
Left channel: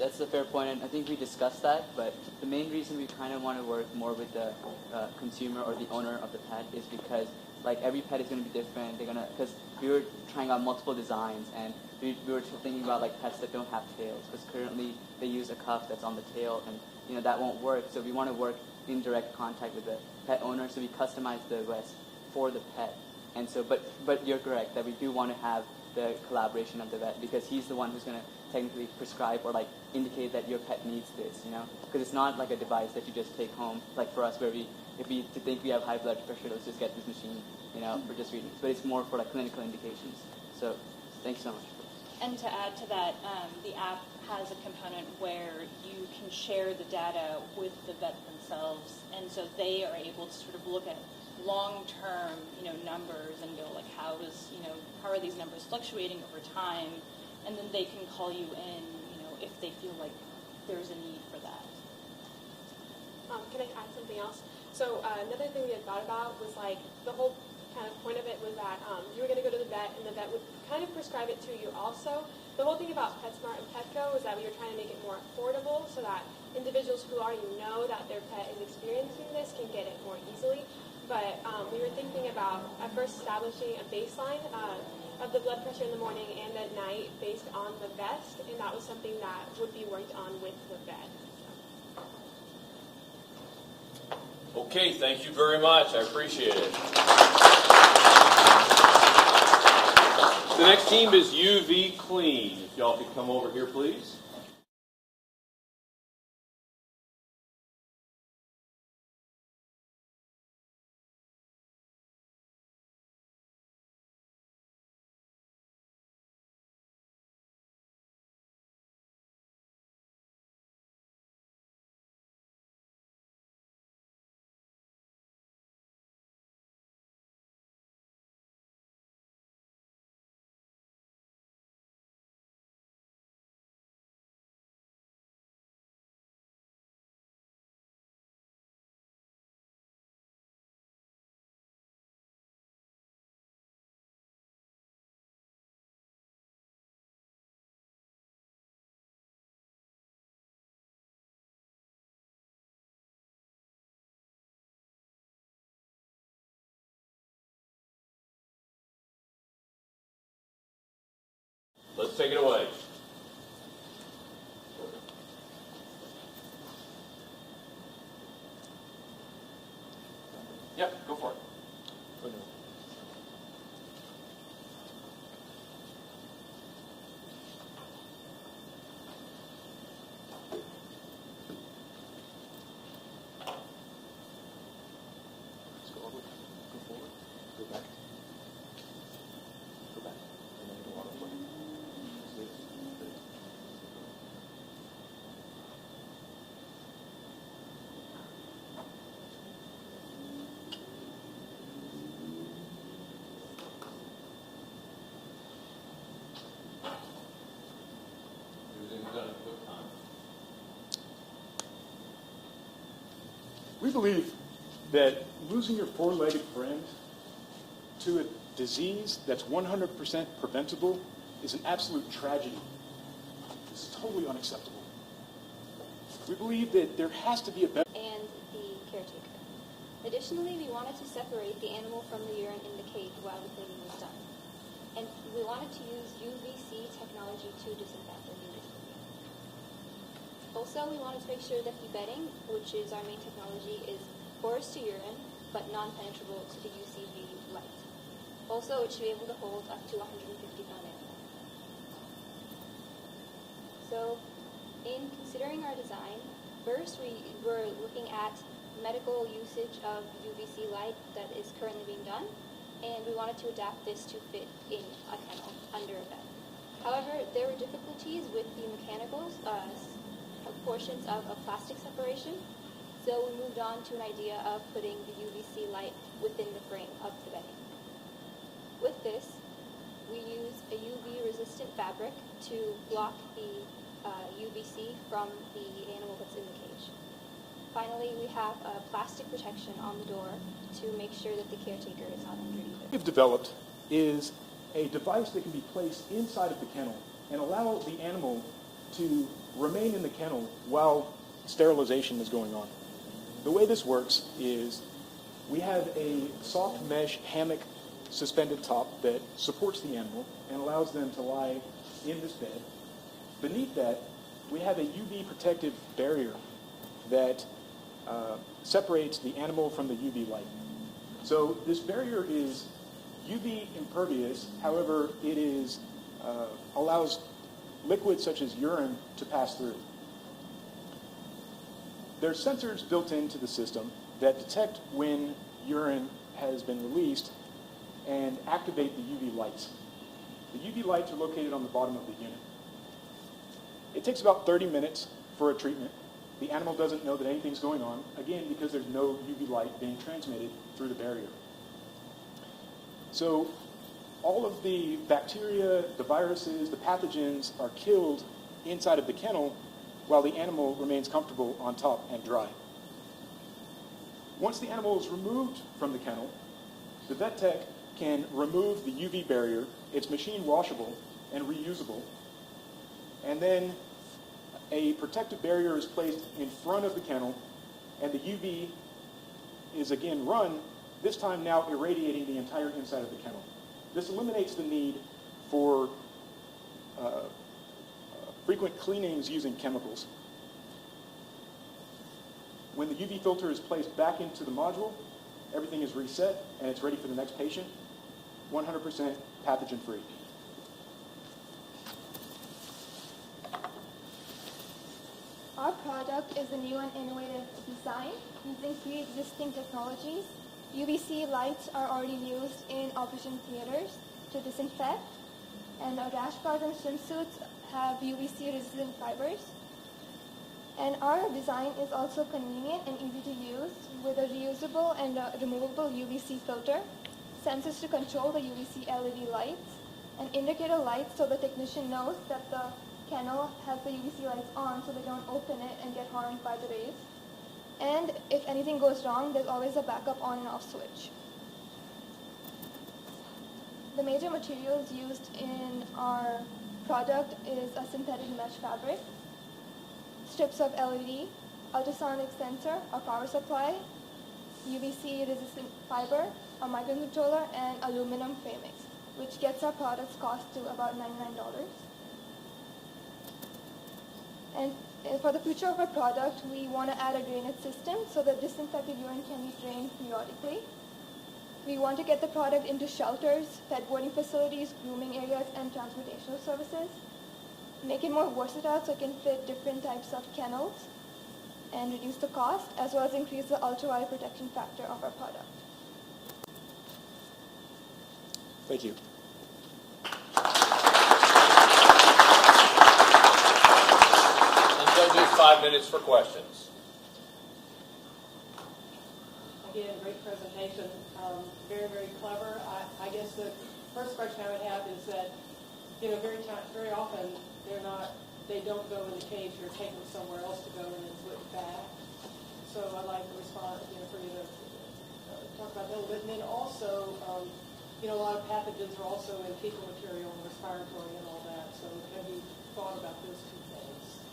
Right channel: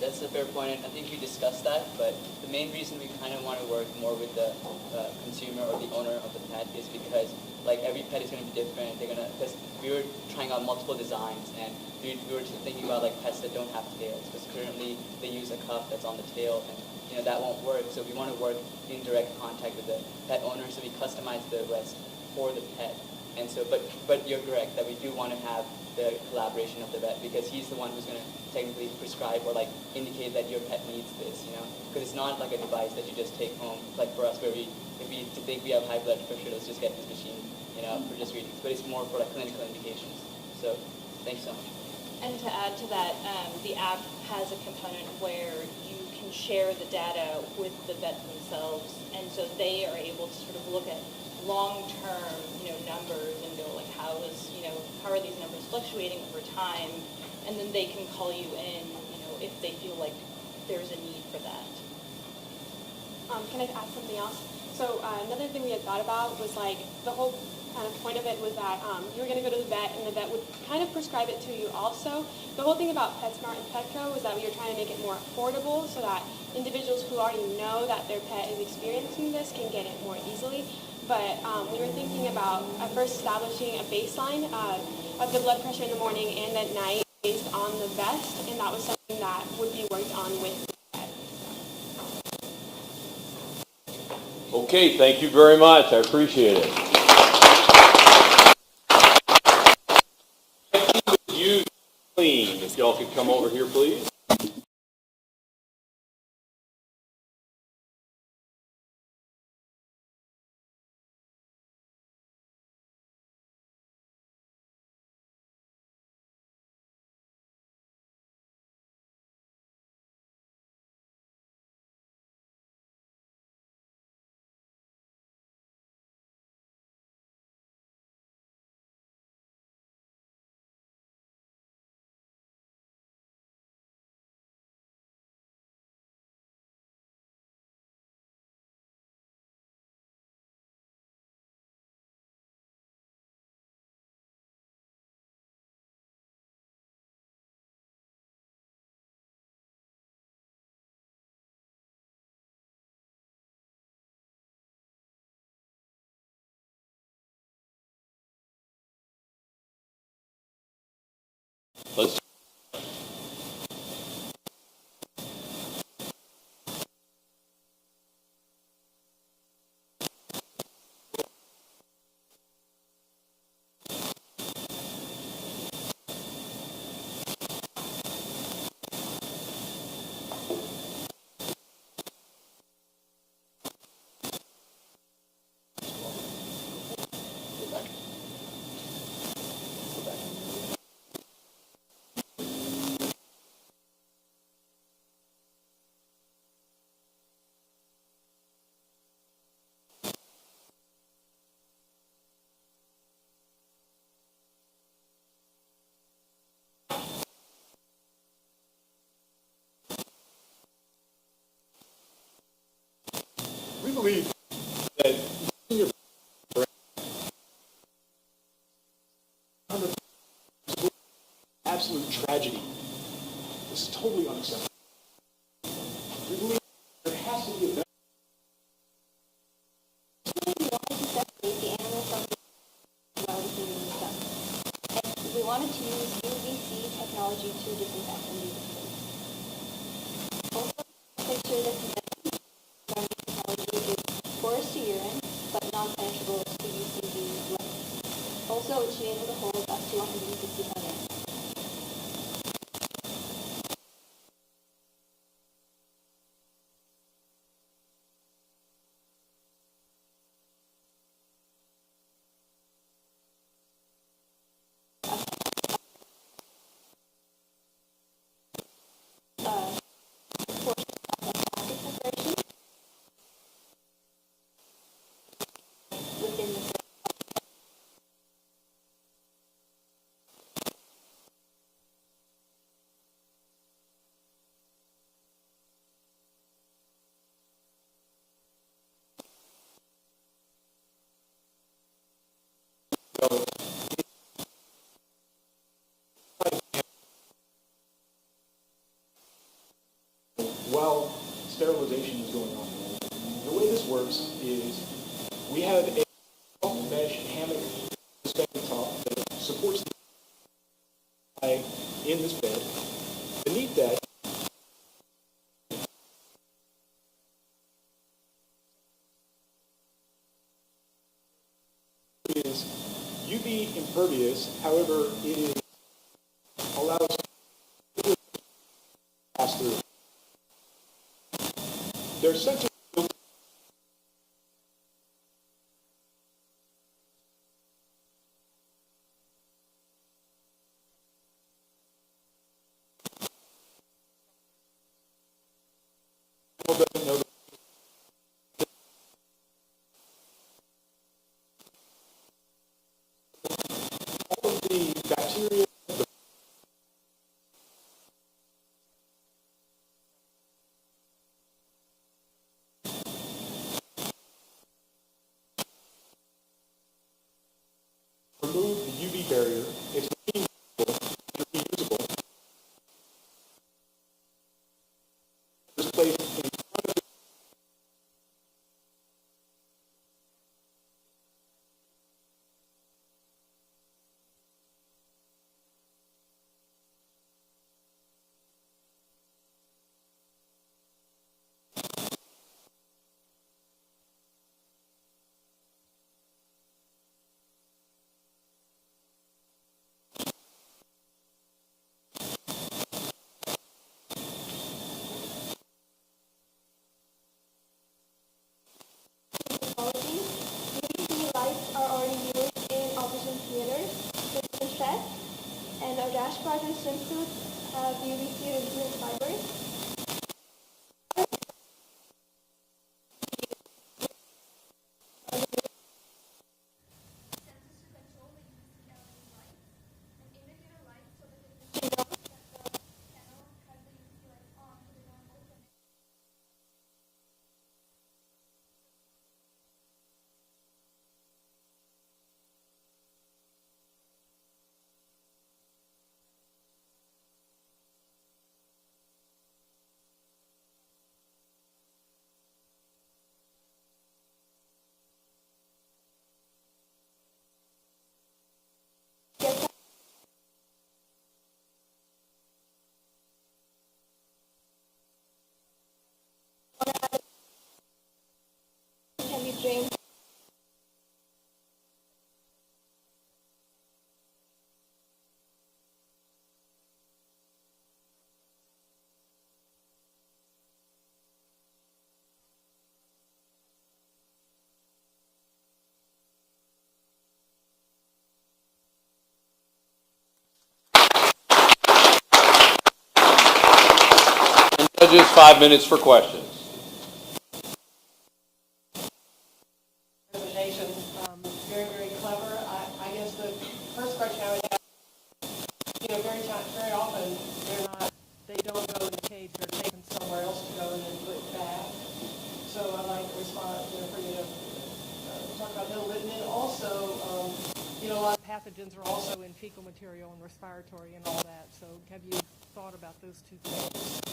That's a fair point, and I think we discussed that, but the main reason we kind of want to work more with the consumer or the owner of the pet is because like every pet is going to be different. Because we were trying out multiple designs, and we were thinking about like pets that don't have tails, because currently they use a cuff that's on the tail, and that won't work. So we want to work in direct contact with the pet owner, so we customize the rest for the pet. And so, but you're correct that we do want to have the collaboration of the vet, because he's the one who's going to technically prescribe or like indicate that your pet needs this, because it's not like a device that you just take home, like for us where if we think we have high blood pressure, let's just get this machine, for just readings. But it's more for like clinical indications. So thanks so much. And to add to that, the app has a component where you can share the data with the vet themselves, and so they are able to sort of look at long-term, numbers and go like, how are these numbers fluctuating over time, and then they can call you in, if they feel like there's a need for that. Can I add something else? So another thing we had thought about was like the whole kind of point of it was that you were going to go to the vet and the vet would kind of prescribe it to you also. The whole thing about PetSmart and Petco is that we were trying to make it more affordable so that individuals who already know that their pet is experiencing this can get it more easily. But we were thinking about first establishing a baseline of the blood pressure in the morning and at night based on the vest, and that was something that would be worked on with the vet. Okay, thank you very much. I appreciate it. The next team is UV Clean. If y'all could come over here, please. Let's take it away. Yep, go for it. We believe that losing your four-legged friend to a disease that's 100% preventable is an absolute tragedy. It's totally unacceptable. We believe that there has to be a better... And the caretaker. Additionally, we wanted to separate the animal from the urine in the cage while the cleaning was done. And we wanted to use UVC technology to disinfect and leave the cage. Also, we wanted to make sure that the bedding, which is our main technology, is porous to urine, but non-penetrable to UVC light. Also, it should be able to hold up to 165 animals. So, in considering our design, first we were looking at medical usage of UVC light that is currently being done, and we wanted to adapt this to fit in under a bed. However, there were difficulties with the mechanicals, portions of a plastic separation, so we moved on to an idea of putting the UVC light within the frame of the bedding. With this, we used a UV-resistant fabric to block the UVC from the animal that's in the cage. Finally, we have a plastic protection on the door to make sure that the caretaker is not injured either. What we've developed is a device that can be placed inside of the kennel and allow the animal to remain in the kennel while sterilization is going on. The way this works is we have a soft mesh hammock suspended top that supports the animal and allows them to lie in this bed. Beneath that, we have a UV protective barrier separates the animal from the UV light. So this barrier is UV impervious, however, it is allows liquids such as urine to pass through. There are sensors built into the system that detect when urine has been released and activate the UV lights. The UV lights are located on the bottom of the unit. It takes about 30 minutes for a treatment. The animal doesn't know that anything's going on, again, because there's no UV light being transmitted through the barrier. So all of the bacteria, the viruses, the pathogens are killed inside of the kennel while the animal remains comfortable on top and dry. Once the animal is removed from the kennel, the vet tech can remove the UV barrier. It's machine washable and reusable. And then a protective barrier is placed in front of the kennel, and the UV is again run, this time now irradiating the entire inside of the kennel. This eliminates the need for frequent cleanings using chemicals. When the UV filter is placed back into the module, everything is reset and it's ready for the next patient, 100% pathogen-free. Our product is a new and innovative design using pre-existing technologies. UVC lights are already used in operation theaters with the stitch test, and our dashboards and swimsuits have UVC resistant fibers. And our design is also convenient and easy to use with a reusable and a removable UVC filter, sensors to control the UVC LED lights, and indicator lights so the technician knows that the kennel has the UVC lights on so they don't open it and get harmed by the rays. And if anything goes wrong, there's always a backup on and off switch. The major materials used in our product is a synthetic mesh fabric, strips of LED, ultrasonic sensor, a power supply, UVC resistant fiber, a microcontroller, and aluminum framings, which gets our product's cost to about $99. And for the future of our product, we want to add a drainage system so that disinfected urine can be drained periodically. We want to get the product into shelters, pet boarding facilities, grooming areas, and transportational services. Make it more versatile so it can fit different types of kennels and reduce the cost, as well as increase the ultraviolet protection factor of our product. Thank you. Judges, 5 minutes for questions. Again, great presentation. Very, very clever. I guess the first question I would have is that, very often they don't go in the cage, they're taken somewhere else to go and then put back. So I'd like to respond, for you to talk about that a little bit. And then also, a lot of pathogens are also in fecal material and respiratory and all that. So have you thought about those two things?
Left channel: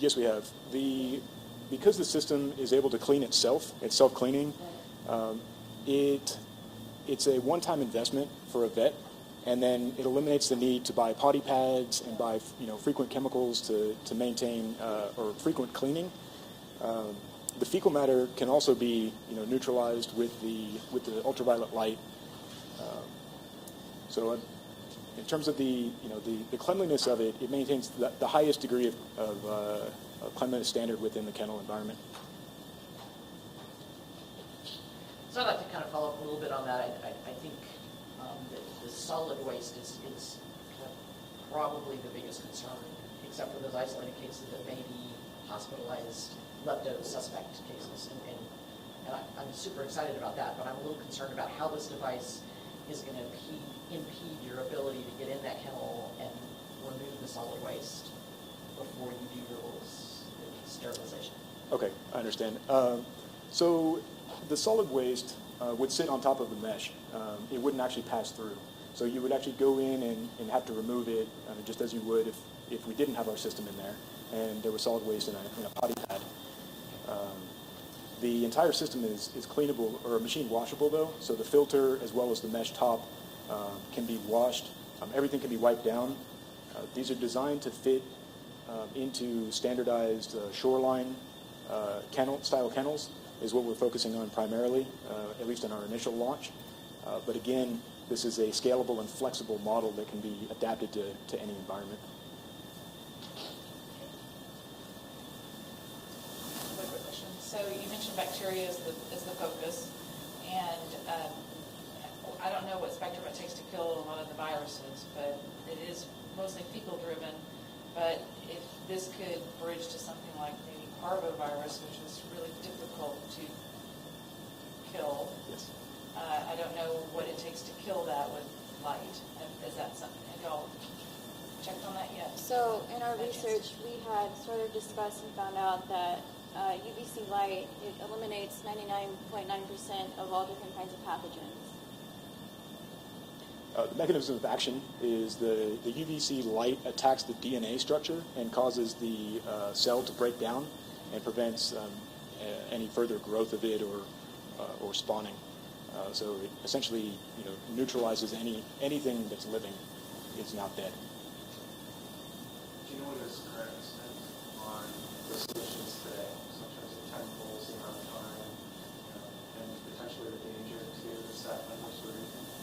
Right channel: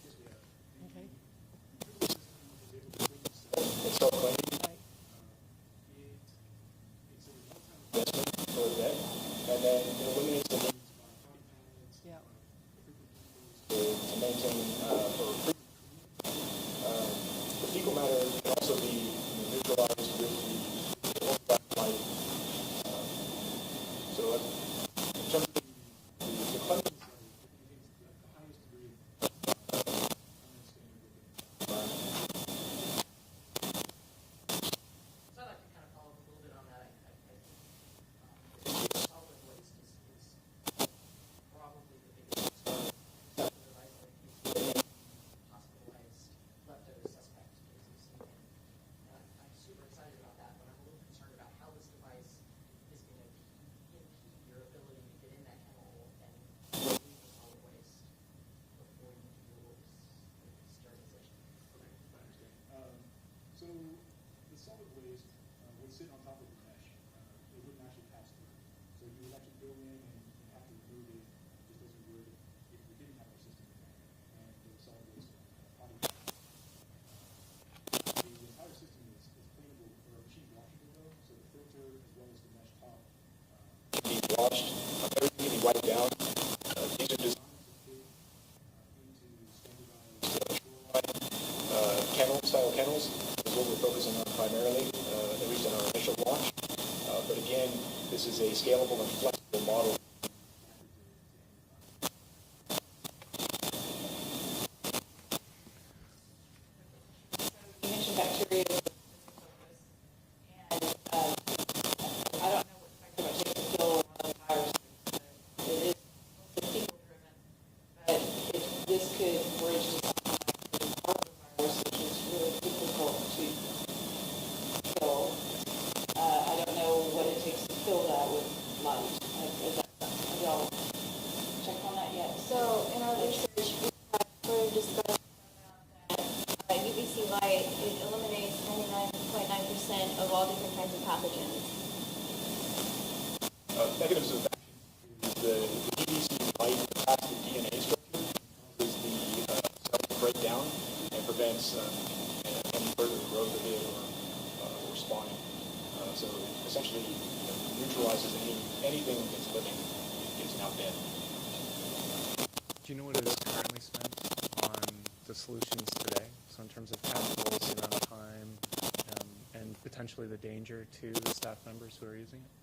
Yes, we have. Because the system is able to clean itself, it's self-cleaning, it's a one-time investment for a vet, and then it eliminates the need to buy potty pads and buy frequent chemicals to maintain or frequent cleaning. The fecal matter can also be neutralized with the ultraviolet light. So in terms of the cleanliness of it, it maintains the highest degree of cleanliness standard within the kennel environment. So I'd like to kind of follow up a little bit on that. I think the solid waste is probably the biggest concern, except for those isolated cases that may be hospitalized lepto suspect cases. And I'm super excited about that, but I'm a little concerned about how this device is going to impede your ability to get in that kennel and remove the solid waste before you do your sterilization. Okay, I understand. So the solid waste would sit on top of the mesh. It wouldn't actually pass through. So you would actually go in and have to remove it just as you would if we didn't have our system in there and there was solid waste in a potty pad. The entire system is cleanable or machine washable though, so the filter as well as the mesh top can be washed. Everything can be wiped down. These are designed to fit into standardized shoreline kennel-style kennels is what we're focusing on primarily, at least in our initial launch. But again, this is a scalable and flexible model that can be adapted to any environment. One quick question. So you mentioned bacteria as the focus, and I don't know what spectrum it takes to kill a lot of the viruses, but it is mostly fecal driven. But if this could bridge to something like maybe parvovirus, which is really difficult to kill, I don't know what it takes to kill that with light. Is that something? Have y'all checked on that yet? So in our research, we had sort of discussed and found out that UVC light, it eliminates 99.9% of all different kinds of pathogens. Mechanism of action is the UVC light attacks the DNA structure and causes the cell to break down and prevents any further growth of it or spawning. So it essentially, neutralizes anything that's living. It's not dead. Do you know what it is currently spent on the solutions today? So in terms of chemicals, the amount of time, and potentially the danger to the staff members who are using it?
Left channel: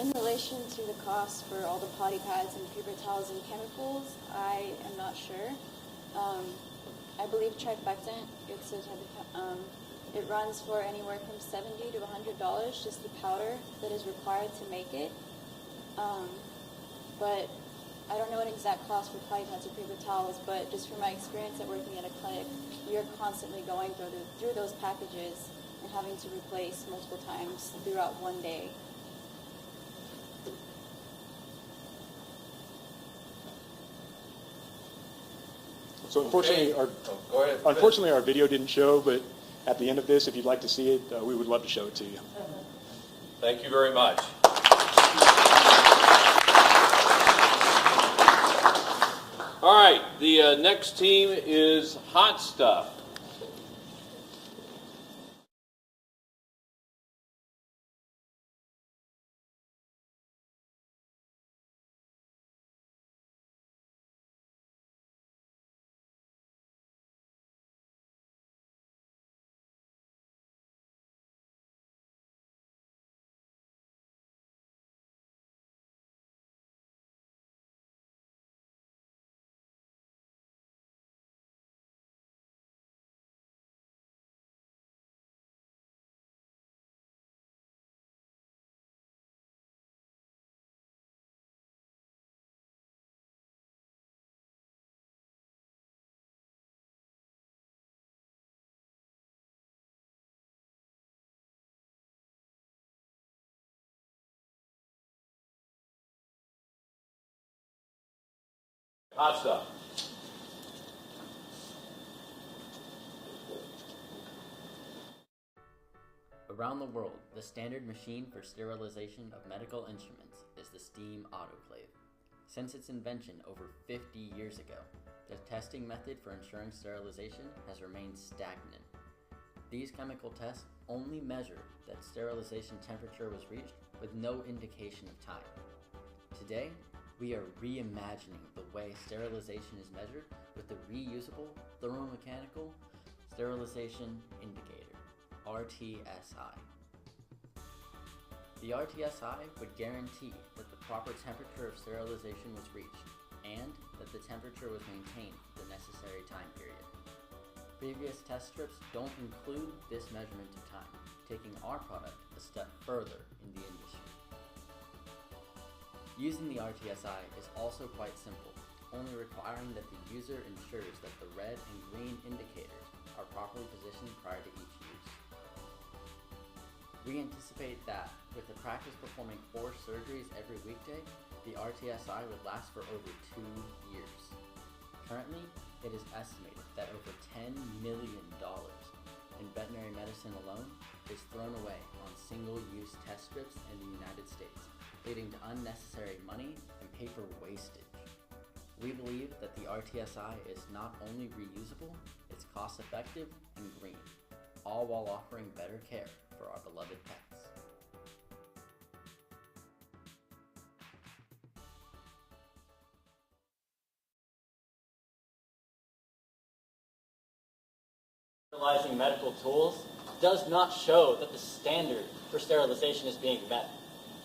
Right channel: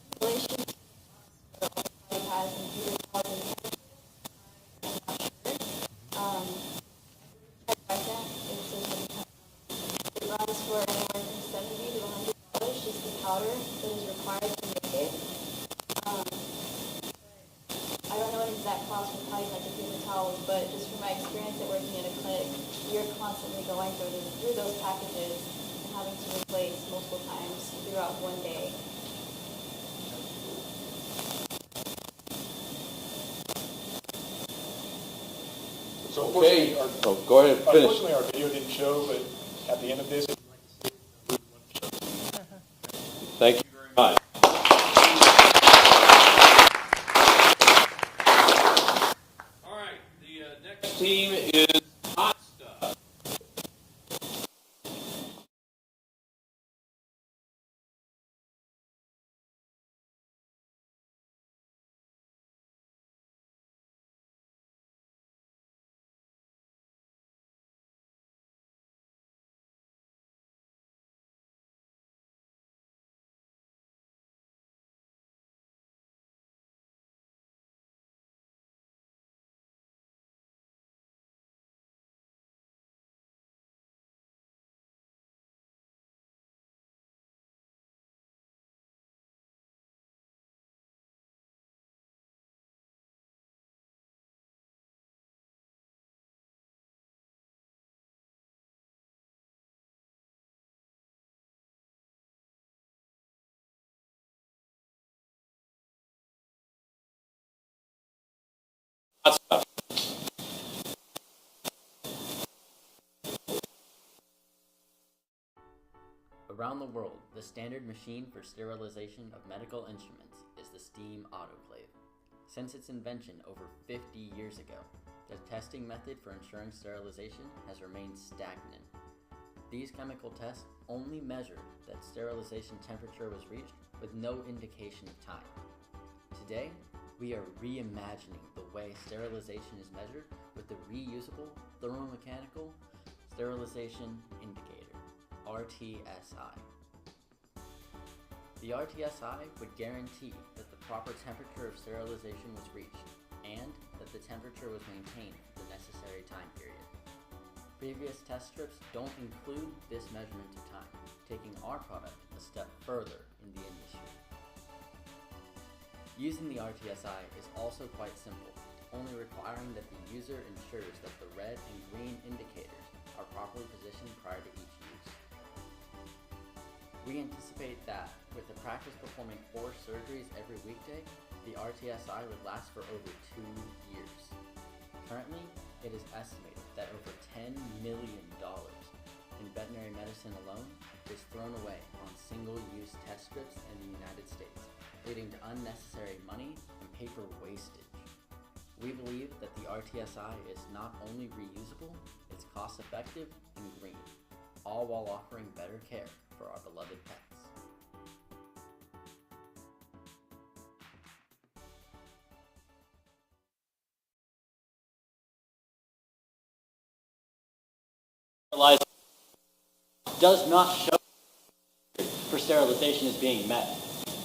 In relation to the cost for all the potty pads and paper towels and chemicals, I am not sure. I believe trifecta it runs for anywhere from $70 to $100, just the powder that is required to make it. But I don't know what exact cost for potty pads and paper towels, but just from my experience at working at a clinic, you're constantly going through those packages and having to replace multiple times throughout one day. So unfortunately, go ahead. Unfortunately, our video didn't show, but at the end of this, if you'd like to see it, we would love to show it to you. Thank you very much. All right, the next team is Hot Stuff. Hot Stuff. Around the world, the standard machine for sterilization of medical instruments is the steam autoclave. Since its invention over 50 years ago, the testing method for ensuring sterilization has remained stagnant. These chemical tests only measured that sterilization temperature was reached with no indication of time. Today, we are reimagining the way sterilization is measured with the Reusable Thermomechanical Sterilization Indicator, RTSI. The RTSI would guarantee that the proper temperature of sterilization was reached and that the temperature was maintained for the necessary time period. Previous test strips don't include this measurement of time, taking our product a step further in the industry. Using the RTSI is also quite simple, only requiring that the user ensures that the red and green indicators are properly positioned prior to each use. We anticipate that, with the practice performing 4 surgeries every weekday, the RTSI would last for over 2 years. Currently, it is estimated that over $10 million in veterinary medicine alone is thrown away on single-use test strips in the United States, leading to unnecessary money and paper wastage. We believe that the RTSI is not only reusable, it's cost-effective and green, all while offering better care for our beloved pets. sterilizing medical tools does not show that the standard for sterilization is being met.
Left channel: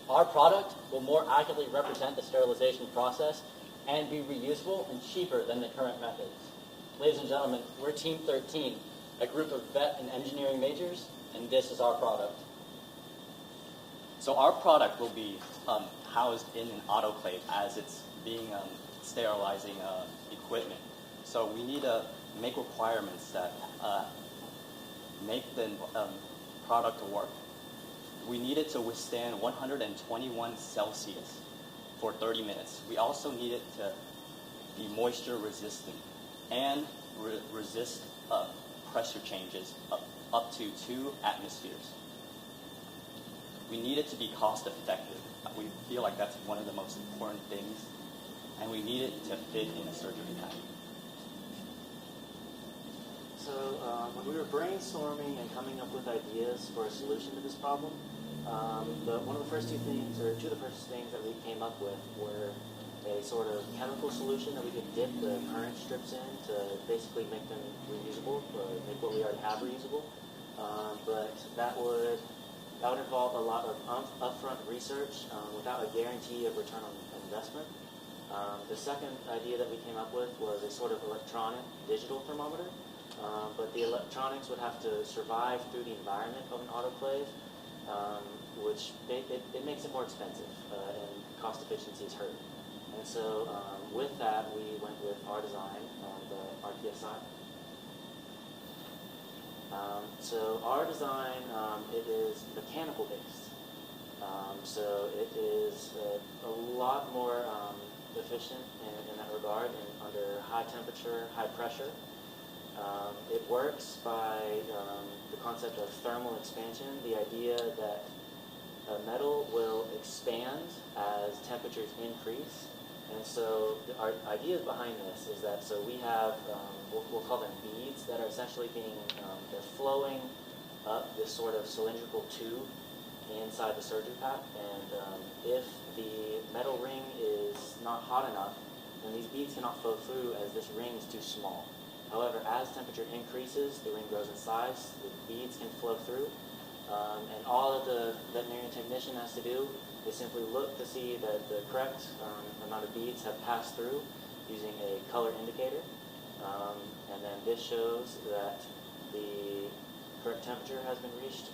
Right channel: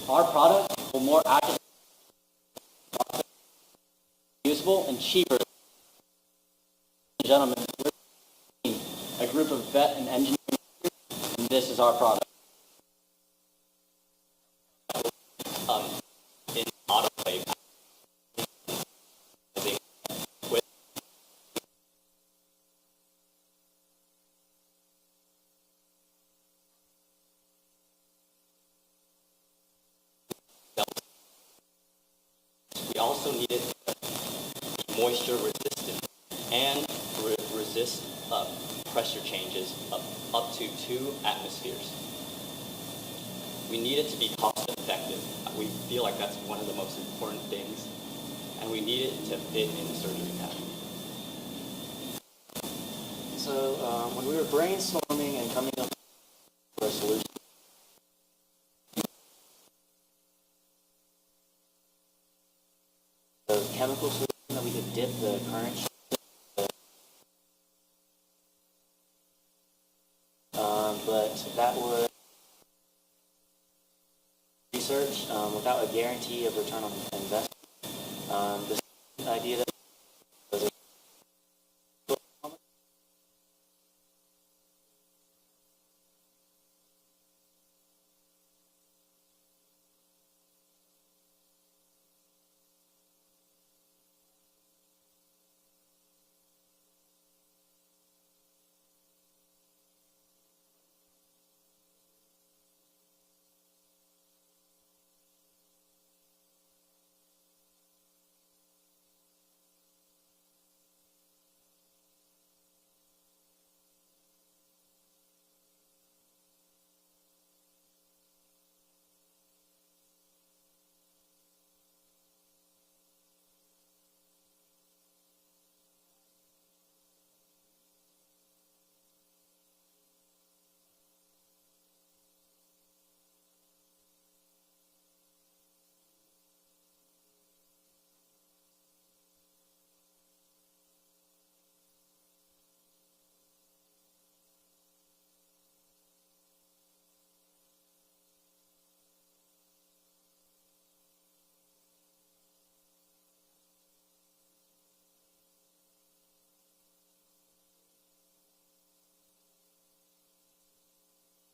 Our product will more accurately represent the sterilization process and be reusable and cheaper than the current methods. Ladies and gentlemen, we're Team 13, a group of vet and engineering majors, and this is our product. So our product will be housed in an autoclave as it's being sterilizing equipment. So we need to make requirements that make the product work. We need it to withstand 121 Celsius for 30 minutes. We also need it to be moisture resistant and resist pressure changes of up to 2 atmospheres. We need it to be cost effective. We feel like that's one of the most important things. And we need it to fit in the surgery pattern. So when we were brainstorming and coming up with ideas for a solution to this problem, one of the first two things of the first things that we came up with were a sort of chemical solution that we could dip the current strips in to basically make them reusable, or make what we already have reusable. But that would involve a lot of upfront research without a guarantee of return on investment. The second idea that we came up with was a sort of electronic digital thermometer, but the electronics would have to survive through the environment of an autoclave, which it makes it more expensive and cost efficiency is hurt. And so with that, we went with our design, the RTSI. So our design, it is mechanical based. So it is a lot more efficient in that regard and under high temperature, high pressure. It works by the concept of thermal expansion, the idea that metal will expand as temperatures increase. And so our ideas behind this is that, so we have, we'll call them beads that are essentially being, they're flowing up this sort of cylindrical tube inside the surgery pack. And if the metal ring is not hot enough, then these beads cannot flow through as this ring is too small. However, as temperature increases, the ring grows in size, the beads can flow through. And all that the veterinarian technician has to do is simply look to see that the correct amount of beads have passed through using a color indicator. And then this shows that the correct temperature has been reached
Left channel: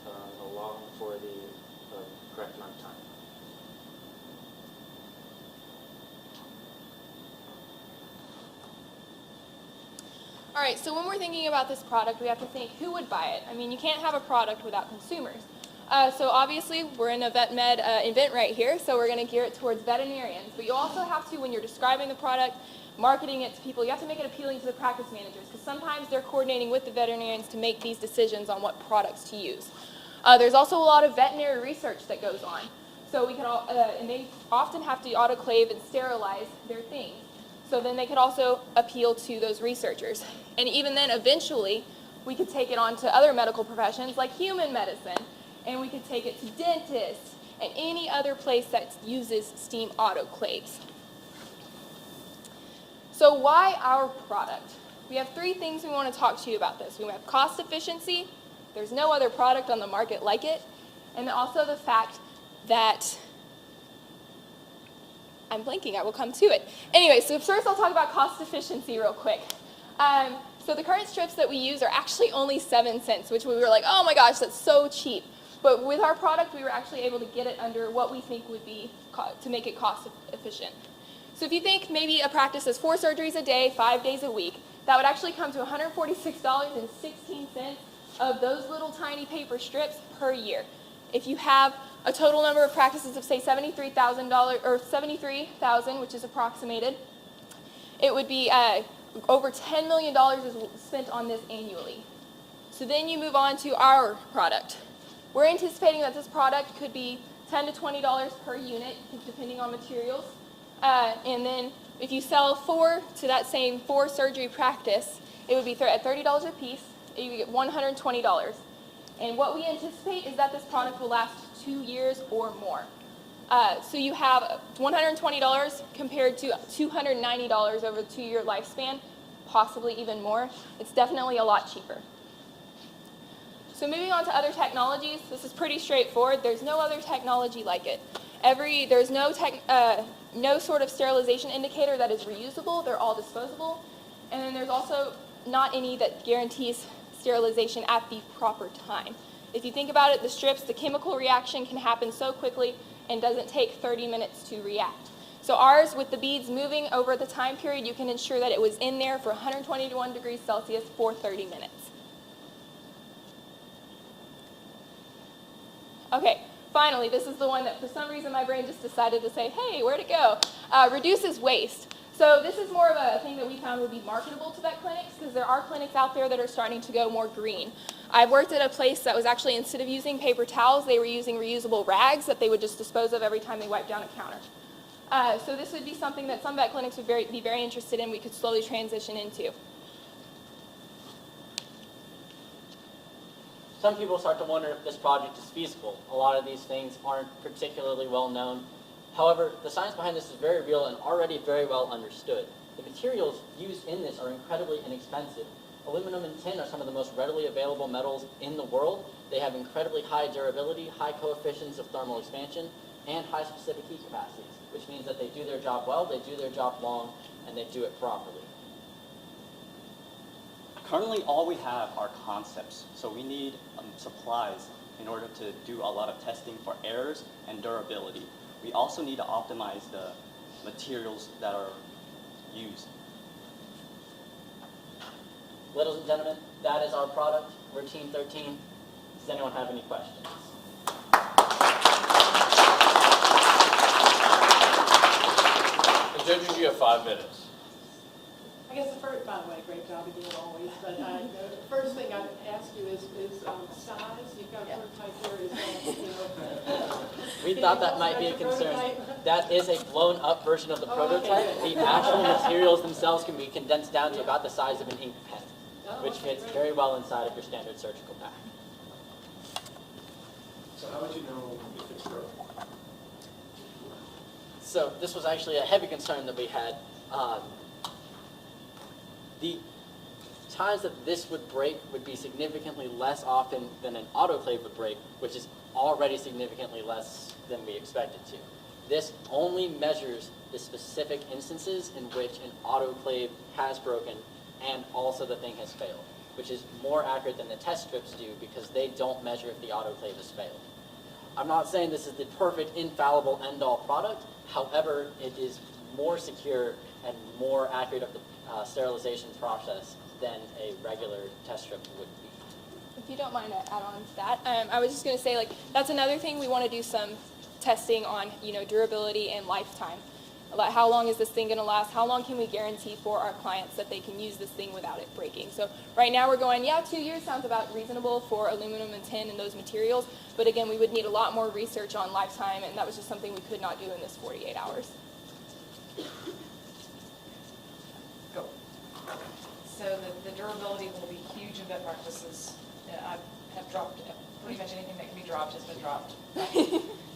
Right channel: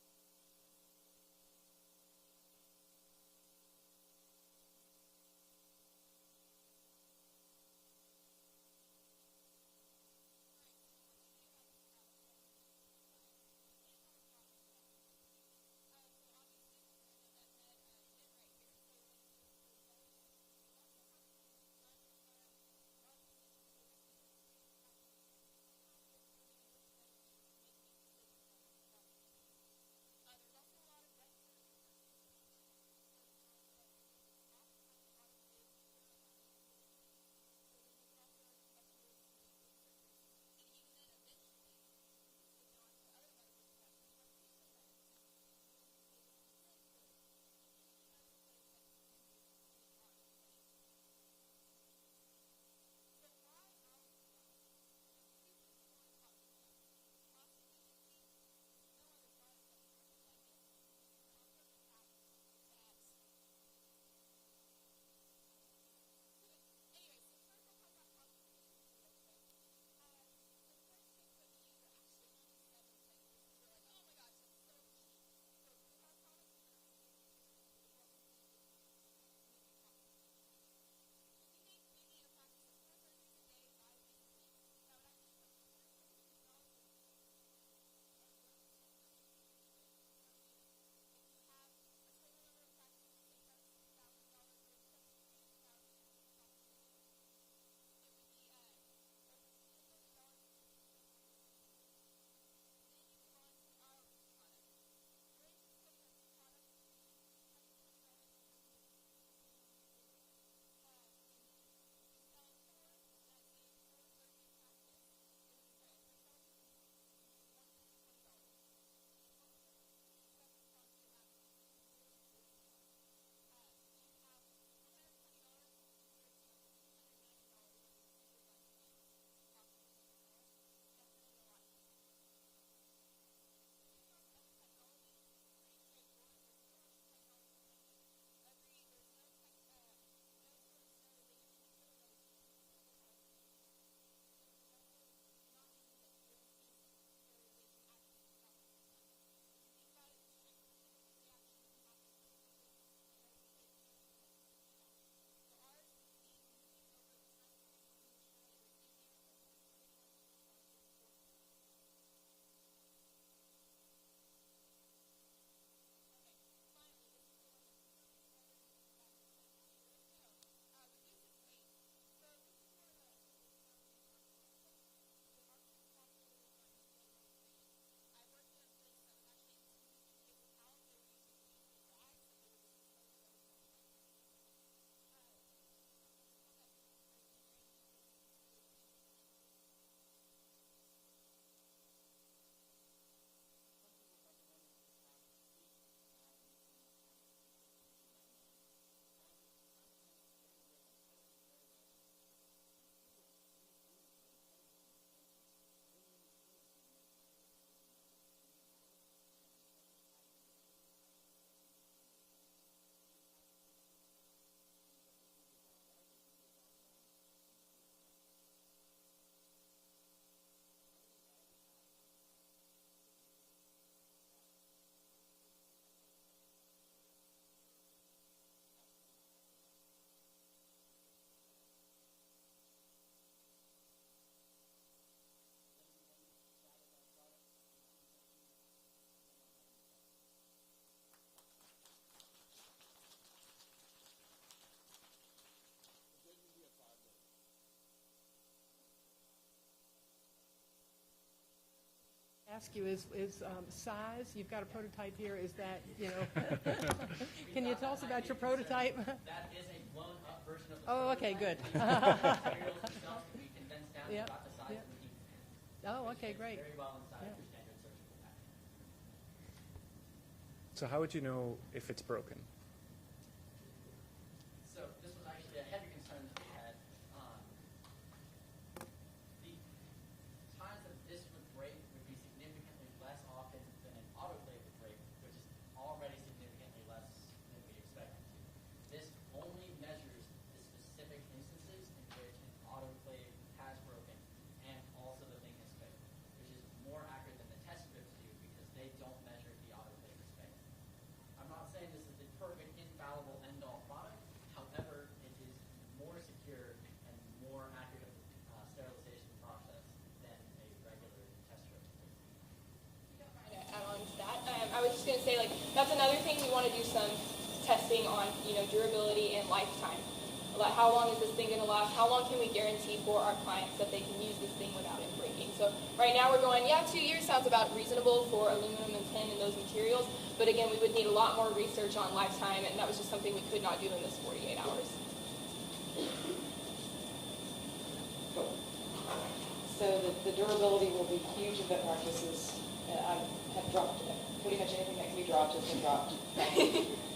along for the correct amount of time. All right, so when we're thinking about this product, we have to think who would buy it. I mean, you can't have a product without consumers. So obviously, we're in a VetMED event right here, so we're going to gear it towards veterinarians. But you also have to, when you're describing the product, marketing it to people, you have to make it appealing to the practice managers, because sometimes they're coordinating with the veterinarians to make these decisions on what products to use. There's also a lot of veterinary research that goes on. So we can all, and they often have to autoclave and sterilize their things. So then they could also appeal to those researchers. And even then, eventually, we could take it on to other medical professions like human medicine, and we could take it to dentists and any other place that uses steam autoclaves. So why our product? We have 3 things we want to talk to you about this. We have cost efficiency, there's no other product on the market like it, and also the fact that I'm blanking, I will come to it. Anyway, so first I'll talk about cost efficiency real quick. So the current strips that we use are actually only 7 cents, which we were like, oh my gosh, that's so cheap. But with our product, we were actually able to get it under what we think would be to make it cost efficient. So if you think maybe a practice does 4 surgeries a day, 5 days a week, that would actually come to $146.16 of those little tiny paper strips per year. If you have a total number of practices of say $73,000 or 73,000, which is approximated, it would be over $10 million is spent on this annually. So then you move on to our product. We're anticipating that this product could be $10 to $20 per unit, depending on materials. And then if you sell 4 to that same 4 surgery practice, it would be at $30 a piece, you would get $120. And what we anticipate is that this product will last 2 years or more. So you have $120 compared to $290 over a 2-year lifespan, possibly even more. It's definitely a lot cheaper. So moving on to other technologies, this is pretty straightforward. There's no other technology like it. There's no sort of sterilization indicator that is reusable. They're all disposable. And then there's also not any that guarantees sterilization at the proper time. If you think about it, the strips, the chemical reaction can happen so quickly and doesn't take 30 minutes to react. So ours, with the beads moving over the time period, you can ensure that it was in there for 121 degrees Celsius for 30 minutes. Okay, finally, this is the one that for some reason my brain just decided to say, hey, where'd it go? Reduces waste. So this is more of a thing that we found would be marketable to vet clinics, because there are clinics out there that are starting to go more green. I've worked at a place that was actually, instead of using paper towels, they were using reusable rags that they would just dispose of every time they wiped down a counter. So this would be something that some vet clinics would be very interested in, we could slowly transition into. Some people start to wonder if this project is feasible. A lot of these things aren't particularly well known. However, the science behind this is very real and already very well understood. The materials used in this are incredibly inexpensive. Aluminum and tin are some of the most readily available metals in the world. They have incredibly high durability, high coefficients of thermal expansion, and high specific heat capacities, which means that they do their job well, they do their job long, and they do it properly. Currently, all we have are concepts, so we need supplies in order to do a lot of testing for errors and durability. We also need to optimize the materials that are used. Ladies and gentlemen, that is our product. We're Team 13. Does anyone have any questions? The judges, you have 5 minutes. I guess the first, by the way, great job again always, but the first thing I'd ask you is size. You've got a prototype here. Is that, We thought that might be a concern. That is a blown up version of the prototype. Okay, The actual materials themselves can be condensed down to about the size of an ink pen, which okay, fits great. very well inside of your standard surgical pack. So how would you know if it's broken? So this was actually a heavy concern that we had. The times that this would break would be significantly less often than an autoclave would break, which is already significantly less than we expected to. This only measures the specific instances in which an autoclave has broken and also the thing has failed, which is more accurate than the test strips do because they don't measure if the autoclave has failed. I'm not saying this is the perfect, infallible, end-all product. However, it is more secure and more accurate of the sterilization process than a regular test strip would be. If you don't mind, I add on to that. I was just going to say, like, that's another thing we want to do some testing on, durability and lifetime. Like, how long is this thing going to last? How long can we guarantee for our clients that they can use this thing without it breaking? So right now we're going, 2 years sounds about reasonable for aluminum and tin and those materials. But again, we would need a lot more research on lifetime, and that was just something we could not do in this 48 hours. Go. So the durability will be huge in vet practices. I have dropped, pretty much anything that can be dropped has been dropped.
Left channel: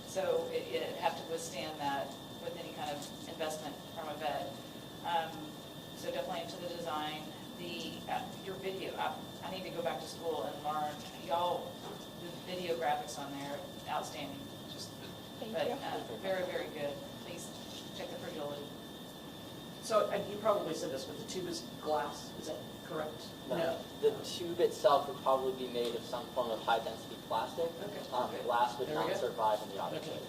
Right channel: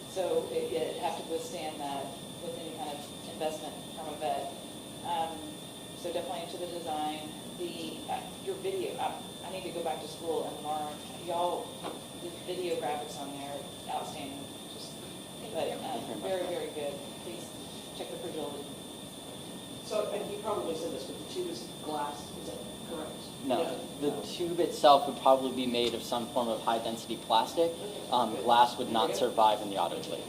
So it have to withstand that with any kind of investment from a vet. So definitely into the design. Your video, I need to go back to school and learn. Y'all, the video graphics on there, outstanding. But very, very good. Please check the fragility. So, and you probably said this, but the tube is glass, is that correct? No, the tube itself would probably be made of some form of high-density plastic. Glass would not survive in the autoclave.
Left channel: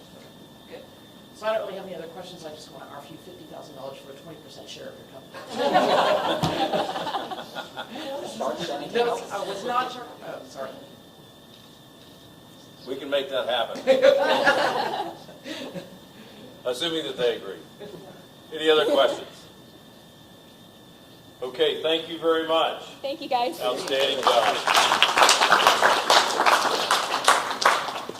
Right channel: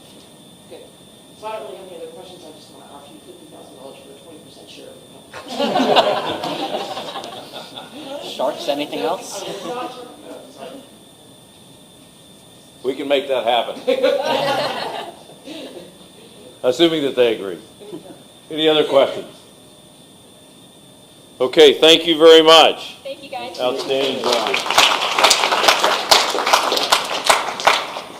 Good. So I don't really have any other questions. I just want to offer you $50,000 for a 20% share of your company. Sharks, anything else? It's not shark. Oh, sorry. We can make that happen. Assuming that they agree. Any other questions? Okay, thank you very much. Thank you, guys. Outstanding job.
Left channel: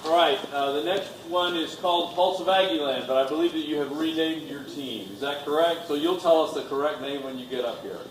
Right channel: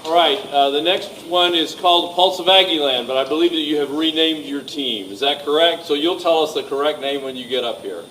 All right, the next one is called Pulse of Aggieland, but I believe that you have renamed your team. Is that correct? So you'll tell us the correct name when you get up here.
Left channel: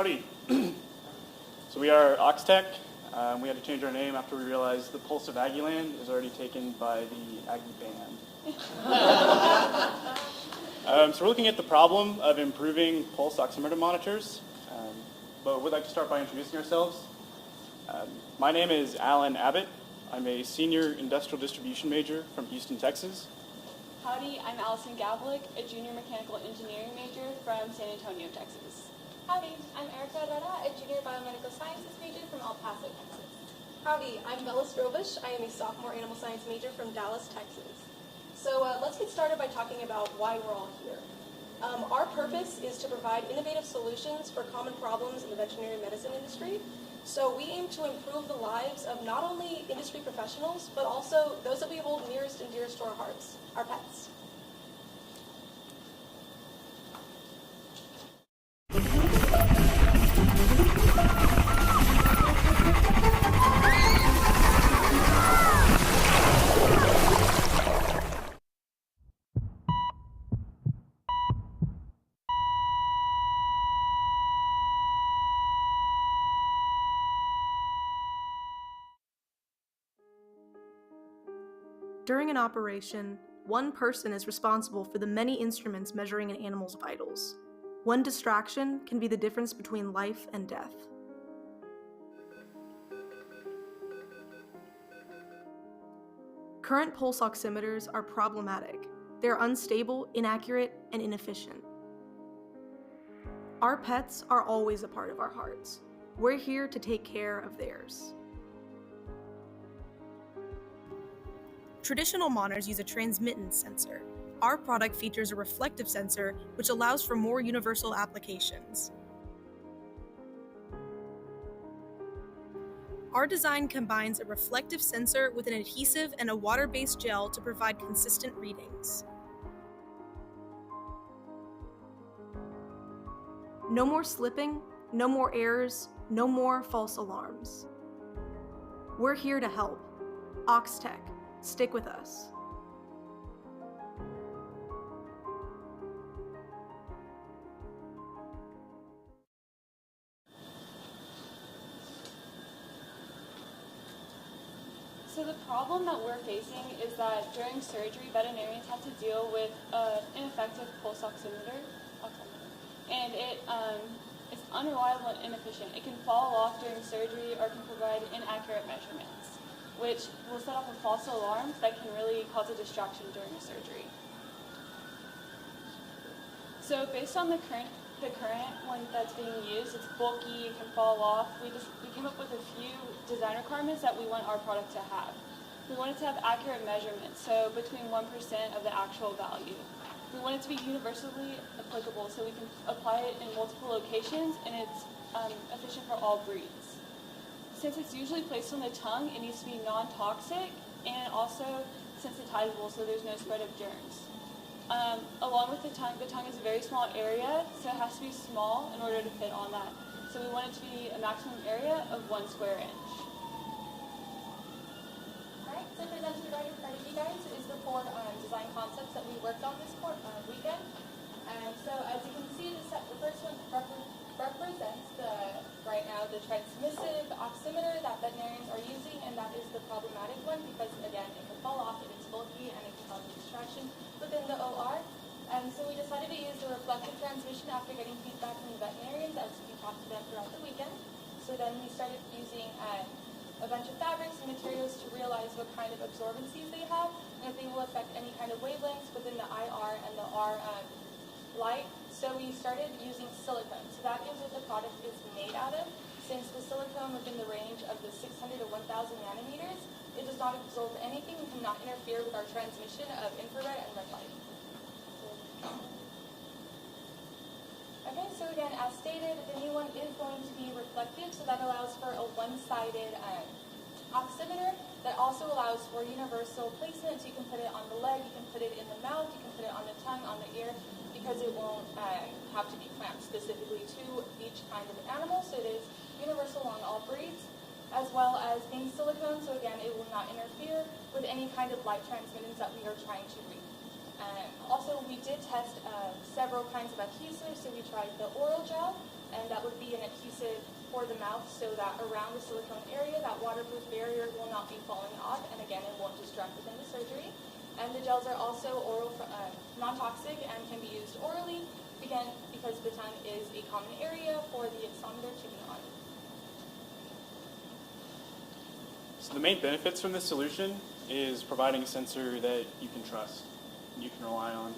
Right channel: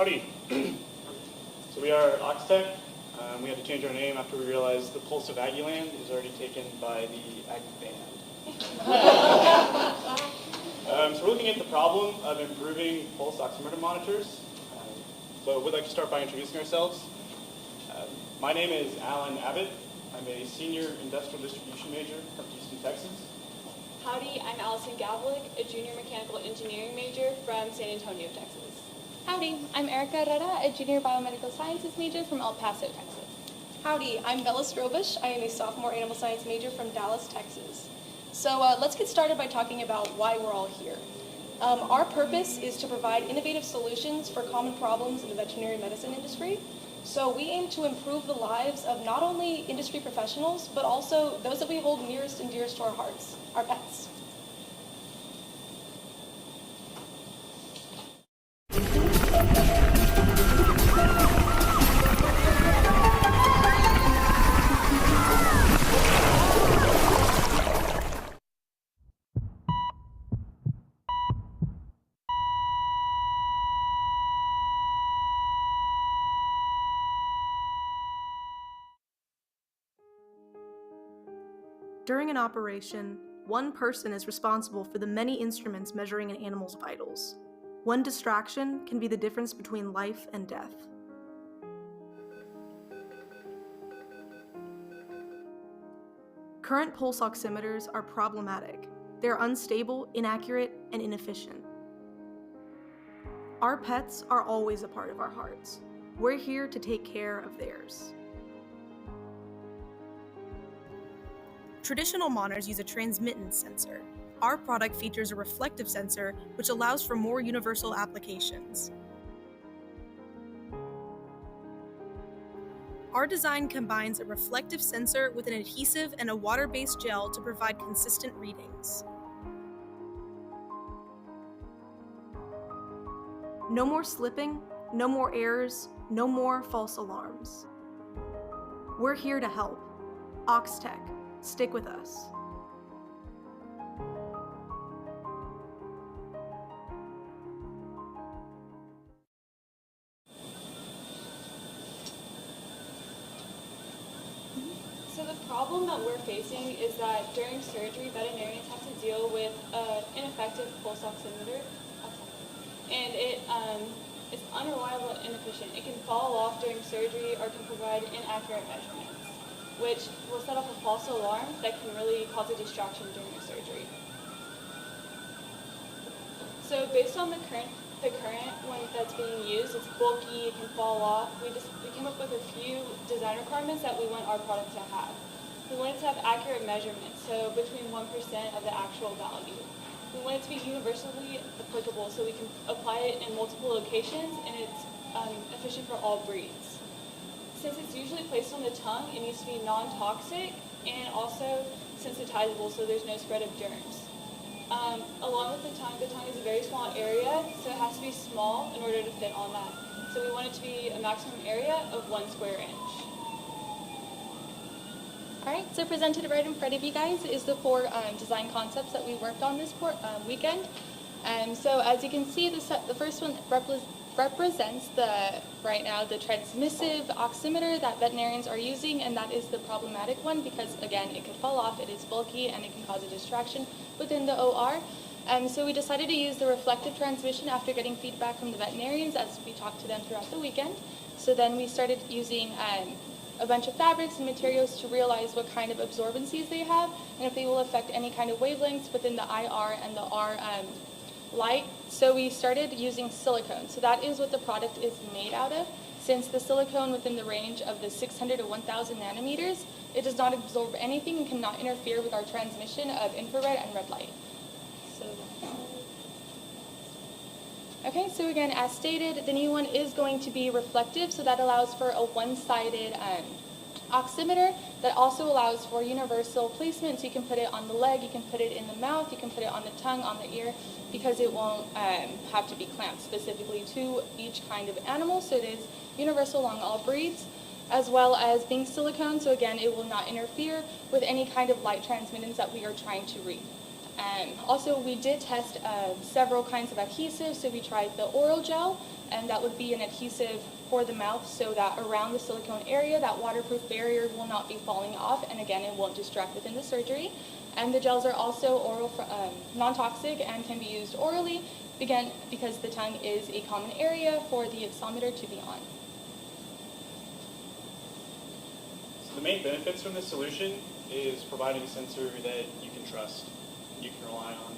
Howdy. So we are Oxtec. We had to change our name after we realized the pulse of Aggie Land is already taken by the Aggie band. So we're looking at the problem of improving pulse oximeter monitors. But we'd like to start by introducing ourselves. My name is Alan Abbott. I'm a senior industrial distribution major from Houston, Texas. Howdy, I'm Allison Gavlik, a junior mechanical engineering major from San Antonio, Texas. Howdy, I'm Erica Herrera, a junior biomedical sciences major from El Paso, Texas. Howdy, I'm Bella Strobush. I am a sophomore animal science major from Dallas, Texas. So let's get started by talking about why we're all here. Our purpose is to provide innovative solutions for common problems in the veterinary medicine industry. So we aim to improve the lives of not only industry professionals, but also those that we hold nearest and dearest to our hearts, our pets. During an operation, one person is responsible for the many instruments measuring an animal's vitals. One distraction can be the difference between life and death. Current pulse oximeters are problematic. They're unstable, inaccurate, and inefficient. Our pets are always a part of our hearts. We're here to take care of theirs. Traditional monitors use a transmittance sensor. Our product features a reflective sensor, which allows for more universal applications. Our design combines a reflective sensor with an adhesive and a water-based gel to provide consistent readings. No more slipping, no more errors, no more false alarms. We're here to help. Oxtec. Stick with us. So the problem that we're facing is that during surgery, veterinarians have to deal with ineffective pulse oximeter, and it's unreliable and inefficient. It can fall off during surgery or can provide inaccurate measurements, which will set off a false alarm that can really cause a distraction during a surgery. So based on the current one that's being used, it's bulky, it can fall off. We came up with a few design requirements that we want our product to have. We want it to have accurate measurements, so between 1% of the actual value. We want it to be universally applicable, so we can apply it in multiple locations, and it's efficient for all breeds. Since it's usually placed on the tongue, it needs to be non-toxic and also sensitizable, so there's no spread of germs. Along with the tongue is a very small area, so it has to be small in order to fit on that. So we want it to be a maximum area of 1 square inch. Alright, so presented right in front of you guys is the 4 design concepts that we worked on this weekend. So as you can see, the first one represents right now the transmissive oximeter that veterinarians are using, and that is the problematic one because, again, it could fall off, it is bulky, and it can cause a distraction within the OR. So we decided to use the reflective transmission after getting feedback from the veterinarians as we talked to them throughout the weekend. So then we started using a bunch of fabrics and materials to realize what kind of absorbencies they have and if they will affect any kind of wavelengths within the IR and the R light. So we started using silicone. So that is what the product is made out of. Since the silicone within the range of the 600 to 1000 nanometers, it does not absorb anything and cannot interfere with our transmission of infrared and red light. Okay, so again, as stated, the new one is going to be reflective, so that allows for a one-sided oximeter that also allows for universal placement, so you can put it on the leg, you can put it in the mouth, you can put it on the tongue, on the ear, because it won't have to be clamped specifically to each kind of animal, so it is universal along all breeds, as well as being silicone, so again, it will not interfere with any kind of light transmittance that we are trying to read. Also, we did test several kinds of adhesives, so we tried the oral gel, and that would be an adhesive for the mouth so that around the silicone area, that waterproof barrier will not be falling off, and again, it won't distract within the surgery. And the gels are also oral, non-toxic and can be used orally, again, because the tongue is a common area for the oximeter to be on. So the main benefits from this solution is providing a sensor that you can trust, and you can rely on.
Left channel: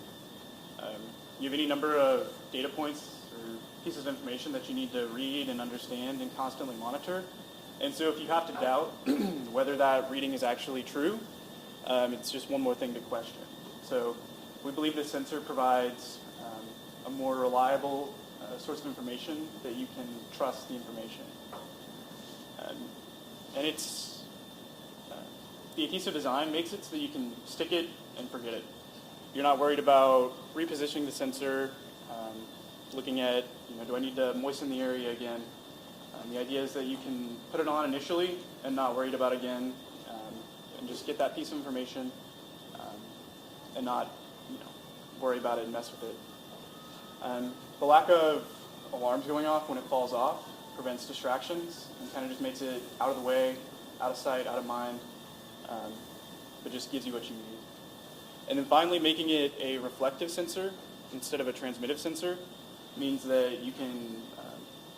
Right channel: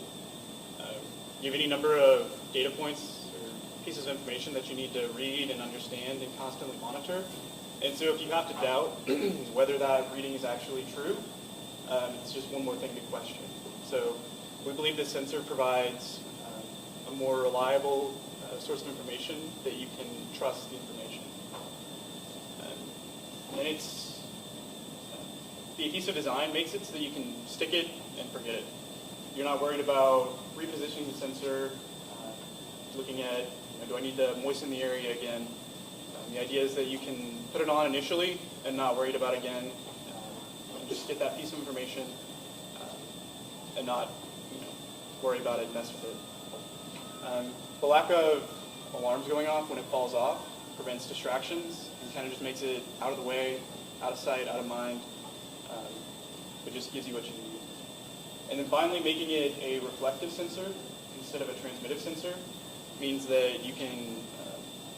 You have any number of data points or pieces of information that you need to read and understand and constantly monitor. And so if you have to doubt whether that reading is actually true, it's just one more thing to question. So we believe this sensor provides a more reliable source of information that you can trust the information. And it's the adhesive design makes it so that you can stick it and forget it. You're not worried about repositioning the sensor, looking at, do I need to moisten the area again? The idea is that you can put it on initially and not worried about it again, and just get that piece of information and not worry about it and mess with it. The lack of alarms going off when it falls off prevents distractions and kind of just makes it out of the way, out of sight, out of mind. It just gives you what you need. And then finally, making it a reflective sensor instead of a transmittive sensor means that you can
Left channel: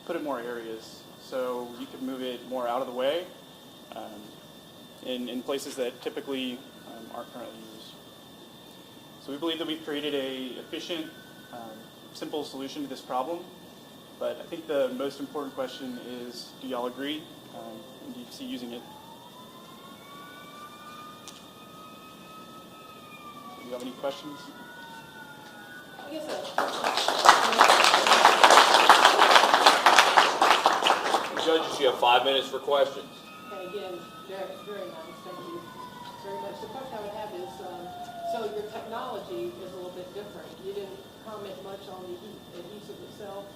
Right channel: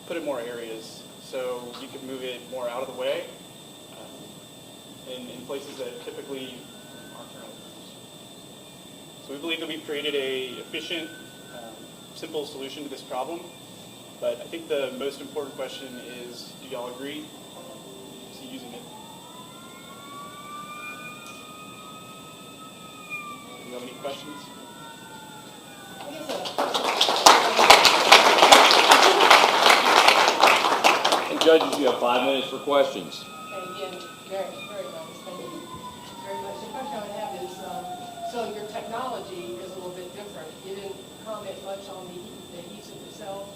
put it more areas. So you can move it more out of the way in places that typically aren't currently used. So we believe that we've created a efficient, simple solution to this problem. But I think the most important question is, do y'all agree? Do you see using it? Do you have any questions? And judges, you have 5 minutes for questions. And again, very, very nice. Thank you very much. The question I would have is, so your technology is a little bit different. You didn't comment much on the adhesive itself.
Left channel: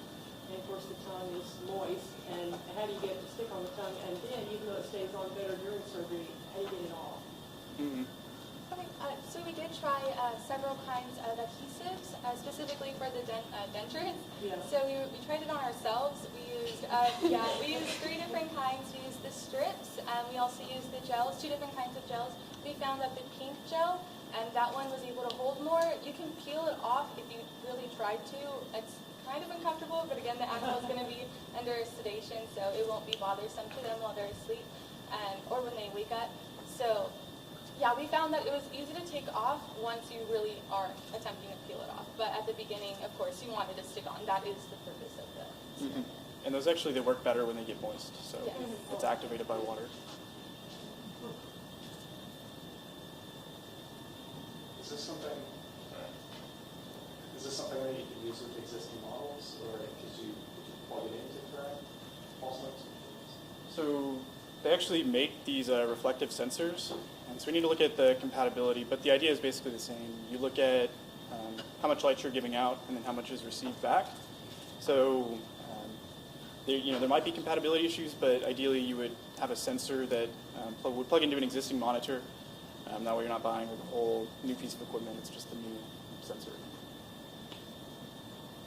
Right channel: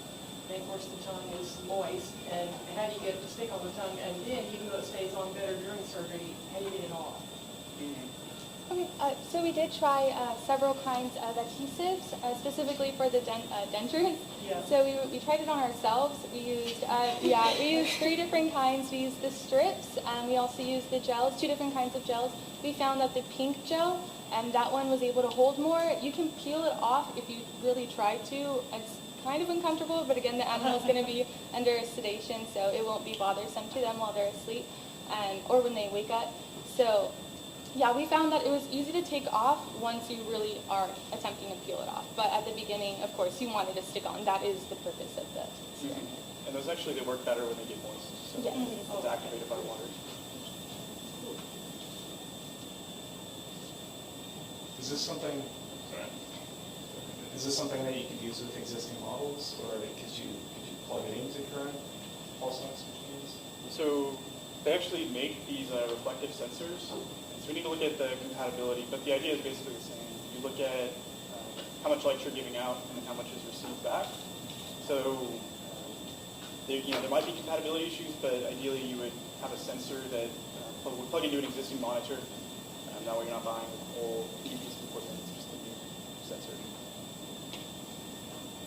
And of course, the tongue is moist. And how do you get it to stick on the tongue? And then, even though it stays on better during surgery, how do you get it off? Okay, so we did try several kinds of adhesives, specifically for the dentures. Yeah. So we tried it on ourselves. We used, we used 3 different kinds. We used the strips, and we also used the gels, 2 different kinds of gels. We found that the pink gel, and that one was able to hold more. You can peel it off if you really try to. It's kind of uncomfortable, but again, the animal's going to be under sedation, so it won't be bothersome to them while they're asleep, or when they wake up. So yeah, we found that it was easy to take off once you really are attempting to peel it off. But at the beginning, of course, you want it to stick on. That is the purpose of the serum. And those actually, they work better when they get moist. So Yeah. it's activated by water. Is this something that you could use with existing models, or could you plug it into current pulse ox machines? So they actually make these reflective sensors. So we need to look at the compatibility, but the idea is basically the same. You look at how much light you're giving out and then how much is received back. So there might be compatibility issues, but ideally you would have a sensor that would plug into an existing monitor. That way you're not buying a whole new piece of equipment, it's just a new sensor.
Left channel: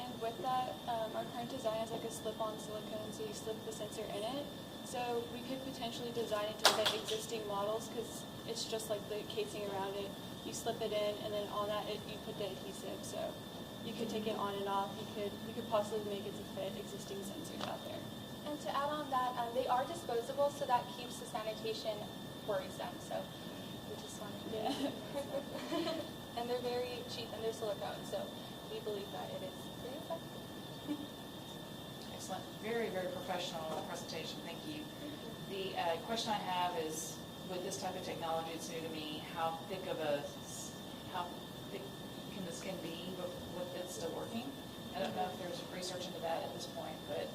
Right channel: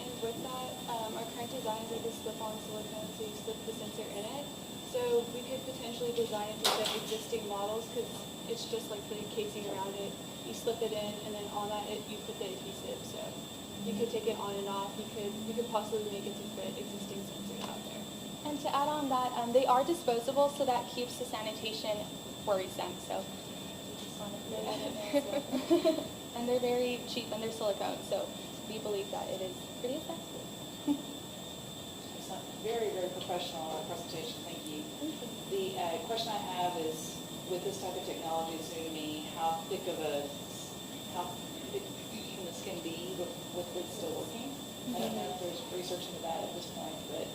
And with that, our current design is like a slip-on silicone, so you slip the sensor in it. So we could potentially design it to like existing models, because it's just like the casing around it. You slip it in, and then on that you put the adhesive. So you could take it on and off. You could possibly make it to fit existing sensors out there. And to add on that, they are disposable, so that keeps the sanitation worrisome. So, and they're very cheap and they're silicone, so we believe that it is pretty effective. Excellent. Very, very professional presentation. Thank you. The question I have is, with this type of technology, it's new to me. How thick can the skin be with it still working? I don't know if there's research into that at this point, but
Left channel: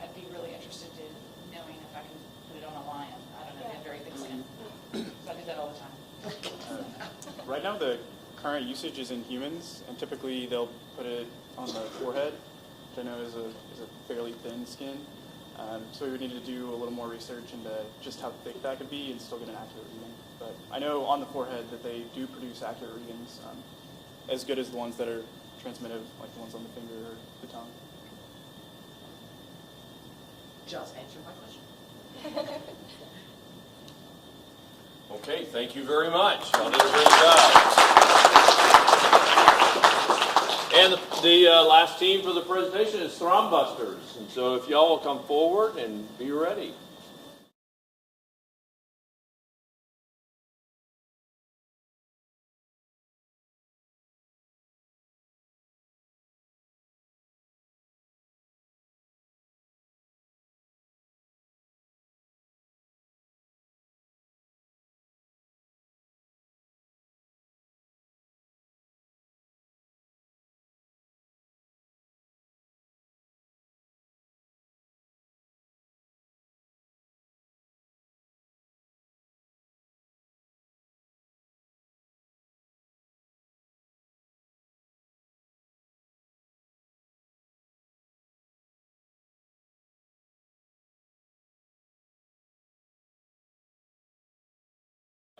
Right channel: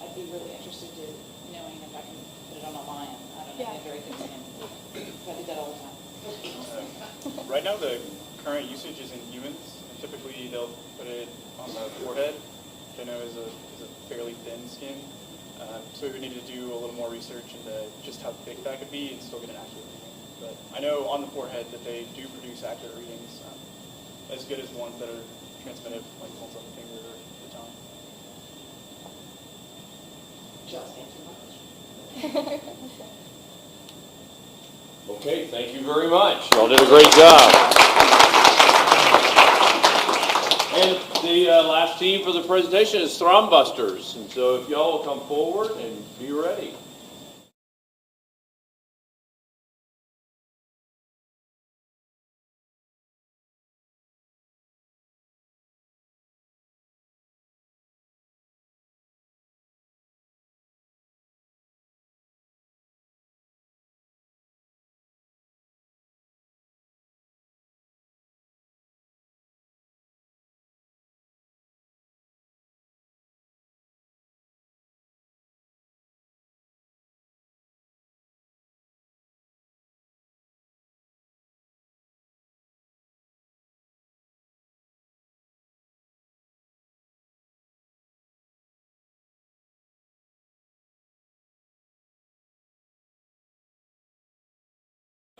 I'd be really interested in knowing if I can put it on a lion. I don't know, get everything in. I do that all the time. Right now the current usage is in humans, and typically they'll put it on the forehead, which I know is a fairly thin skin. So we would need to do a little more research into just how thick that could be and still get an accurate reading. But I know on the forehead that they do produce accurate readings, as good as the ones that are transmitted, like the ones on the finger or the tongue. just answered my question. Okay, thank you very much. Y'all did a great job. And the last team for the presentation is Thrumbusters. And so if y'all will come forward and be ready.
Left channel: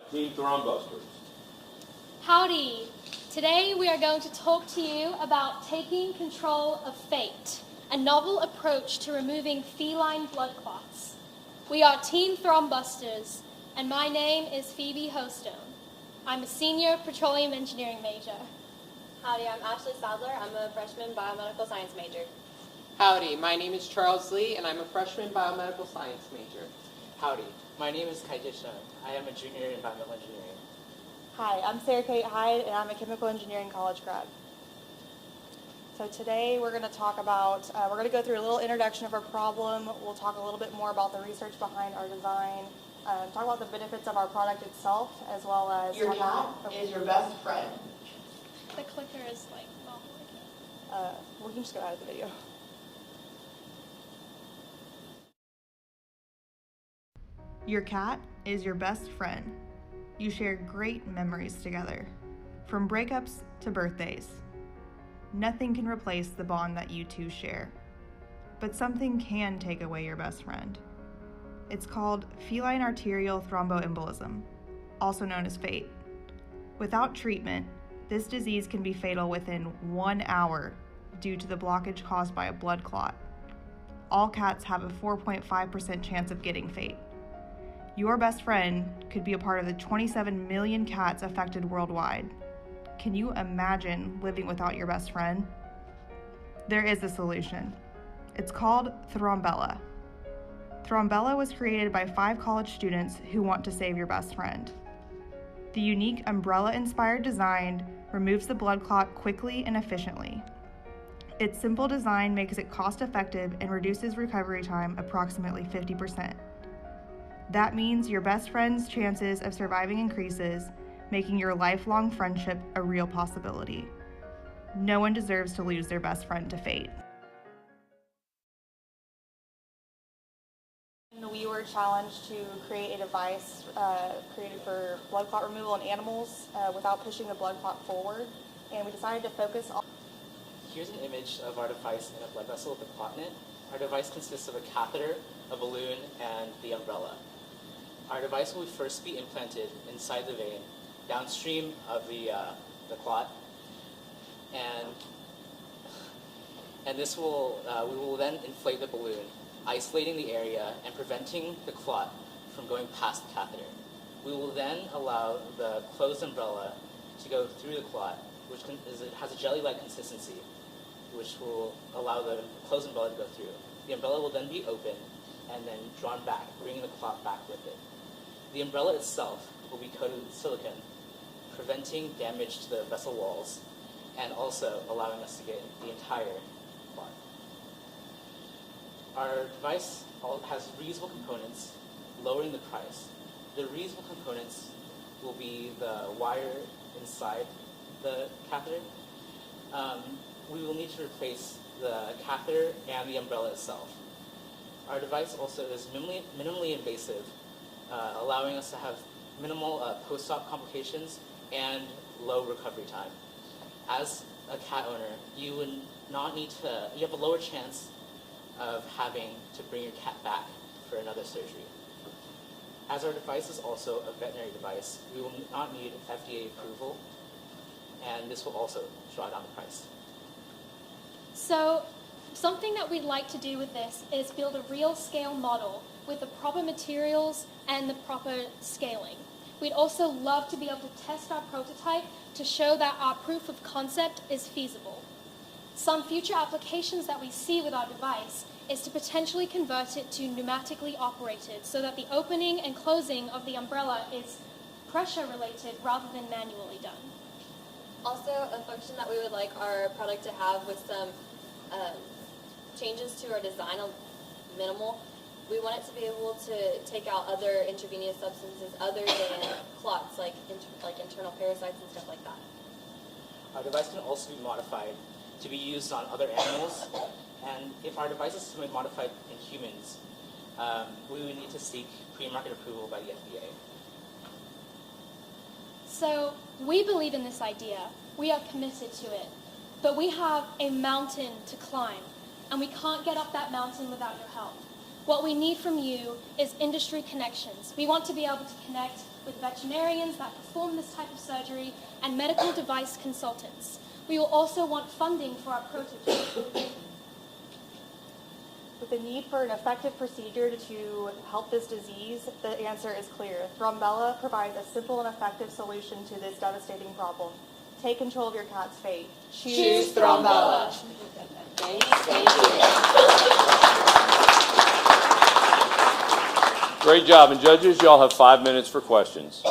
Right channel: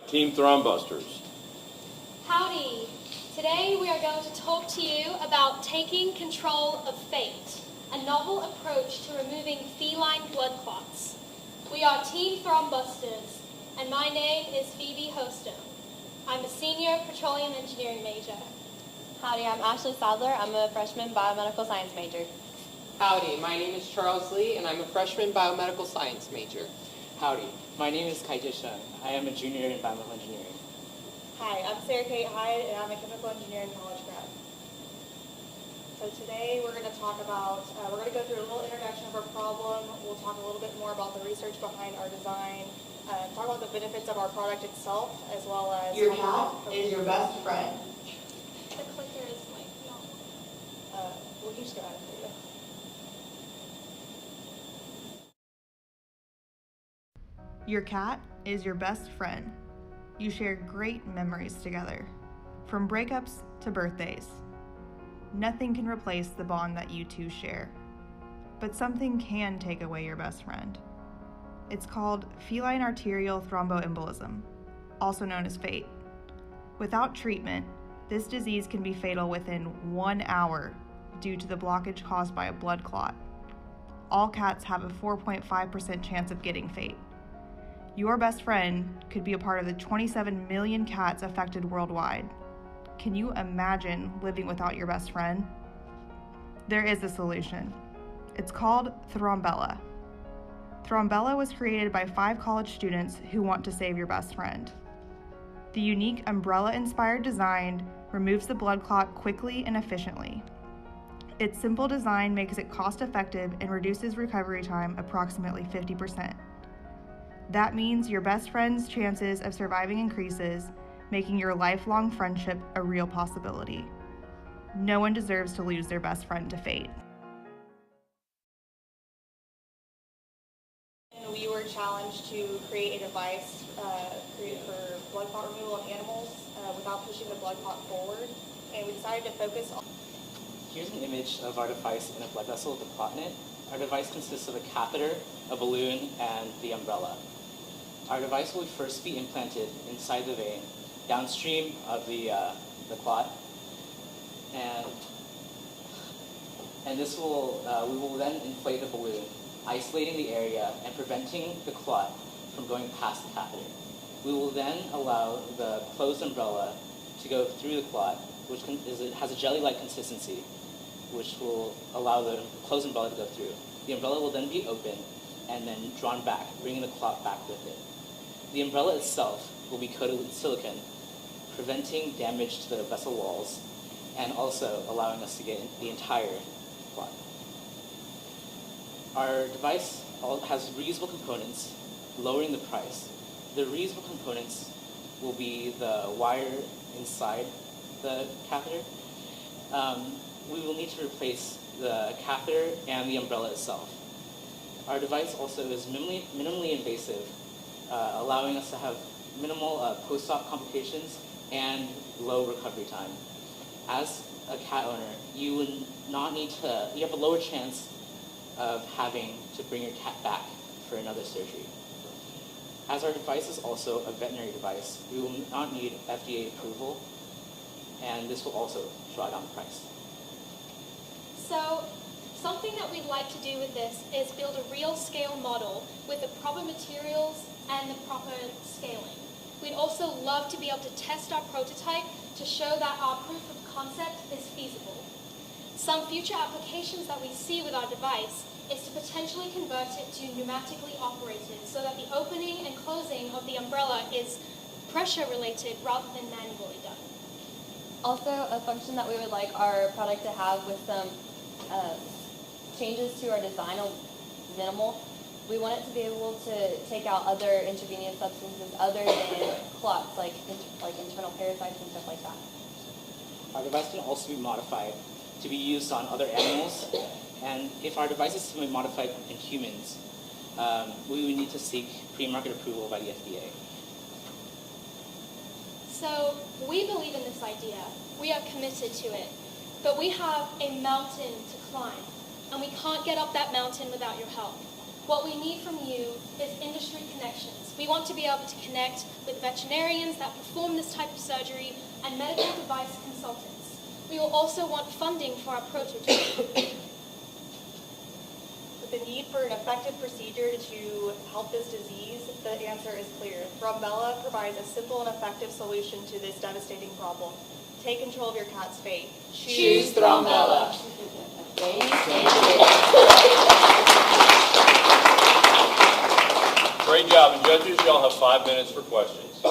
Team Thrumbusters. Howdy! Today we are going to talk to you about taking control of fate, a novel approach to removing feline blood clots. We are Team Thrumbusters, and my name is Phoebe Hostum. I'm a senior petroleum engineering major. Howdy, I'm Ashley Sadler. I'm a freshman biomedical science major. Howdy, my name is Charles Lee, and I'm a freshman biomedical science major. Howdy, my name is Kai Jishun. I am a junior in biomedical engineering. Hi, I'm Sarah Kate Hyde, and I'm a chemical engineering college grad. So today we're going to talk about, we're going to go through a little introduction of our problem. We'll talk a little bit more about the research behind our design, talk about the benefits of our product itself, as well as... Your cat is your best friend. The clicker is like, we can just go out of the video. Your cat is your best friend. You share great memories together, from breakups to birthdays. Nothing can replace the bond that you two share. But something can take away your best friend. It's called feline arterial thromboembolism, also known as FATE. Without treatment, this disease can be fatal within 1 hour due to the blockage caused by a blood clot. All cats have a 4.5% chance of getting FATE. Your best friend could be a part of the 27 million cats affected worldwide. Can you imagine living without your best friend? There is a solution. It's called Thrombella. Thrombella was created by 5 college students who want to save your best friend. The unique umbrella-inspired design removes the blood clot quickly and efficiently. Its simple design makes it cost-effective and reduces recovery time approximately 50%. That means your best friend's chances of surviving increases, making your lifelong friendship a real possibility. No one deserves to lose their best friend to fate. We were challenged to create a device created for blood clot removal in animals without pushing the blood clot forward, and we decided to focus on... Here's an image of our device in a blood vessel with a clot in it. Our device consists of a catheter, a balloon, and the umbrella. Our device will first be implanted inside the vein, downstream of the clot, and this will we will then inflate the balloon, isolating the area and preventing the clot from going past the catheter. We will then allow the closed umbrella to go through the clot, which has a jelly-like consistency, which will allow the closed umbrella to go through. The umbrella will then be open and then drawn back, bringing the clot back with it. The umbrella itself will be coated with silicone, preventing damage to the vessel walls, and also allowing us to get the entire clot. Our device has reusable components, lowering the price. The reusable components will be the wire inside the catheter. We will need to replace the catheter and the umbrella itself. Our device also is minimally invasive, allowing us to have minimal post-op complications and low recovery time. As a cat owner, you would not need to, you have a lower chance of having to bring your cat back for another surgery. As our device is also a veterinary device, we will not need FDA approval, and this will also draw down the price. So Something that we'd like to do with this is build a real scale model with the proper materials and the proper scaling. We'd also love to be able to test our prototype to show that our proof of concept is feasible. Some future applications that we see with our device is to potentially convert it to pneumatically operated so that the opening and closing of the umbrella is pressure related rather than manually done. Also, a function that we would like our product to have with some changes to our design, minimal. We want it to be able to take out other intravenous substances other than clots, like internal parasites and stuff like that. Our device can also be modified to be used on other animals, and if our device is to be modified in humans, we would need to seek pre-market approval by the FDA. So we believe in this idea. We are committed to it. But we have a mountain to climb, and we can't get up that mountain without your help. What we need from you is industry connections. We want to be able to connect with veterinarians that perform this type of surgery and medical device consultants. We will also want funding for our prototype. With the need for an effective procedure to help this disease, the answer is clear. Thrombella provides a simple and effective solution to this devastating problem. Take control of your cat's fate. Choose Thrombella. Great job. And judges, y'all have 5 minutes for questions.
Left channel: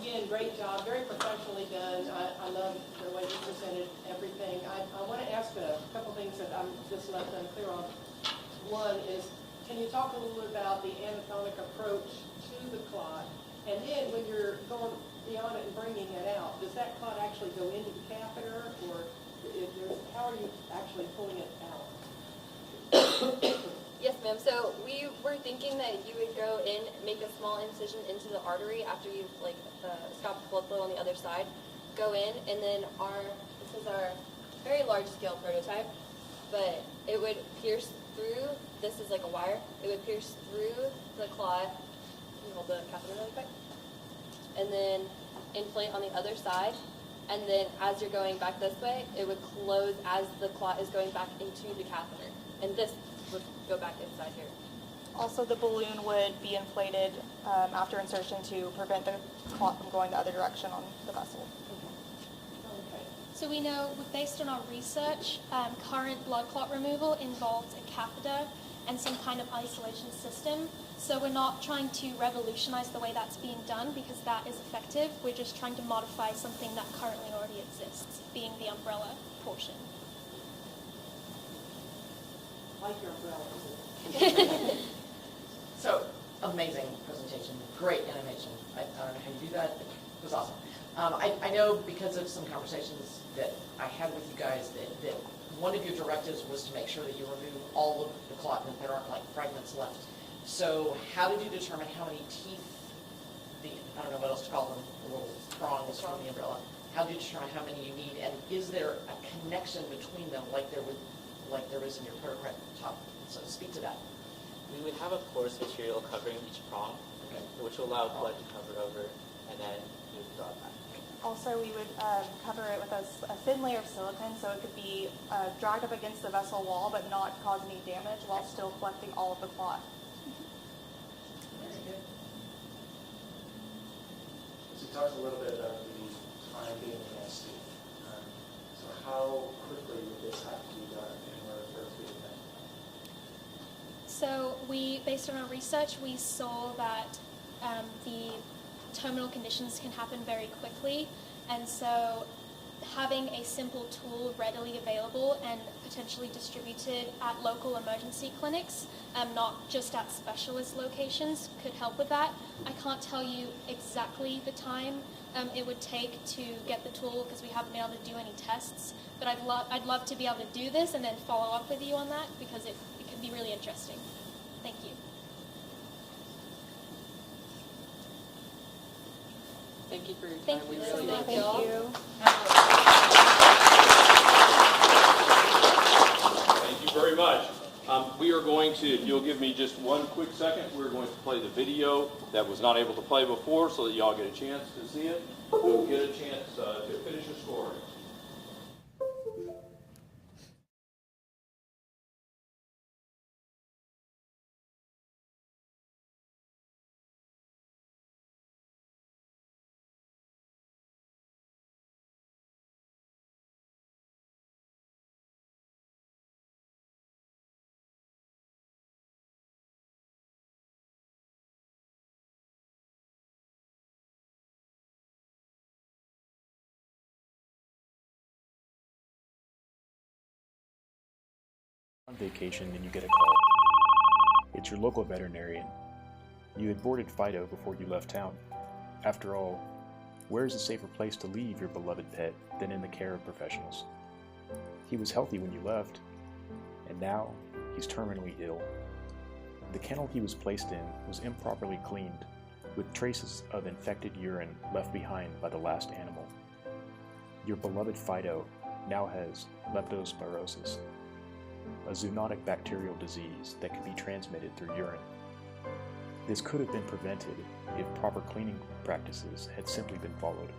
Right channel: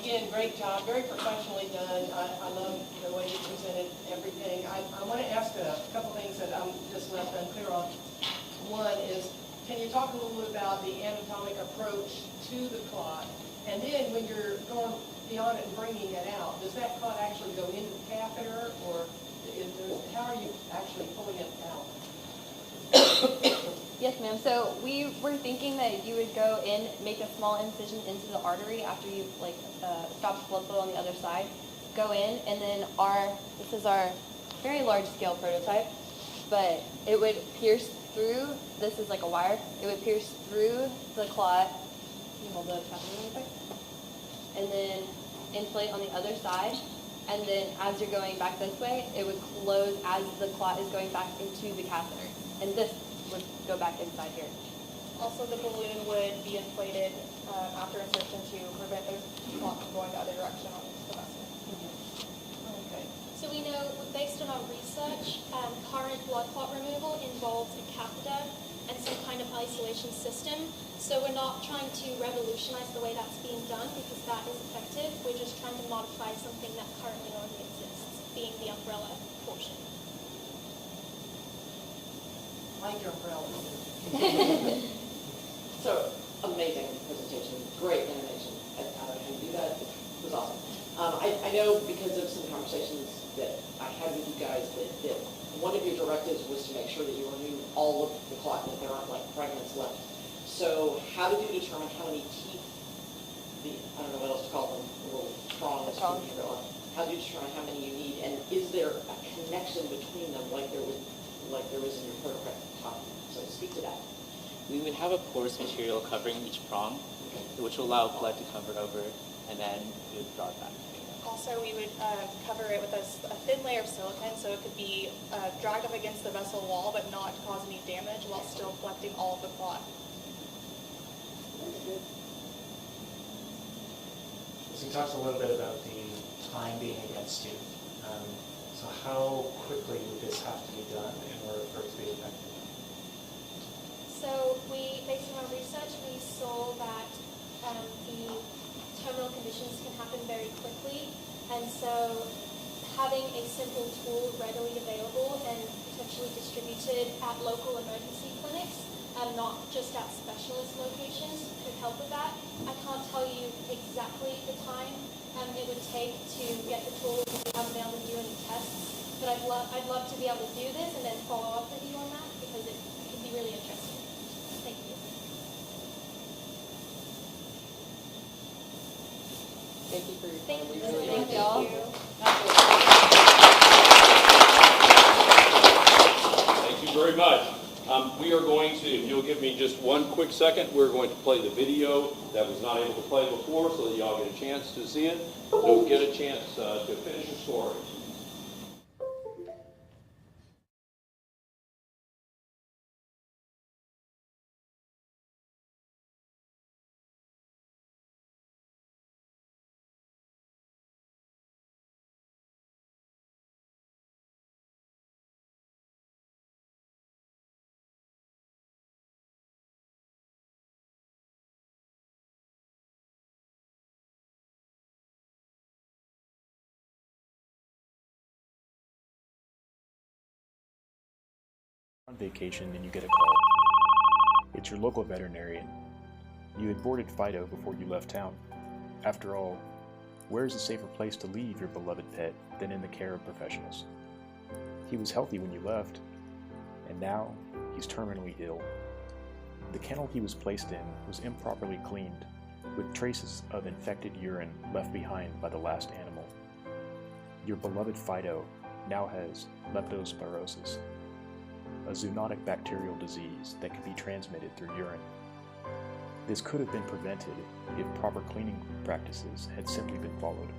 Again, great job, very professionally done. I love the way you presented everything. I want to ask a couple things that I'm just left unclear on. One is, can you talk a little bit about the anatomic approach to the clot? And then when you're going beyond it and bringing it out, does that clot actually go into the catheter, or how are you actually pulling it out? Yes, ma'am. So we were thinking that you would go in, make a small incision into the artery after you stop the blood flow on the other side. Go in, and then this is our very large scale prototype, but it would pierce through. This is like a wire. It would pierce through the clot. You hold the catheter really quick, and then inflate on the other side. And then as you're going back this way, it would close as the clot is going back into the catheter. And this would go back inside here. Also, the balloon would be inflated after insertion to prevent the clot from going the other direction on the vessel. Okay. So we know, based on our research, current blood clot removal involves a catheter and some kind of isolation system. So we're not trying to revolutionize the way that's being done because that is effective. We're just trying to modify something that currently already exists, being the umbrella portion. Like your umbrella. So, amazing presentation, great animation. I don't know how you do that, it was awesome. I know because of some conversations that I had with you guys that one of your directives was to make sure that you remove all of the clot, that there aren't like fragments left. So how did you determine how many teeth, I don't know what else to call them, the little prongs from the umbrella, how did you determine how many you need, and is there a connection between them like there was in your prototype? So speak to that. We would have a porous material covering each prong, which will allow blood to cover it over, and then we would draw it back. Also, we would cover it with a thin layer of silicone so it could be dragged up against the vessel wall but not cause any damage while still collecting all of the clot. So you talked a little bit about the time being against you. So how quickly would this have to be done in order for it to be effective? So based on our research, we saw that the terminal conditions can happen very quickly, and so having a simple tool readily available and potentially distributed at local emergency clinics, not just at specialist locations, could help with that. I can't tell you exactly the time it would take to get the tool because we haven't been able to do any tests, but I'd love to be able to do this and then follow up with you on that because it could be really interesting. Thank you. Thank you for your time. Thank We you. really Thank appreciate you. Thank you very much. We are going to, if you'll give me just one quick second, we're going to play the video that was not able to play before so that y'all get a chance to see it, to get a chance to finish your stories. On vacation and you get a call. It's your local veterinarian. You had boarded Fido before you left town. After all, where is a safer place to leave your beloved pet than in the care of professionals? He was healthy when you left, and now he's terminally ill. The kennel he was placed in was improperly cleaned, with traces of infected urine left behind by the last animal. Your beloved Fido now has leptospirosis, a zoonotic bacterial disease that can be transmitted through urine. This could have been prevented if proper cleaning practices had simply been followed.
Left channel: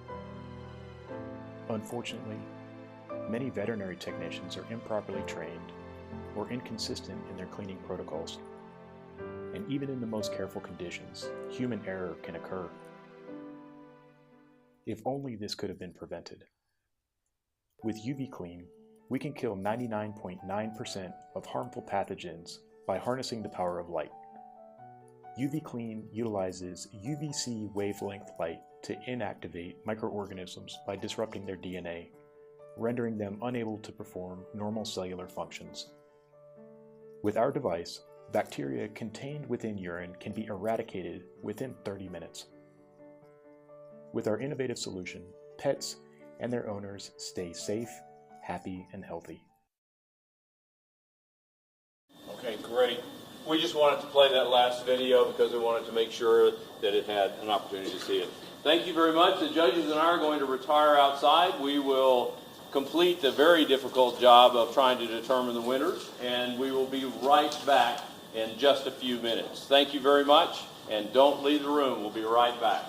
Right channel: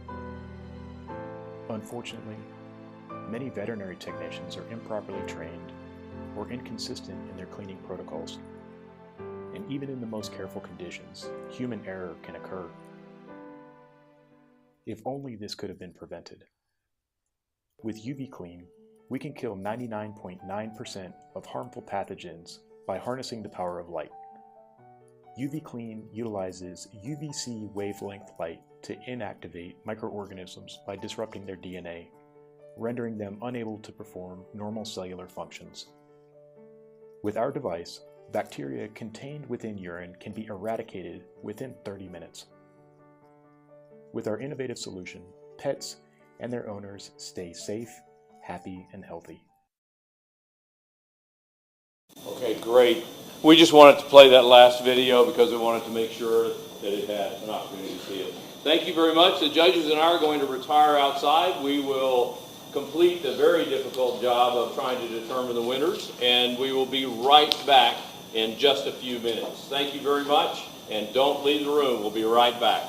Unfortunately, many veterinary technicians are improperly trained or inconsistent in their cleaning protocols. And even in the most careful conditions, human error can occur. If only this could have been prevented. With UV Clean, we can kill 99.9% of harmful pathogens by harnessing the power of light. UV Clean utilizes UVC wavelength light to inactivate microorganisms by disrupting their DNA, rendering them unable to perform normal cellular functions. With our device, bacteria contained within urine can be eradicated within 30 minutes. With our innovative solution, pets and their owners stay safe, happy, and healthy. Okay, great. We just wanted to play that last video because we wanted to make sure that it had an opportunity to see it. Thank you very much. The judges and I are going to retire outside. We will complete the very difficult job of trying to determine the winners, and we will be right back in just a few minutes. Thank you very much, and don't leave the room. We'll be right back.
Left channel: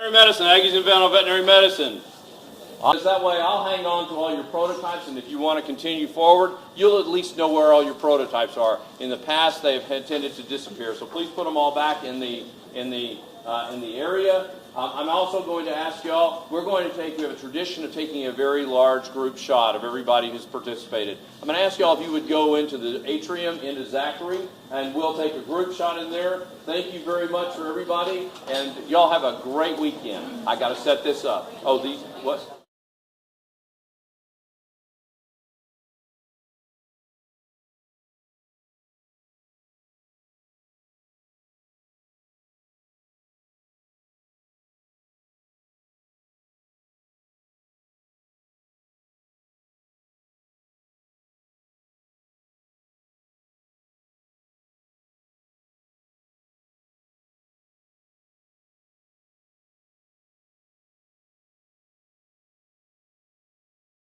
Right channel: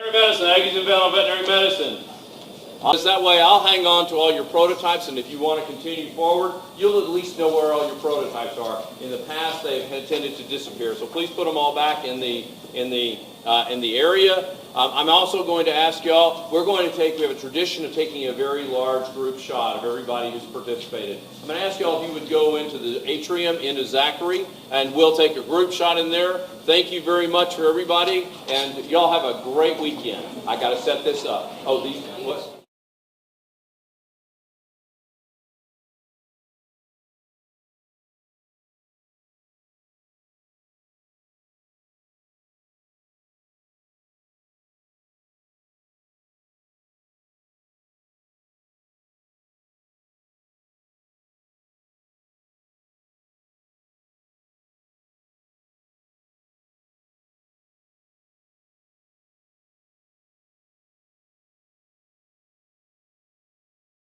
Veterinary medicine, Aggies Invent on veterinary medicine. Just that way I'll hang on to all your prototyps, and if you want to continue forward, you'll at least know where all your prototypes are. In the past, they've tended to disappear, so please put them all back in the area. I'm also going to ask y'all, we have a tradition of taking a very large group shot of everybody who's participated. I'm going to ask y'all if you would go into the atrium, into Zachary, and we'll take a group shot in there. Thank you very much for everybody, and y'all have a great weekend. I got to set this up. Oh, what?